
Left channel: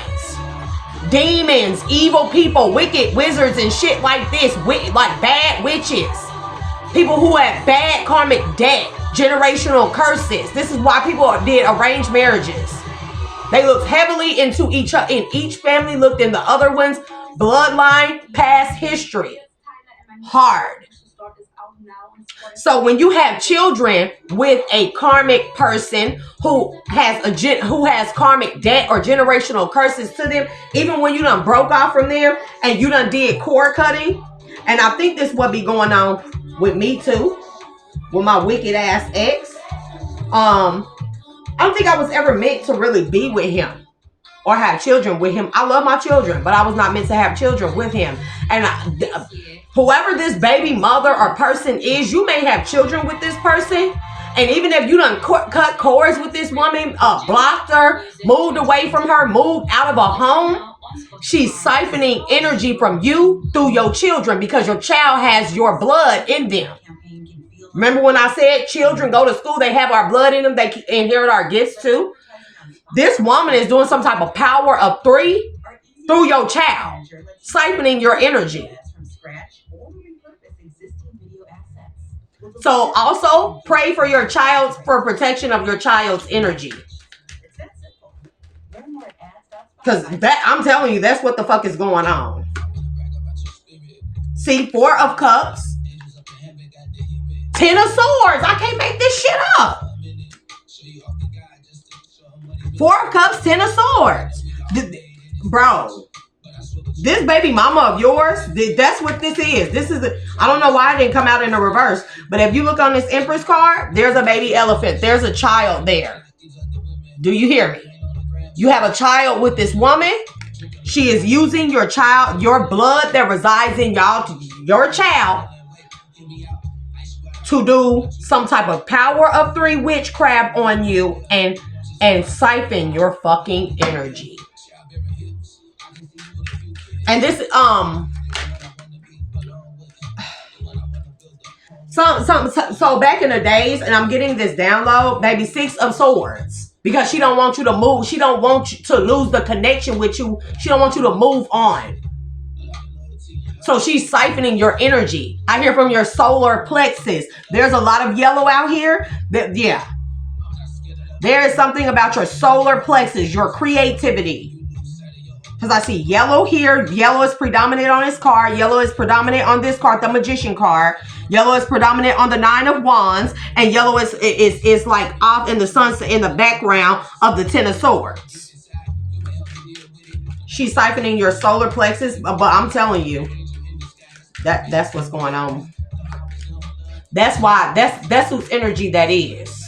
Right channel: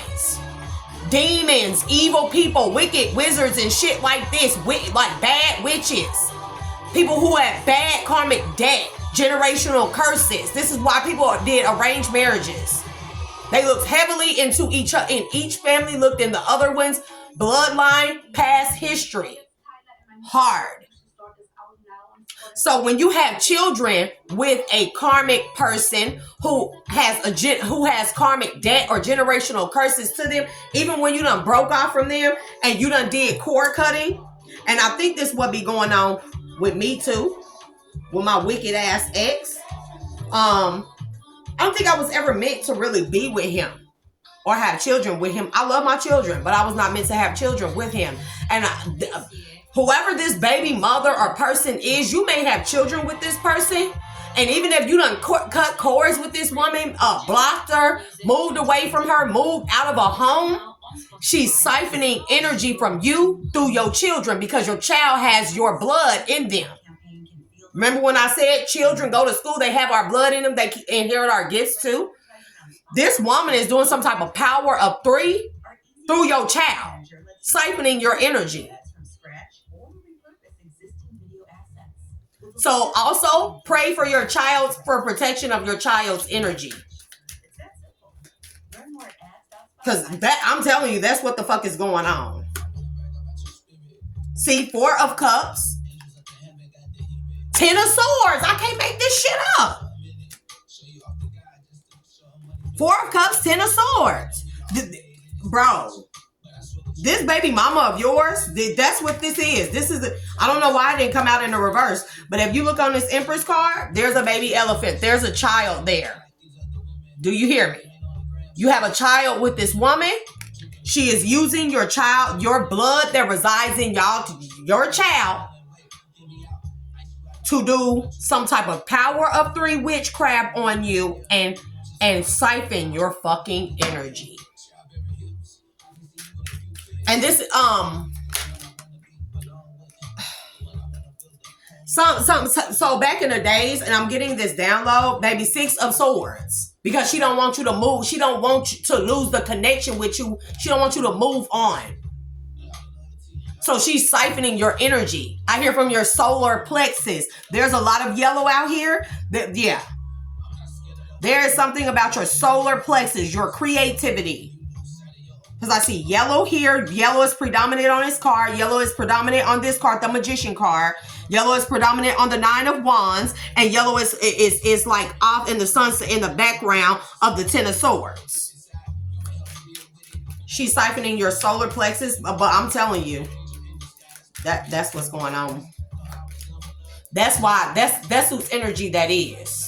demons, evil people, wicked wizards and shit like this, like bad witches, people who have bad karmic debt, generational curses. This is why people did arranged marriages. They looked heavily into each other, and each family looked in the other one's bloodline, past history. Hard. So when you have children with a karmic person who has karmic debt or generational curses to them, even when you done broke off from them and you done did cord cutting, and I think this would be going on with me too, with my wicked ass ex. I don't think I was ever meant to really be with him or have children with him. I love my children, but I was not meant to have children with him. And whoever this baby mother or person is, you may have children with this person. And even if you done cut cords with this woman, blocked her, moved away from her, moved out of a home, she's siphoning energy from you through your children because your child has your blood in them. Remember when I said children go to school, they have our blood in them, they inherit our gifts too? This woman is doing some type of power of 3 through your child, siphoning your energy. So also pray for your child, for protection of your child's energy. Because that, I'm telling you, that's what the fuck is going on. See, 4 of Cups, 10 of Swords. I can't make this shit up. 4 of Cups, 10 of Swords. Bro, this baby mama of yours, that's what this is. This is, I don't know why it didn't come out in the reverse, but if you look on this Empress card, there's a baby elephant. There's a child there. Do you hear me? You have a child with this woman. She is using your child, your blood that resides in your child, to do some type of power of 3 witchcraft on you and siphon your fucking energy. And this so back in the days, and I'm getting this download, baby, 6 of Swords. Because she don't want you to move. She don't want you to lose the connection with you. She don't want you to move on. So she's siphoning your energy. I hear from your solar plexus. There's a lot of yellow out here. Yeah. There is something about your solar plexus, your creativity. Because I see yellow here. Yellow is predominant on this card. Yellow is predominant on this card, the Magician card. Yellow is predominant on the 9 of Wands. And yellow is like off in the sunset in the background of the 10 of Swords. She's siphoning your solar plexus. But I'm telling you, that's what's going on. That's why, that's whose energy that is.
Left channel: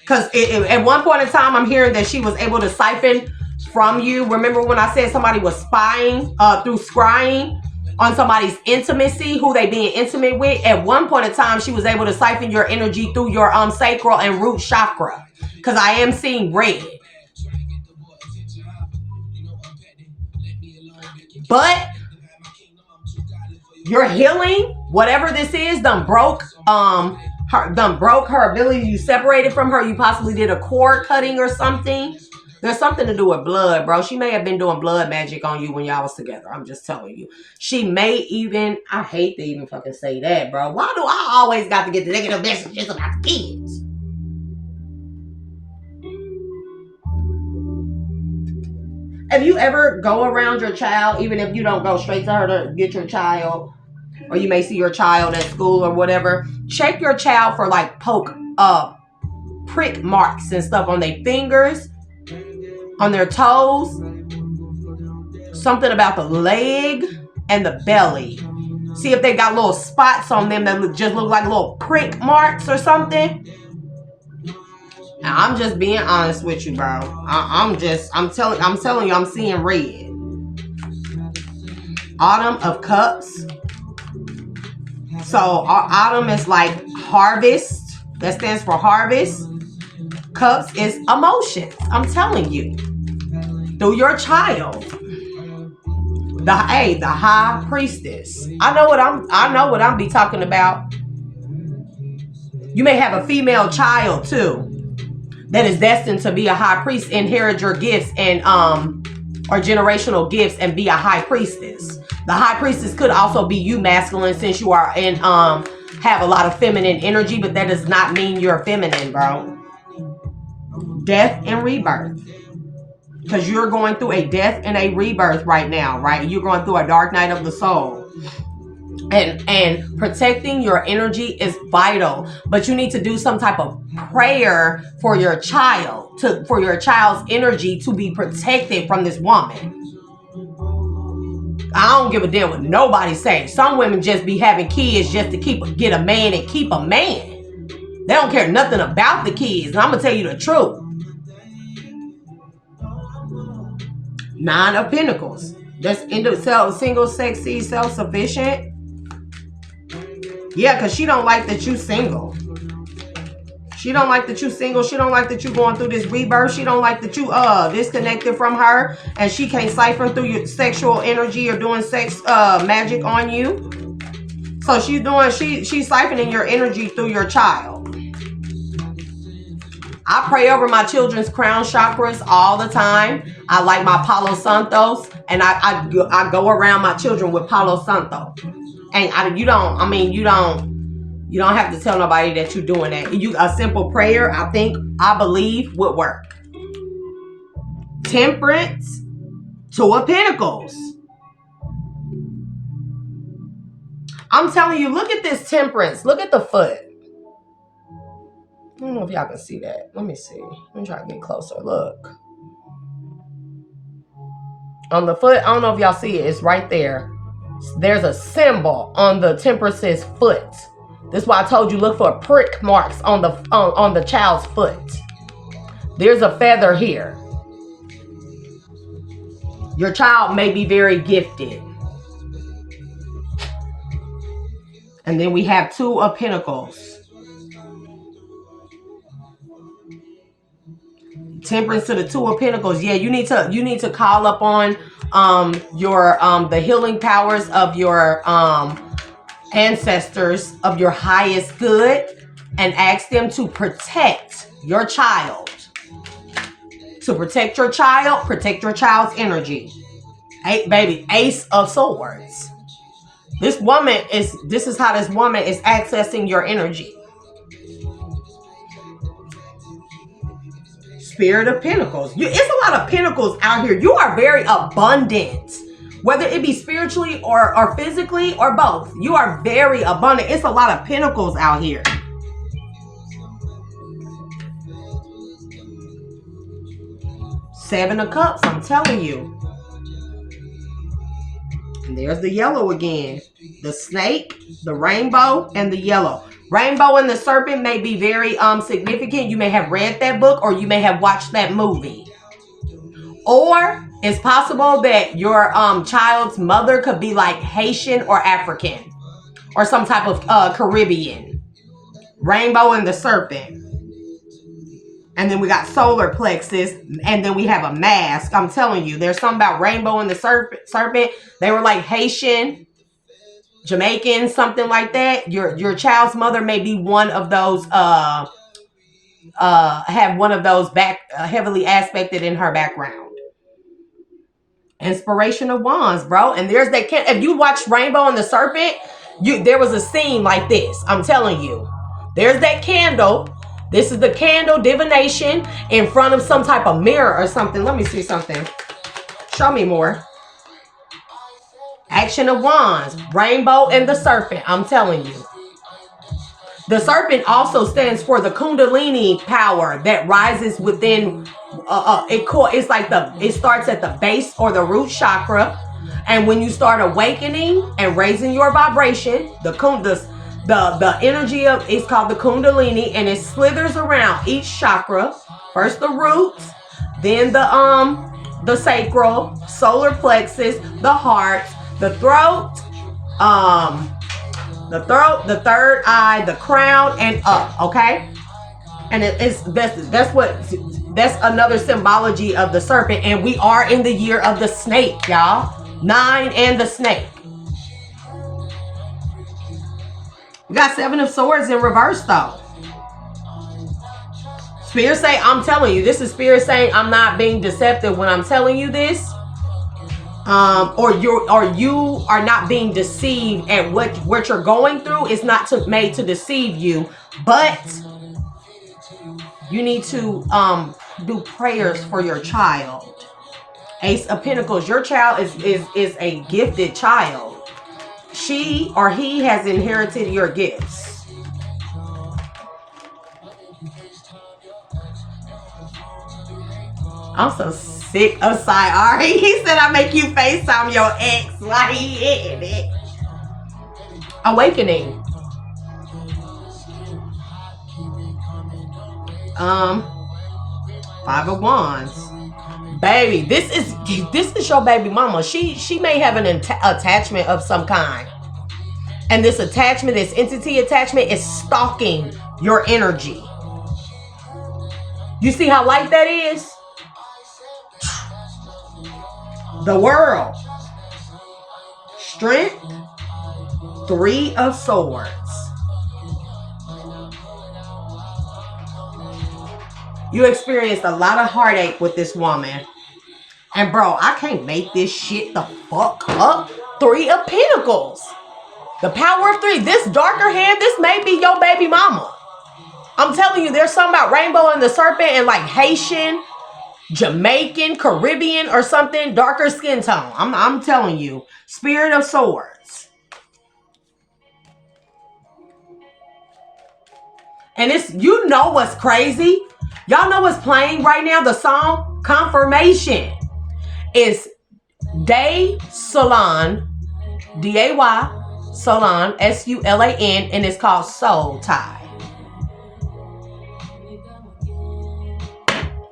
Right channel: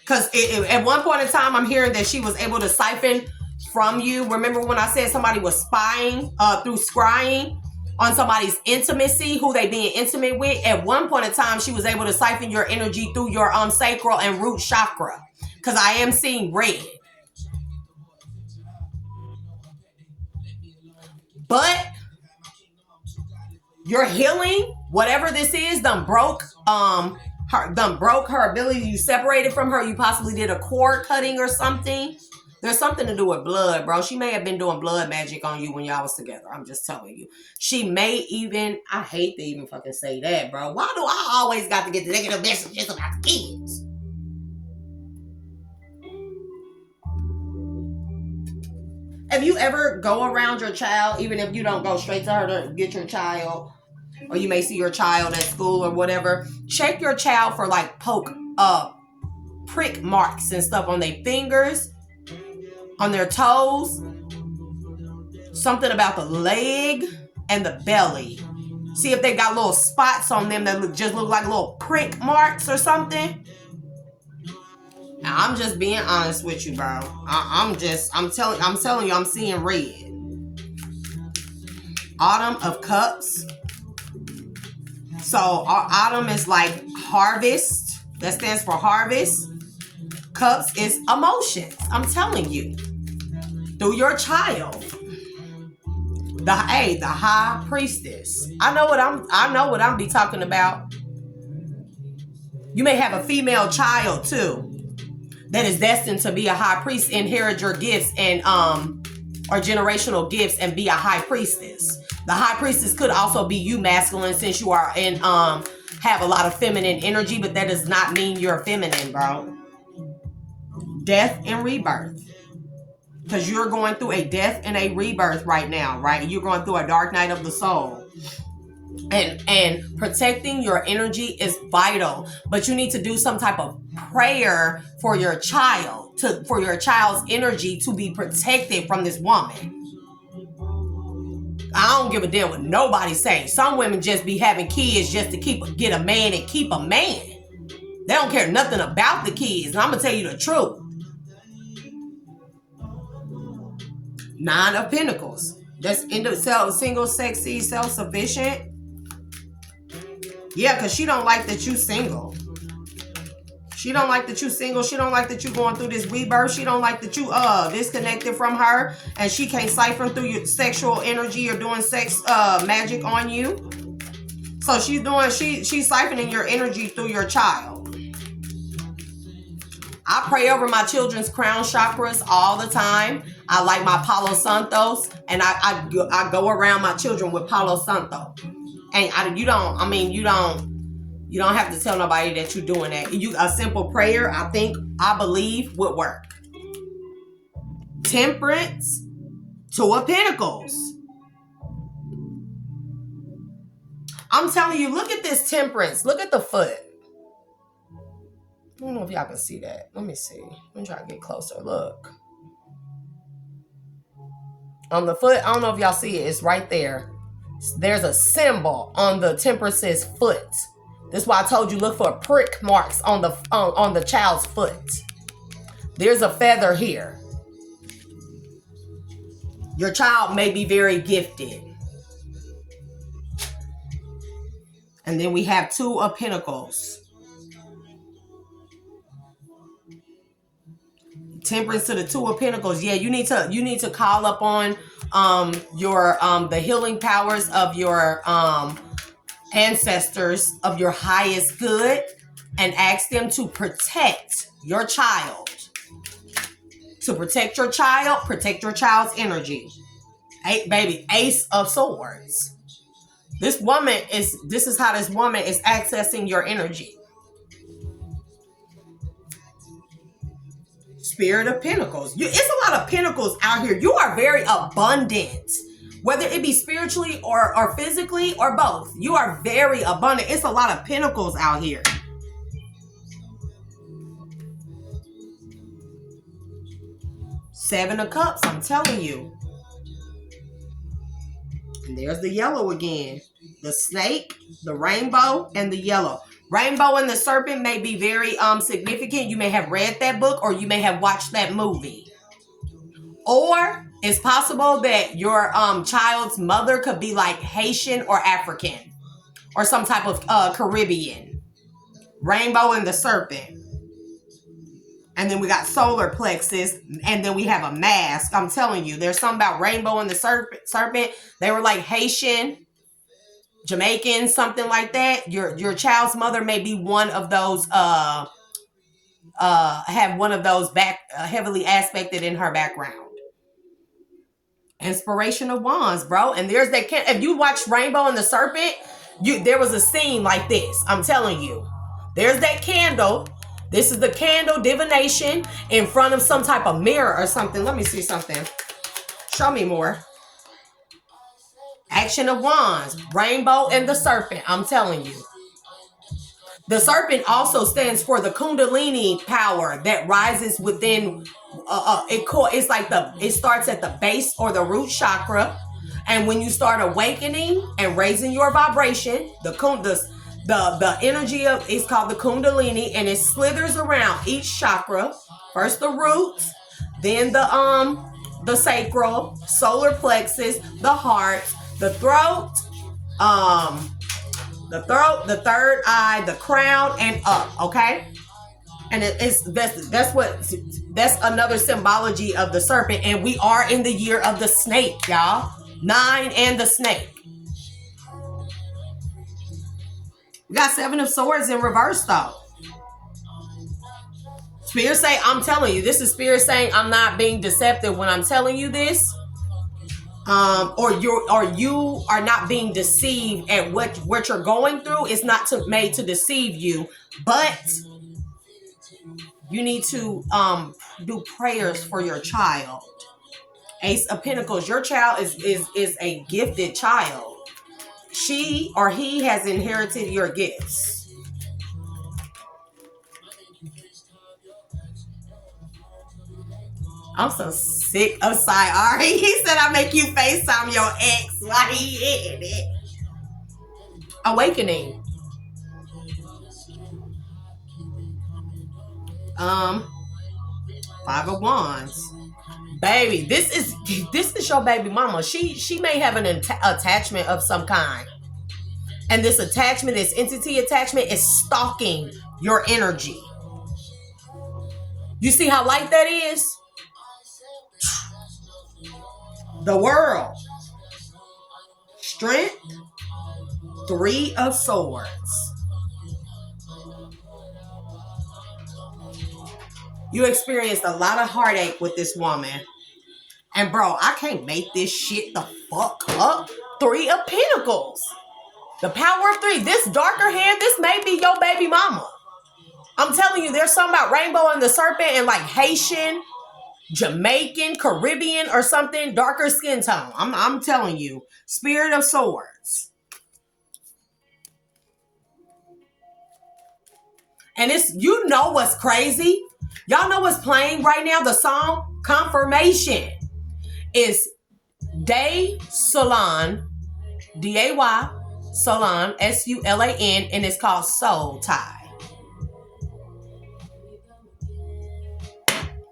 Because at one point in time, I'm hearing that she was able to siphon from you. Remember when I said somebody was spying through scrying on somebody's intimacy, who they being intimate with? At one point in time, she was able to siphon your energy through your sacral and root chakra. Because I am seeing red. But your healing, whatever this is, done broke her ability. You separated from her. You possibly did a cord cutting or something. There's something to do with blood, bro. She may have been doing blood magic on you when y'all was together. I'm just telling you. She may even, I hate to even fucking say that, bro. Why do I always got to get the negative messages about the kids? If you ever go around your child, even if you don't go straight to her to get your child, or you may see your child at school or whatever, check your child for like prick marks and stuff on their fingers, on their toes, something about the leg and the belly. See if they got little spots on them that just look like little prick marks or something. Now, I'm just being honest with you, bro. I'm telling you, I'm seeing red. Autumn of Cups. So autumn is like harvest. That stands for harvest. Cups is emotions. I'm telling you. Through your child. The high priestess. I know what I'm be talking about. You may have a female child too. that is destined to be a high priest, inherit your gifts and or generational gifts and be a high priestess. The high priestess could also be you, masculine, since you are in have a lot of feminine energy, but that does not mean you're feminine, bro. Death and rebirth. Because you're going through a death and a rebirth right now, right? You're going through a dark night of the soul. And protecting your energy is vital, but you need to do some type of prayer for your child, for your child's energy to be protected from this woman. I don't give a damn what nobody say. Some women just be having kids just to get a man and keep a man. They don't care nothing about the kids. And I'm gonna tell you the truth. Nine of Pentacles. That's single, sexy, self-sufficient. Yeah, because she don't like that you single. She don't like that you single. She don't like that you going through this rebirth. She don't like that you disconnected from her and she can't siphon through your sexual energy or doing sex magic on you. So she's siphoning your energy through your child. I pray over my children's crown chakras all the time. I like my Palo Santos, and I go around my children with Palo Santo. And you don't have to tell nobody that you're doing that. A simple prayer, I believe would work. Temperance, Two of Pentacles. I'm telling you, look at this temperance. Look at the foot. I don't know if y'all can see that. Let me see. Let me try to get closer. Look. On the foot, I don't know if y'all see it. It's right there. There's a symbol on the temperance's foot. This is why I told you look for prick marks on the child's foot. There's a feather here. Your child may be very gifted. And then we have Two of Pentacles. Temperance to the Two of Pentacles. Yeah, you need to call up on your the healing powers of your ancestors of your highest good and ask them to protect your child. To protect your child, protect your child's energy. Ace of Swords. This is how this woman is accessing your energy. Spirit of Pentacles. It's a lot of pentacles out here. You are very abundant. Whether it be spiritually or physically or both. You are very abundant. It's a lot of pentacles out here. Seven of Cups, I'm telling you. And there's the yellow again. The snake, the rainbow, and the yellow. Rainbow and the Serpent may be very significant. You may have read that book or you may have watched that movie. Or it's possible that your child's mother could be like Haitian or African or some type of Caribbean. Rainbow and the Serpent. And then we got solar plexus, and then we have a mask. I'm telling you, there's something about rainbow and the serpent. They were like Haitian, Jamaican, something like that. Your child's mother may be one of those, have one of those heavily aspected in her background. Inspiration of Wands, bro. And there's that. If you watch Rainbow and the Serpent, there was a scene like this. I'm telling you. There's that candle. This is the candle divination in front of some type of mirror or something. Let me see something. Show me more. Action of Wands. Rainbow and the Serpent. I'm telling you. The serpent also stands for the Kundalini power that rises within. It's like it starts at the base or the root chakra, and when you start awakening and raising your vibration, the energy of it's called the Kundalini, and it slithers around each chakra. First the roots, then the sacral, solar plexus, the heart, the throat, the third eye, the crown, and up. Okay, and that's another symbology of the serpent, and we are in the year of the snake, y'all. 9 and the snake. We got 7 of Swords in reverse though. Spirit say, I'm telling you, this is Spirit saying I'm not being deceptive when I'm telling you this. Or you are not being deceived at what you're going through. It's not made to deceive you, but you need to do prayers for your child. Ace of Pentacles, your child is a gifted child. She or he has inherited your gifts. I'm so sick of Ari. He said I make you FaceTime your ex while he hitting it. Awakening. Five of Wands. Baby, this is your baby mama. She may have an attachment of some kind. And this attachment, this entity attachment is stalking your energy. You see how light that is? The world. Strength. Three of Swords. You experienced a lot of heartache with this woman. And bro, I can't make this shit the fuck up. Three of Pentacles. The power of three. This darker hair, this may be your baby mama. I'm telling you, there's something about Rainbow and the Serpent and like Haitian, Jamaican, Caribbean or something. Darker skin tone. I'm telling you. Spirit of Swords. And it's, you know what's crazy? Y'all know what's playing right now? The song Confirmation. Is Day Salon, D-A-Y, Salon, S-U-L-A-N, and it's called Soul Tie.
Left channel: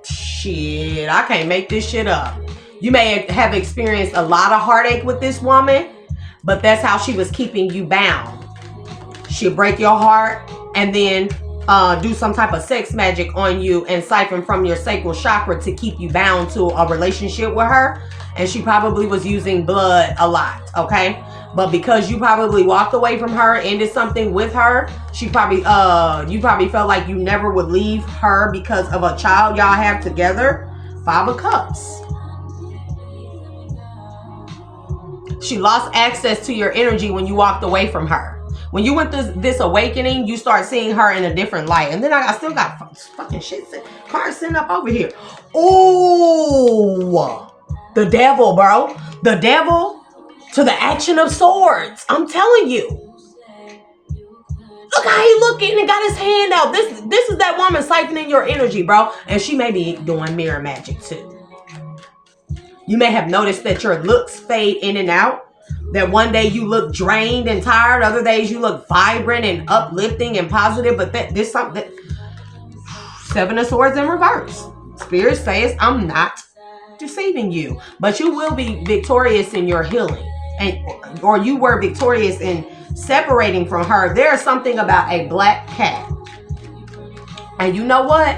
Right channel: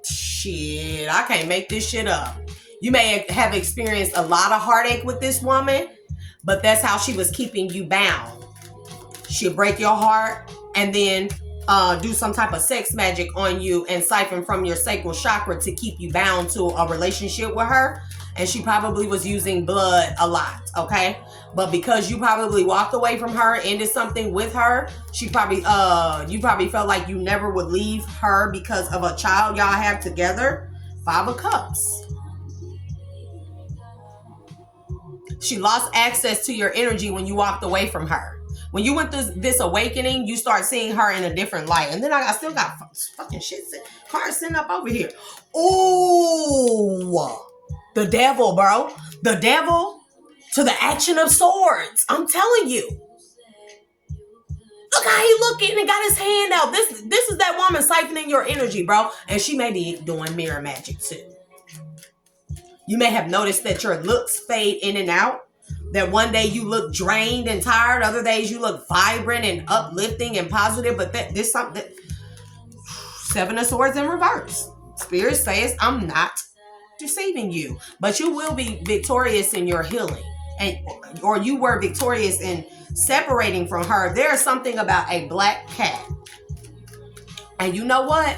Shit, I can't make this shit up. You may have experienced a lot of heartache with this woman, but that's how she was keeping you bound. She'll break your heart and then do some type of sex magic on you and siphon from your sacral chakra to keep you bound to a relationship with her. And she probably was using blood a lot, okay? But because you probably walked away from her, ended something with her, she probably, you probably felt like you never would leave her because of a child y'all have together. Five of Cups. She lost access to your energy when you walked away from her. When you went through this awakening, you start seeing her in a different light. And then I still got fucking shit, cards sitting up over here. Oh, the devil, bro. The devil to the action of swords. I'm telling you. Look how he looking and got his hand out. This is that woman siphoning your energy, bro. And she may be doing mirror magic too. You may have noticed that your looks fade in and out. That one day you look drained and tired. Other days you look vibrant and uplifting and positive. But this something. Seven of Swords in reverse. Spirit says, I'm not deceiving you. But you will be victorious in your healing. Or you were victorious in separating from her. There's something about a black cat. And you know what?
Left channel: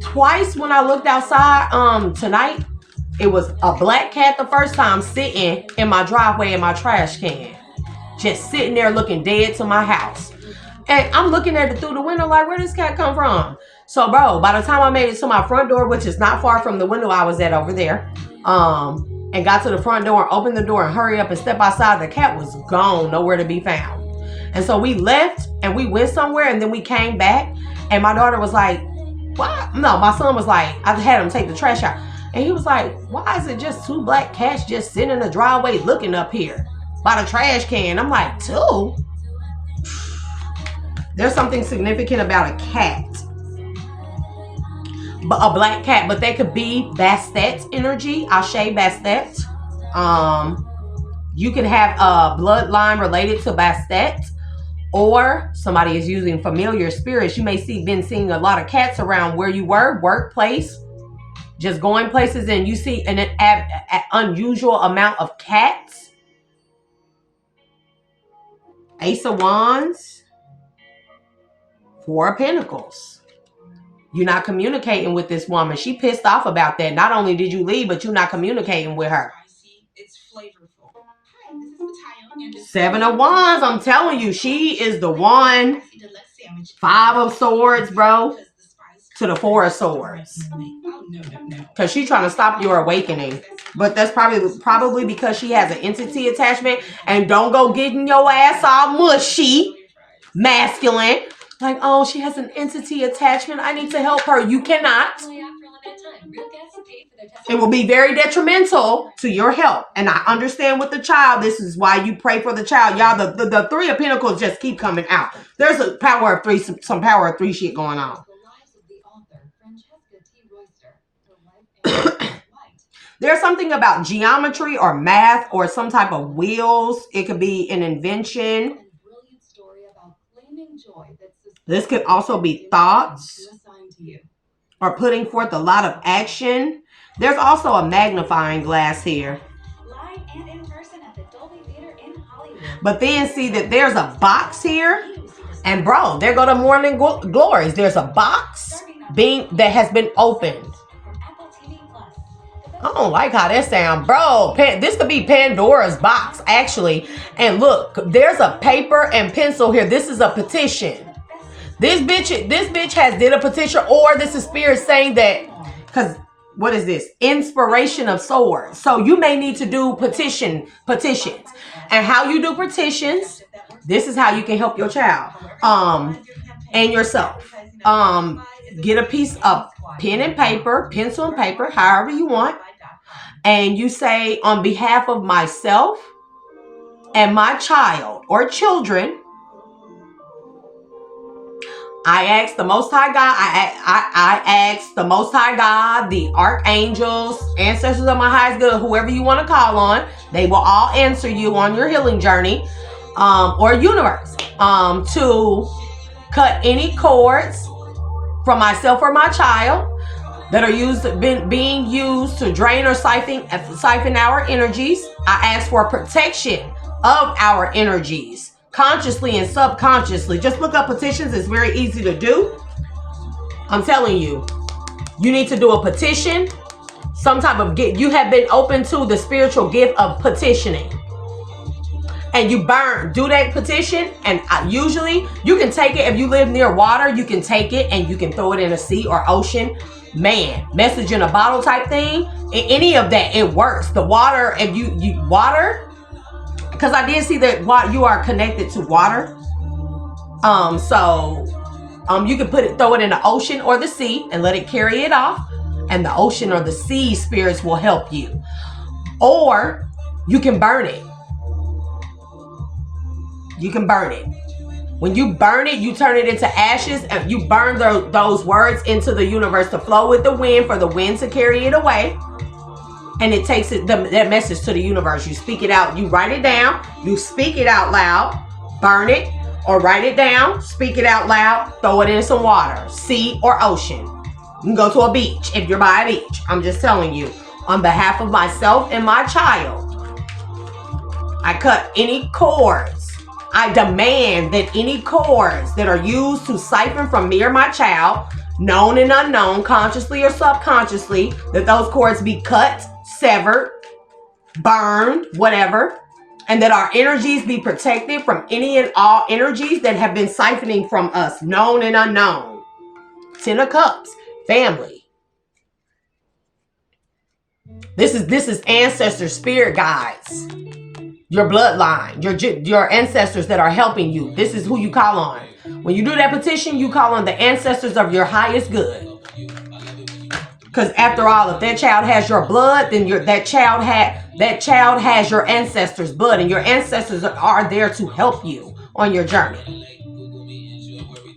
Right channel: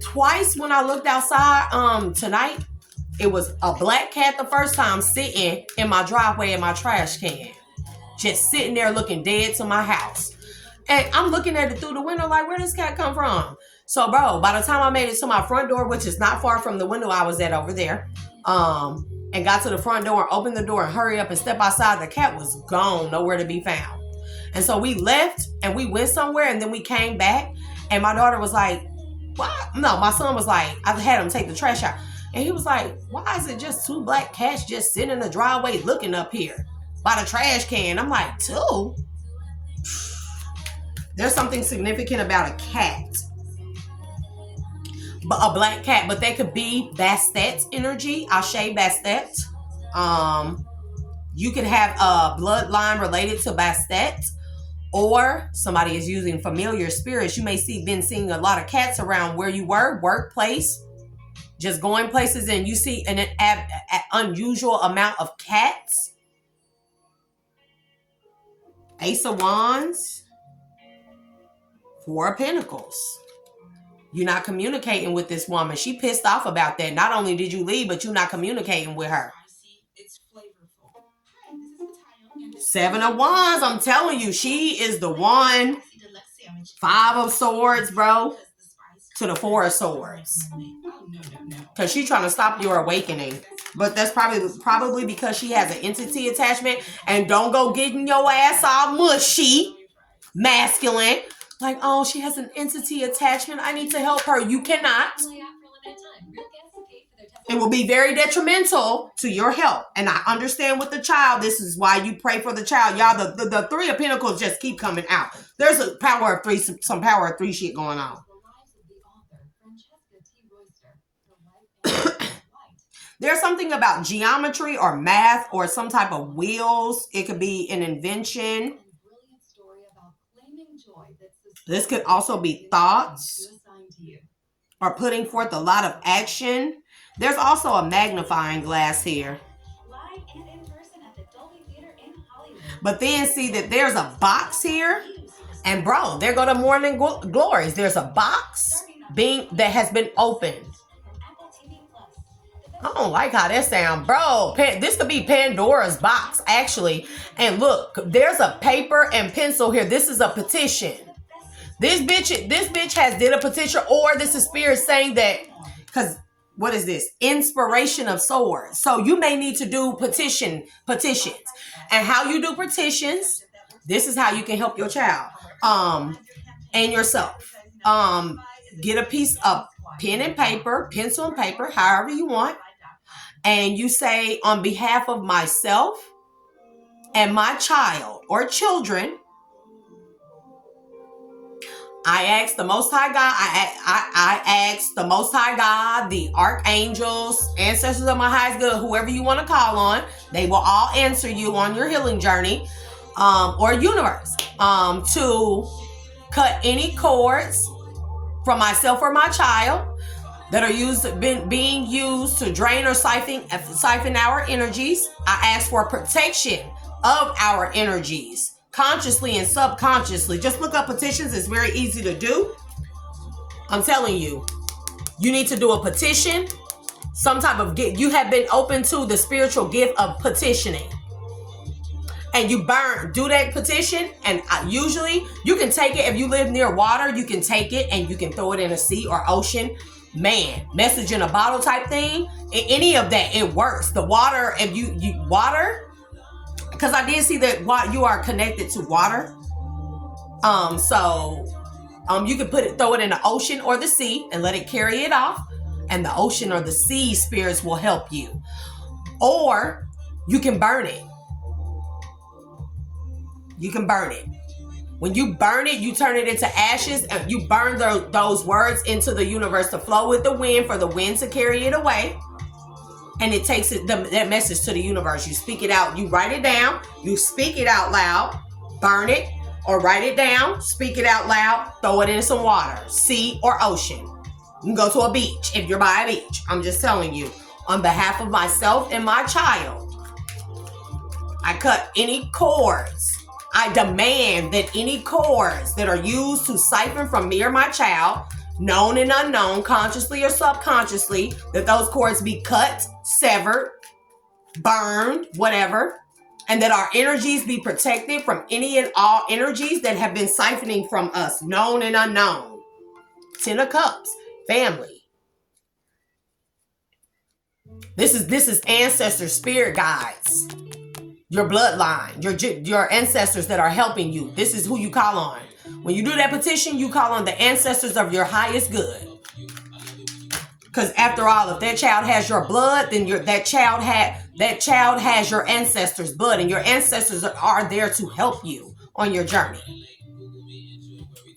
Twice when I looked outside tonight, it was a black cat the first time sitting in my driveway in my trash can. Just sitting there looking dead to my house. And I'm looking at it through the window like, where does this cat come from? So, bro, by the time I made it to my front door, which is not far from the window I was at over there, and got to the front door, opened the door and hurry up and step outside, the cat was gone, nowhere to be found. And so we left and we went somewhere and then we came back and my daughter was like, what? No, my son was like, I had him take the trash out. And he was like, why is it just two black cats just sitting in the driveway looking up here by the trash can? I'm like, two? There's something significant about a cat. A black cat, but they could be Bastet energy, Ashe Bastet. You could have a bloodline related to Bastet, or somebody is using familiar spirits. You may been seeing a lot of cats around where you were, workplace, just going places, and you see an unusual amount of cats. Ace of Wands, Four of Pentacles. You're not communicating with this woman. She pissed off about that. Not only did you leave, but you're not communicating with her. It's flavorful. Seven of Wands. I'm telling you, she is the one. Five of Swords, bro. to the Four of Swords. Because she's trying to stop your awakening. But that's probably because she has an entity attachment. And don't go getting your ass all mushy, masculine. Like, oh, she has an entity attachment. I need to help her. You cannot. It will be very detrimental to your health. And I understand with the child, this is why you pray for the child. Y'all, the Three of Pentacles just keep coming out. There's a power of three, some power of three shit going on. There's something about geometry or math or some type of wheels. It could be an invention. This could also be thoughts or putting forth a lot of action. There's also a magnifying glass here. But then see that there's a box here. And bro, there go the morning glories. There's a box that has been opened. I don't like how that sounds, bro. This could be Pandora's box, actually. And look, there's a paper and pencil here. This is a petition. This bitch has did a petition, or this is spirit saying that, because what is this? Inspiration of swords. So you may need to do petitions. And how you do petitions, this is how you can help your child and yourself. Get a piece of pen and paper, pencil and paper, however you want. And you say, on behalf of myself and my child or children, I ask the Most High God, I ask the Most High God, the archangels, ancestors of my highest good, whoever you want to call on, they will all answer you on your healing journey, or universe, to cut any cords from myself or my child that are being used to drain or siphon our energies. I ask for protection of our energies, consciously and subconsciously. Just look up petitions. It's very easy to do. I'm telling you, you need to do a petition, some type of gift. You have been open to the spiritual gift of petitioning. And you do that petition. And usually you can take it. If you live near water, you can take it and you can throw it in a sea or ocean. Man, message in a bottle type thing. Any of that, it works. The water, if you water, because I did see that you are connected to water. So you can throw it in the ocean or the sea and let it carry it off. And the ocean or the sea spirits will help you. Or you can burn it. You can burn it. When you burn it, you turn it into ashes, and you burn those words into the universe to flow with the wind, for the wind to carry it away. And it takes that message to the universe. You speak it out. You write it down. You speak it out loud. Burn it, or write it down. Speak it out loud. Throw it in some water, sea or ocean. You can go to a beach if you're by a beach. I'm just telling you. On behalf of myself and my child, I cut any cords. I demand that any cords that are used to siphon from me or my child, known and unknown, consciously or subconsciously, that those cords be cut, severed, burned, whatever, and that our energies be protected from any and all energies that have been siphoning from us, known and unknown. 10 of Cups, family. This is ancestor spirit guides. Your bloodline, your ancestors that are helping you. This is who you call on. When you do that petition, you call on the ancestors of your highest good. Because after all, if that child has your blood, then that child has your ancestors' blood, and your ancestors are there to help you on your journey.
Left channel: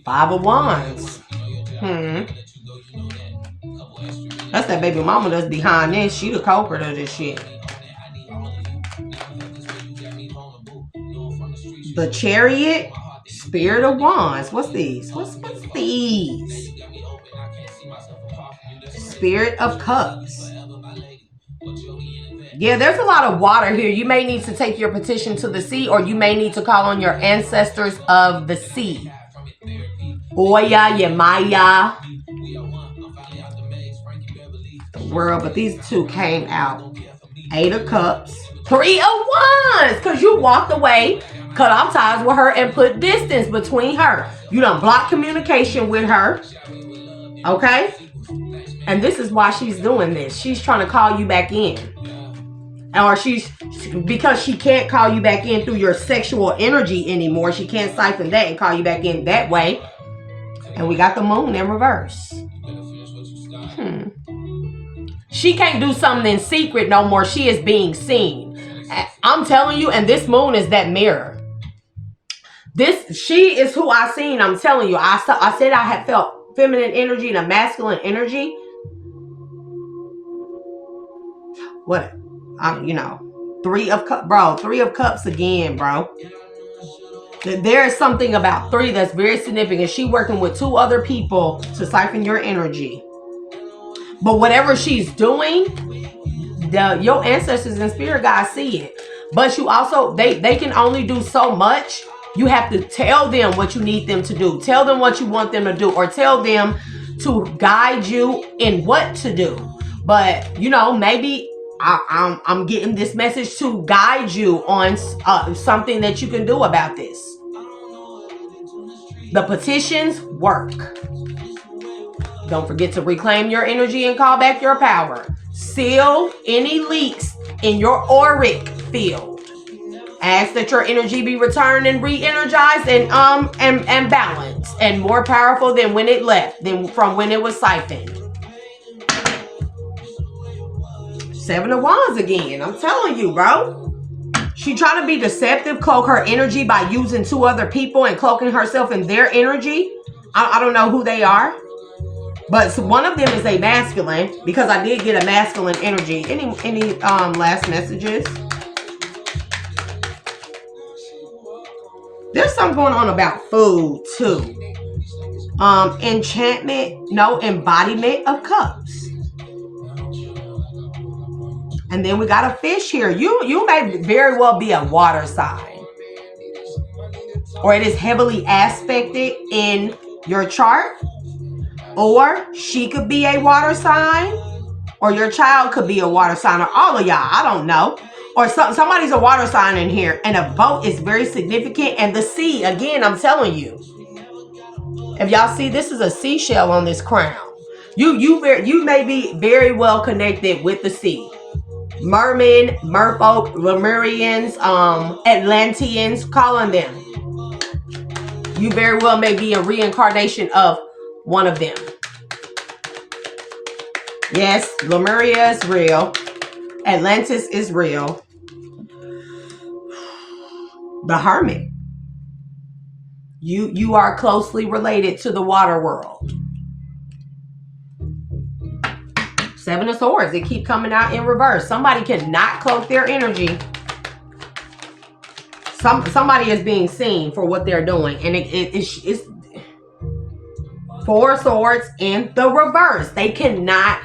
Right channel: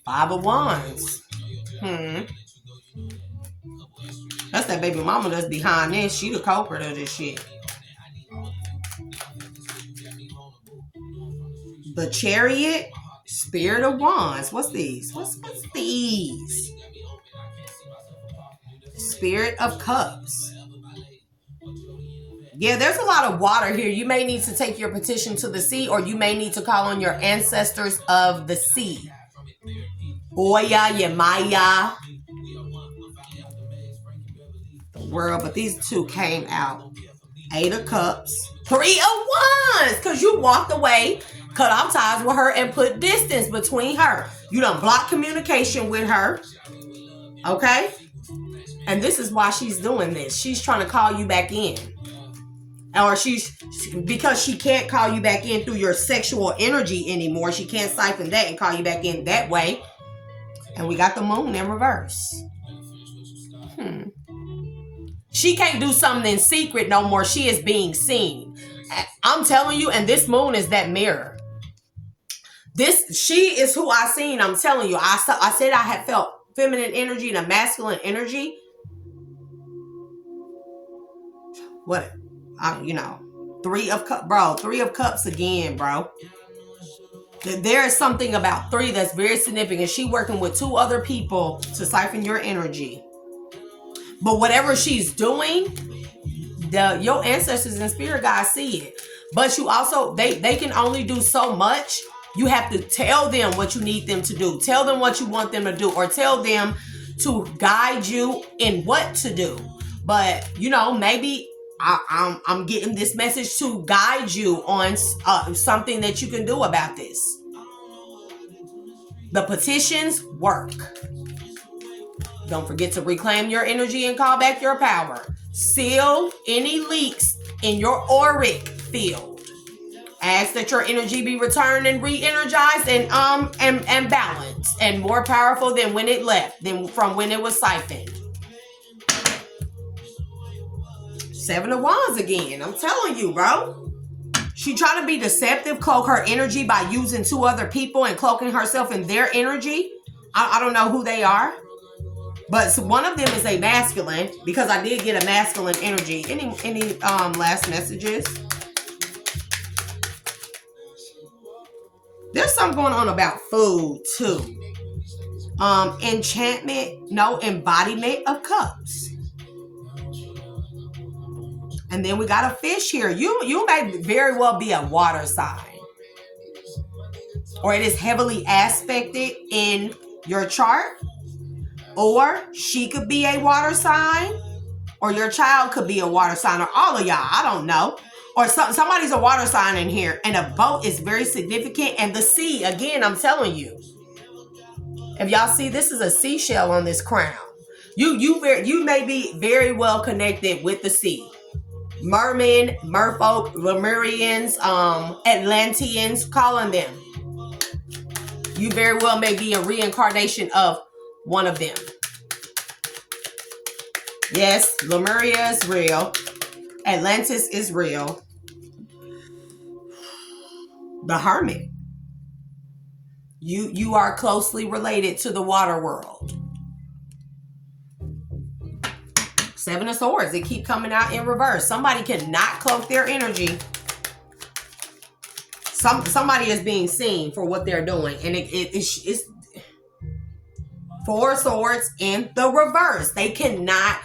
5 of Wands. That's that baby mama that's behind this. She the culprit of this shit. The Chariot, Spirit of Wands. What's these? What's these? Spirit of Cups. Yeah, there's a lot of water here. You may need to take your petition to the sea, or you may need to call on your ancestors of the sea. Oya, Yemaya. World, but these two came out. 8 of Cups. 3 of Wands, because you walked away, cut off ties with her, and put distance between her. You done blocked communication with her. Okay? And this is why she's doing this. She's trying to call you back in. Or because she can't call you back in through your sexual energy anymore. She can't siphon that and call you back in that way. And we got the moon in reverse. She can't do something in secret no more. She is being seen. I'm telling you, and this moon is that mirror. She is who I seen. I'm telling you. I said I had felt feminine energy and a masculine energy. What? Three of Cups again, bro. There is something about 3 that's very significant. She working with 2 other people to siphon your energy. But whatever she's doing, your ancestors and spirit guides see it. But you also, they can only do so much. You have to tell them what you need them to do. Tell them what you want them to do. Or tell them to guide you in what to do. But, maybe I'm getting this message to guide you on something that you can do about this. The petitions work. Don't forget to reclaim your energy and call back your power. Seal any leaks in your auric field. Ask that your energy be returned and re-energized and balanced and more powerful than when it left, than from when it was siphoned. 7 of Wands again. I'm telling you, bro. She trying to be deceptive, cloak her energy by using 2 other people and cloaking herself in their energy. I don't know who they are. But one of them is a masculine, because I did get a masculine energy. Any last messages? There's something going on about food too. Enchantment, no, embodiment of cups. And then we got a fish here. You may very well be a water sign. Or it is heavily aspected in your chart. Or she could be a water sign. Or your child could be a water sign. Or all of y'all. I don't know. Or somebody's a water sign in here. And a boat is very significant. And the sea, again, I'm telling you. If y'all see, this is a seashell on this crown. You may be very well connected with the sea. Mermen, merfolk, Lemurians, Atlanteans, call on them. You very well may be a reincarnation of one of them. Yes, Lemuria is real. Atlantis is real. The Hermit. You are closely related to the water world. 7 of Swords. It keep coming out in reverse. Somebody cannot cloak their energy. Somebody is being seen for what they're doing. And it's 4 Swords in the reverse. They cannot.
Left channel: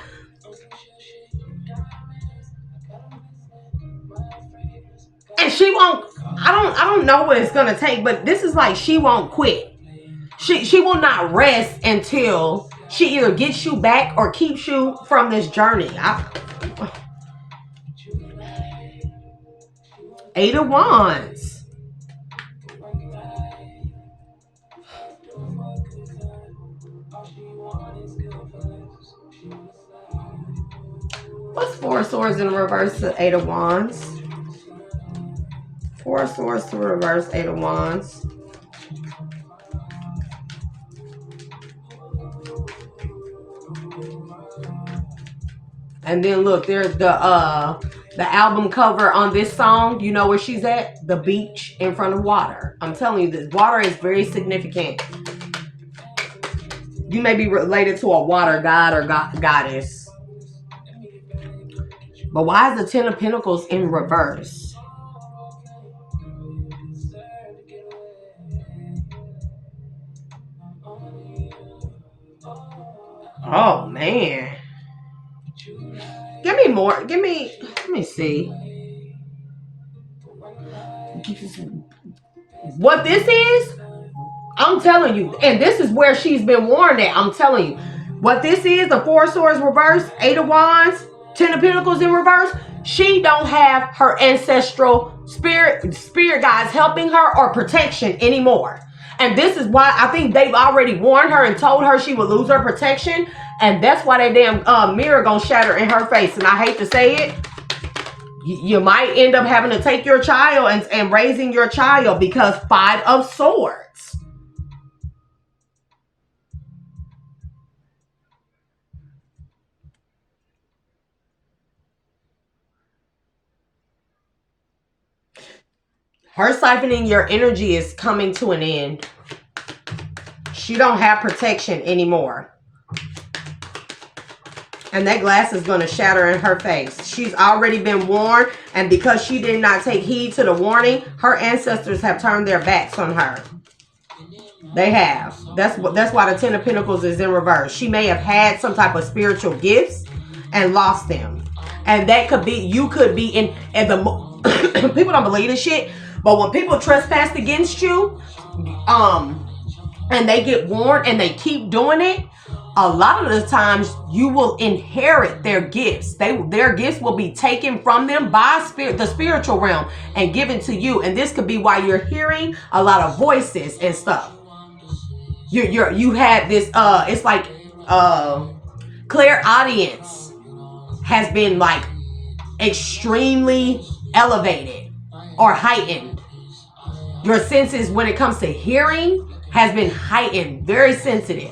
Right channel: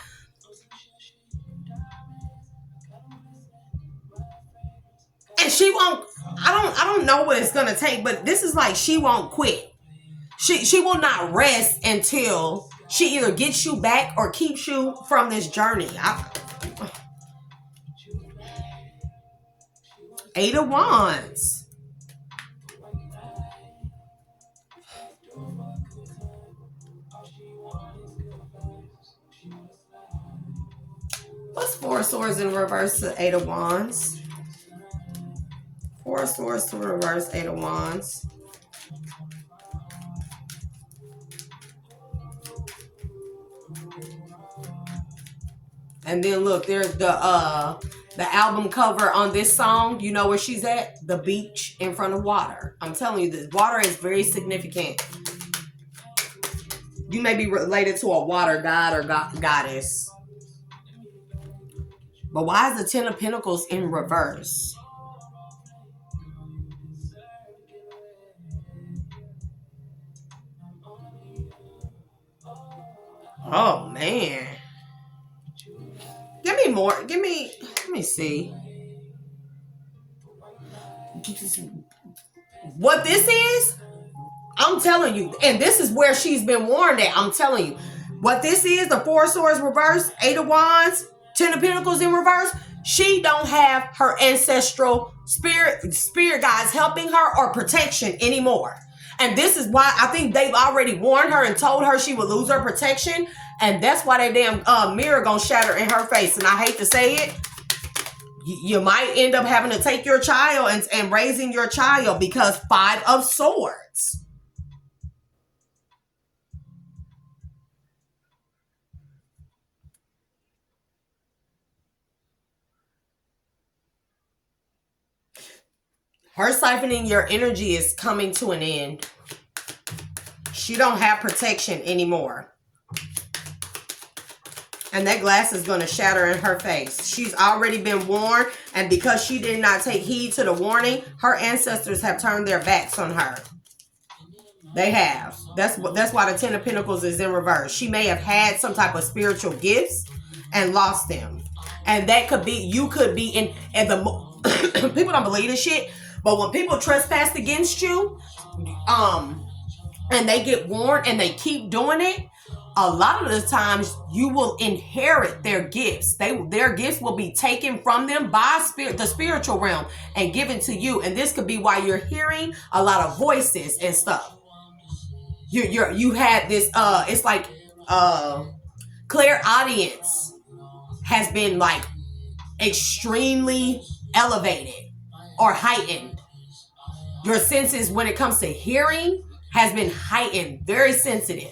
And she won't. I don't know what it's gonna take, but this is like she won't quit. She will not rest until she either gets you back or keeps you from this journey. 8 of Wands. What's 4 Swords in reverse to 8 of Wands? 4 Swords to reverse 8 of Wands. And then look, there's the album cover on this song. You know where she's at? The beach in front of water. I'm telling you, this water is very significant. You may be related to a water god or goddess. But why is the 10 of Pentacles in reverse? Oh, man. Give me more. Let me see. What this is, I'm telling you, and this is where she's been warned at. I'm telling you. What this is, the 4 Swords reverse, 8 of Wands, 10 of Pentacles in reverse. She don't have her ancestral spirit guides helping her or protection anymore. And this is why I think they've already warned her and told her she would lose her protection. And that's why that damn mirror gonna shatter in her face. And I hate to say it, you might end up having to take your child and raising your child, because 5 of Swords. Her siphoning your energy is coming to an end. She don't have protection anymore. And that glass is going to shatter in her face. She's already been warned. And because she did not take heed to the warning, her ancestors have turned their backs on her. They have. That's why the 10 of Pentacles is in reverse. She may have had some type of spiritual gifts and lost them. And that could be, you could be in the, people don't believe this shit, but when people trespass against you, and they get warned and they keep doing it, a lot of the times you will inherit their gifts. Their gifts will be taken from them by the spiritual realm and given to you. And this could be why you're hearing a lot of voices and stuff. You had this, it's like clairaudience has been like extremely elevated or heightened. Your senses when it comes to hearing has been heightened, very sensitive.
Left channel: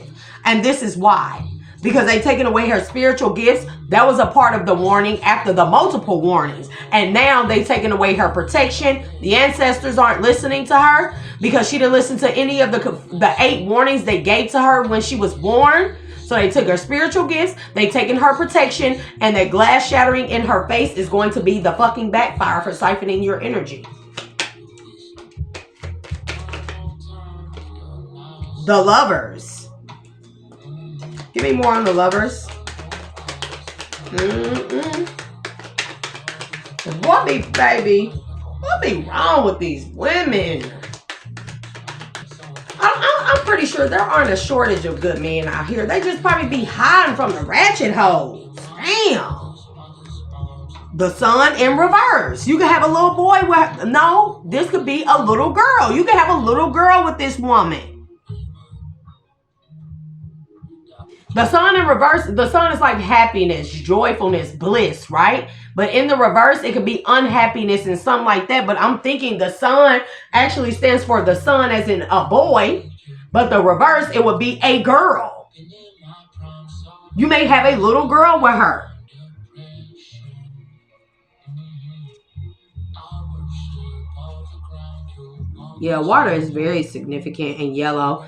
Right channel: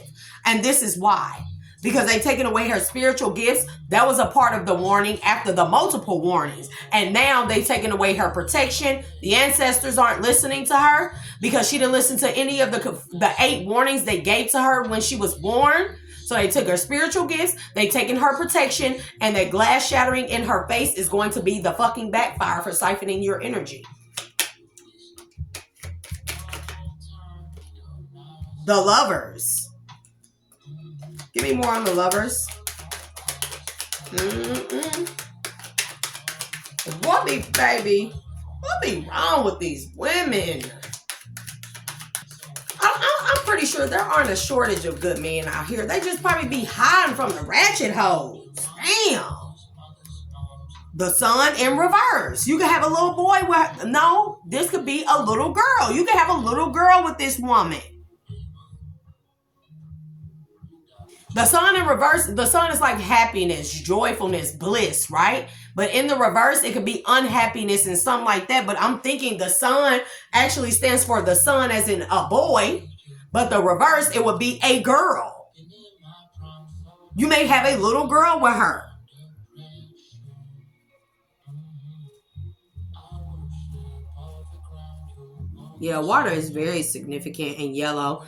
And this is why. Because they've taken away her spiritual gifts. That was a part of the warning after the multiple warnings. And now they've taken away her protection. The ancestors aren't listening to her because she didn't listen to any of the 8 warnings they gave to her when she was born. So they took her spiritual gifts, they've taken her protection, and that glass shattering in her face is going to be the fucking backfire for siphoning your energy. The Lovers. Give me more on the Lovers. What be, baby? What be wrong with these women? I'm pretty sure there aren't a shortage of good men out here. They just probably be hiding from the ratchet hoes. Damn. The Sun in reverse. You can have a little boy with, no, this could be a little girl. You can have a little girl with this woman. The Sun in reverse, the Sun is like happiness, joyfulness, bliss, right? But in the reverse, it could be unhappiness and something like that. But I'm thinking the Sun actually stands for the Sun as in a boy. But the reverse, it would be a girl. You may have a little girl with her. Yeah, water is very significant in yellow.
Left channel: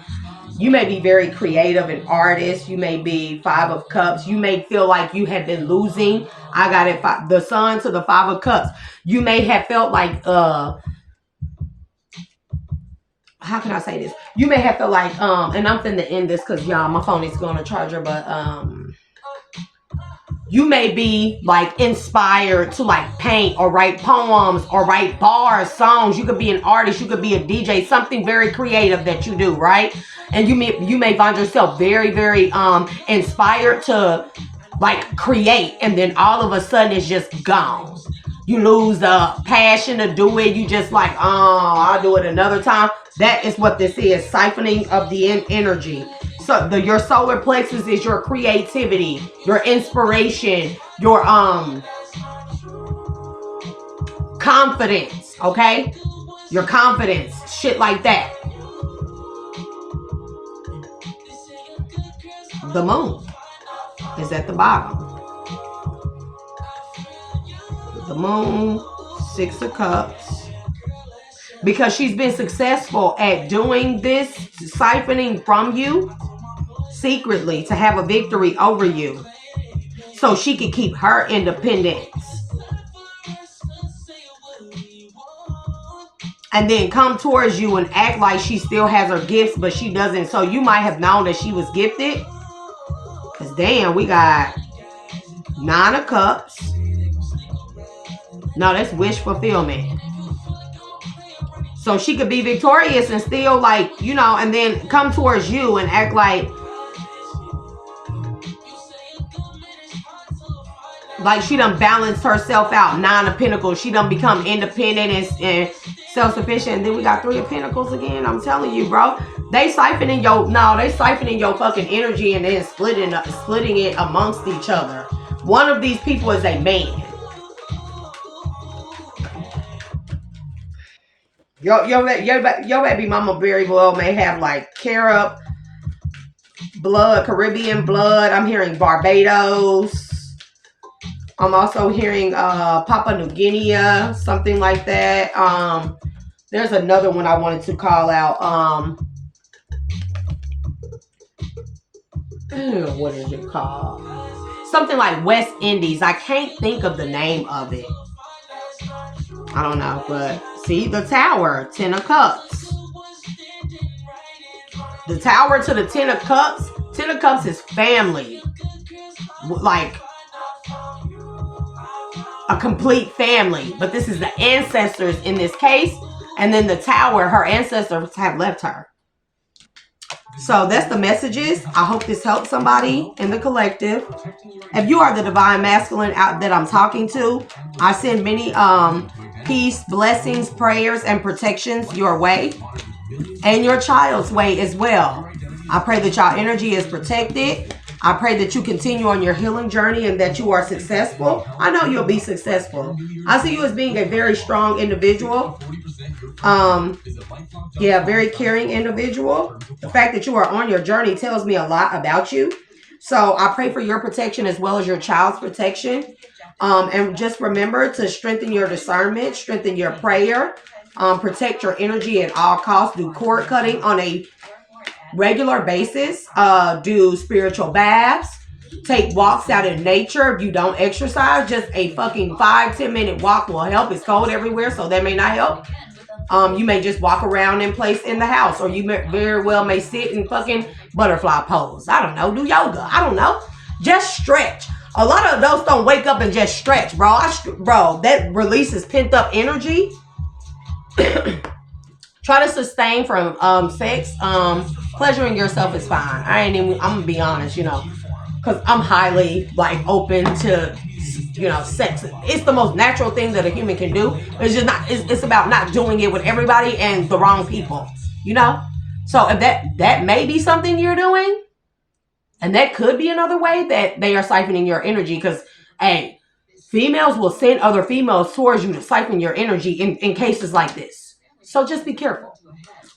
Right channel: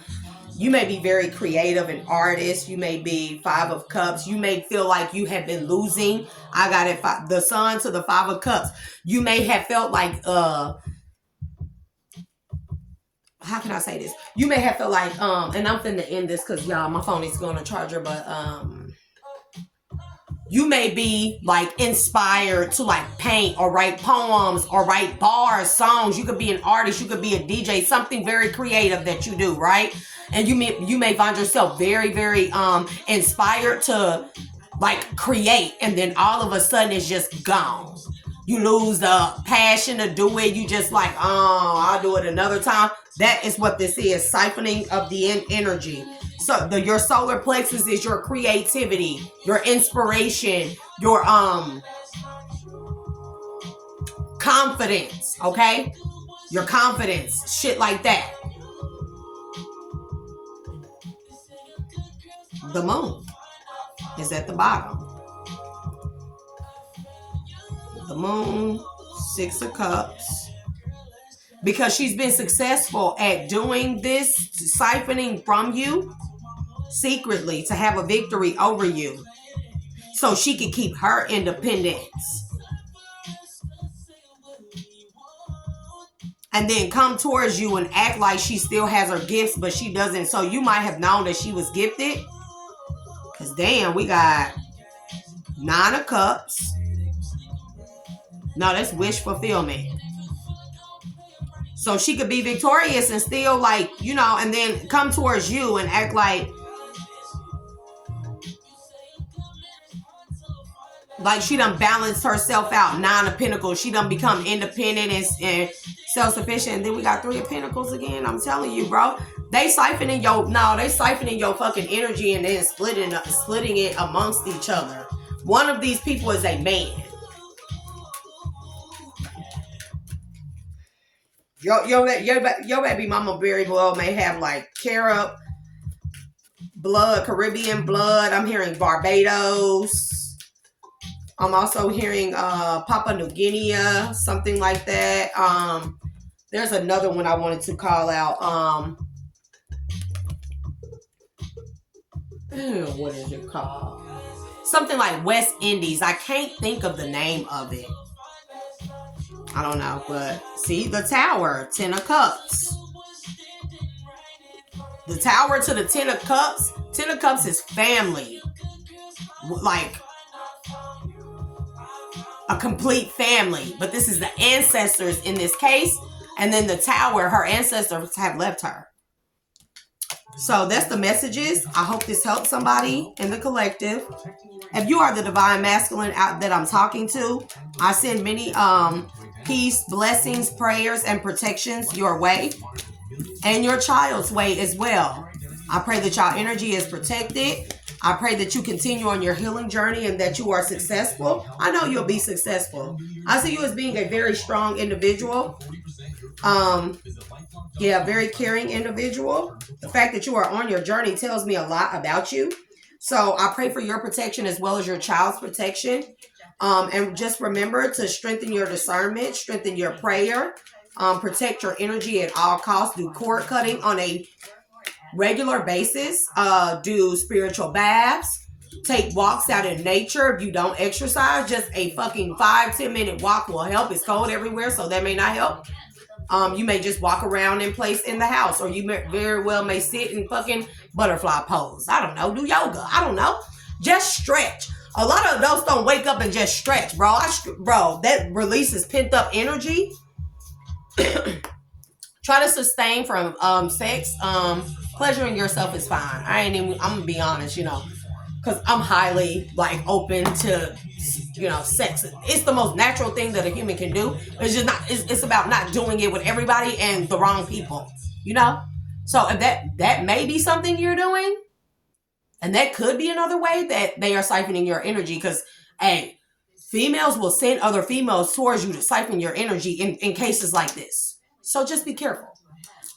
You may be very creative and artist. You may be 5 of Cups. You may feel like you have been losing. I got it. The Sun to the 5 of Cups. You may have felt like, how can I say this? You may have felt like, and I'm finna end this because y'all, my phone is going to charger, but, you may be like inspired to like paint or write poems or write bars, songs. You could be an artist. You could be a DJ, something very creative that you do, right? And you may find yourself very, very inspired to like create, and then all of a sudden it's just gone. You lose the passion to do it. You just like, oh, I'll do it another time. That is what this is, siphoning of the energy. So your solar plexus is your creativity, your inspiration, your confidence, okay? Your confidence, shit like that. The Moon is at the bottom. The Moon, 6 of Cups. Because she's been successful at doing this, siphoning from you secretly to have a victory over you. So she can keep her independence. And then come towards you and act like she still has her gifts, but she doesn't. So you might have known that she was gifted. Because damn, we got 9 of Cups. No, that's wish fulfillment. So she could be victorious and still like, you know, and then come towards you and act like she done balanced herself out. 9 of Pentacles. She done become independent and self-sufficient. And then we got 3 of Pentacles again. I'm telling you, bro. They siphoning your fucking energy and then splitting it amongst each other. One of these people is a man. Your baby mama very well may have like Carib blood, Caribbean blood. I'm hearing Barbados. I'm also hearing Papua New Guinea, something like that. There's another one I wanted to call out. What is it called? Something like West Indies. I can't think of the name of it. I don't know, but see the Tower, 10 of Cups. The Tower to the 10 of Cups. 10 of Cups is family. Like a complete family. But this is the ancestors in this case. And then the Tower, her ancestors have left her. So that's the messages. I hope this helps somebody in the collective. If you are the divine masculine out that I'm talking to, I send many peace, blessings, prayers, and protections your way. And your child's way as well. I pray that y'all energy is protected. I pray that you continue on your healing journey and that you are successful. I know you'll be successful. I see you as being a very strong individual. Very caring individual. The fact that you are on your journey tells me a lot about you. So I pray for your protection as well as your child's protection. And just remember to strengthen your discernment, strengthen your prayer, protect your energy at all costs. Do cord cutting on a regular basis. Do spiritual baths. Take walks out in nature. If you don't exercise, just a fucking 5-10 minute walk will help. It's cold everywhere, so that may not help. You may just walk around in place in the house, or you very well may sit in fucking butterfly pose. I don't know. Do yoga. I don't know. Just stretch. A lot of those don't wake up and just stretch, bro. Bro, that releases pent up energy. Try to sustain from sex. Pleasuring yourself is fine. I'm gonna be honest, because I'm highly like open to sex. It's the most natural thing that a human can do. It's just not. It's about not doing it with everybody and the wrong people. So if that may be something you're doing, and that could be another way that they are siphoning your energy. Because females will send other females towards you to siphon your energy in cases like this. So just be careful.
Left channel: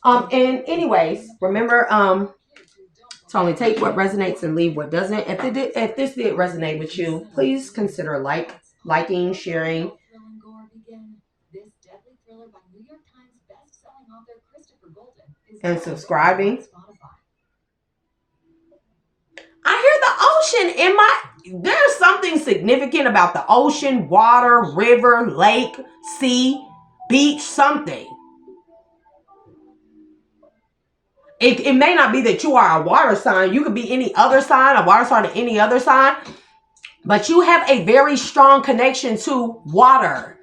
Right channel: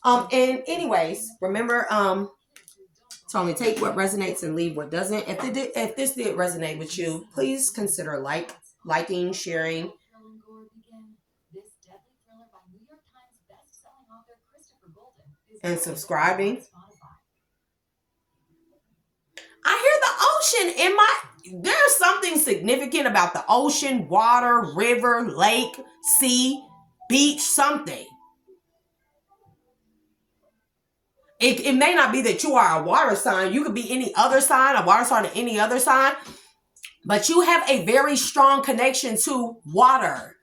And anyways, remember, to only take what resonates and leave what doesn't. If this did resonate with you, please consider liking, sharing, and subscribing. I hear the ocean in my... There's something significant about the ocean, water, river, lake, sea, beach, something. It may not be that you are a water sign. You could be any other sign, a water sign or any other sign. But you have a very strong connection to water,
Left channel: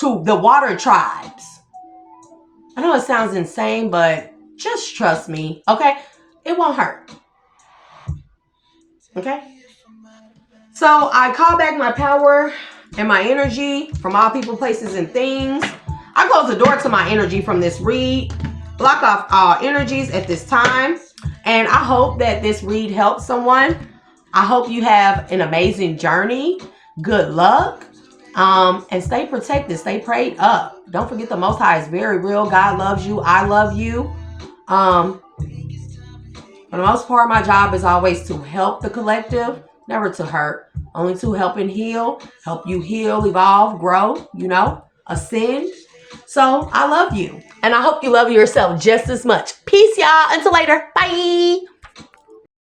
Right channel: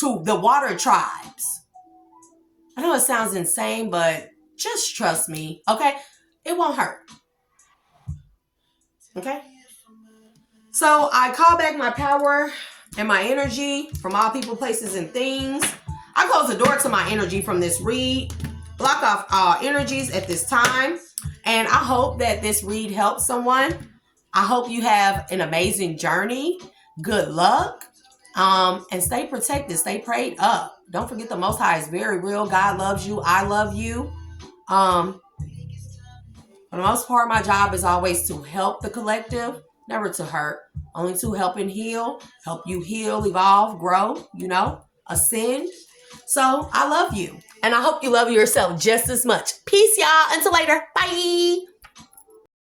to the water tribes. I know it sounds insane, but just trust me, okay? It won't hurt. Okay? So I call back my power and my energy from all people, places, and things. I close the door to my energy from this read. Block off all energies at this time. And I hope that this read helps someone. I hope you have an amazing journey. Good luck. And stay protected. Stay prayed up. Don't forget the Most High is very real. God loves you. I love you. For the most part, my job is always to help the collective. Never to hurt. Only to help and heal. Help you heal, evolve, grow. Ascend. So I love you. And I hope you love yourself just as much. Peace, y'all. Until later. Bye.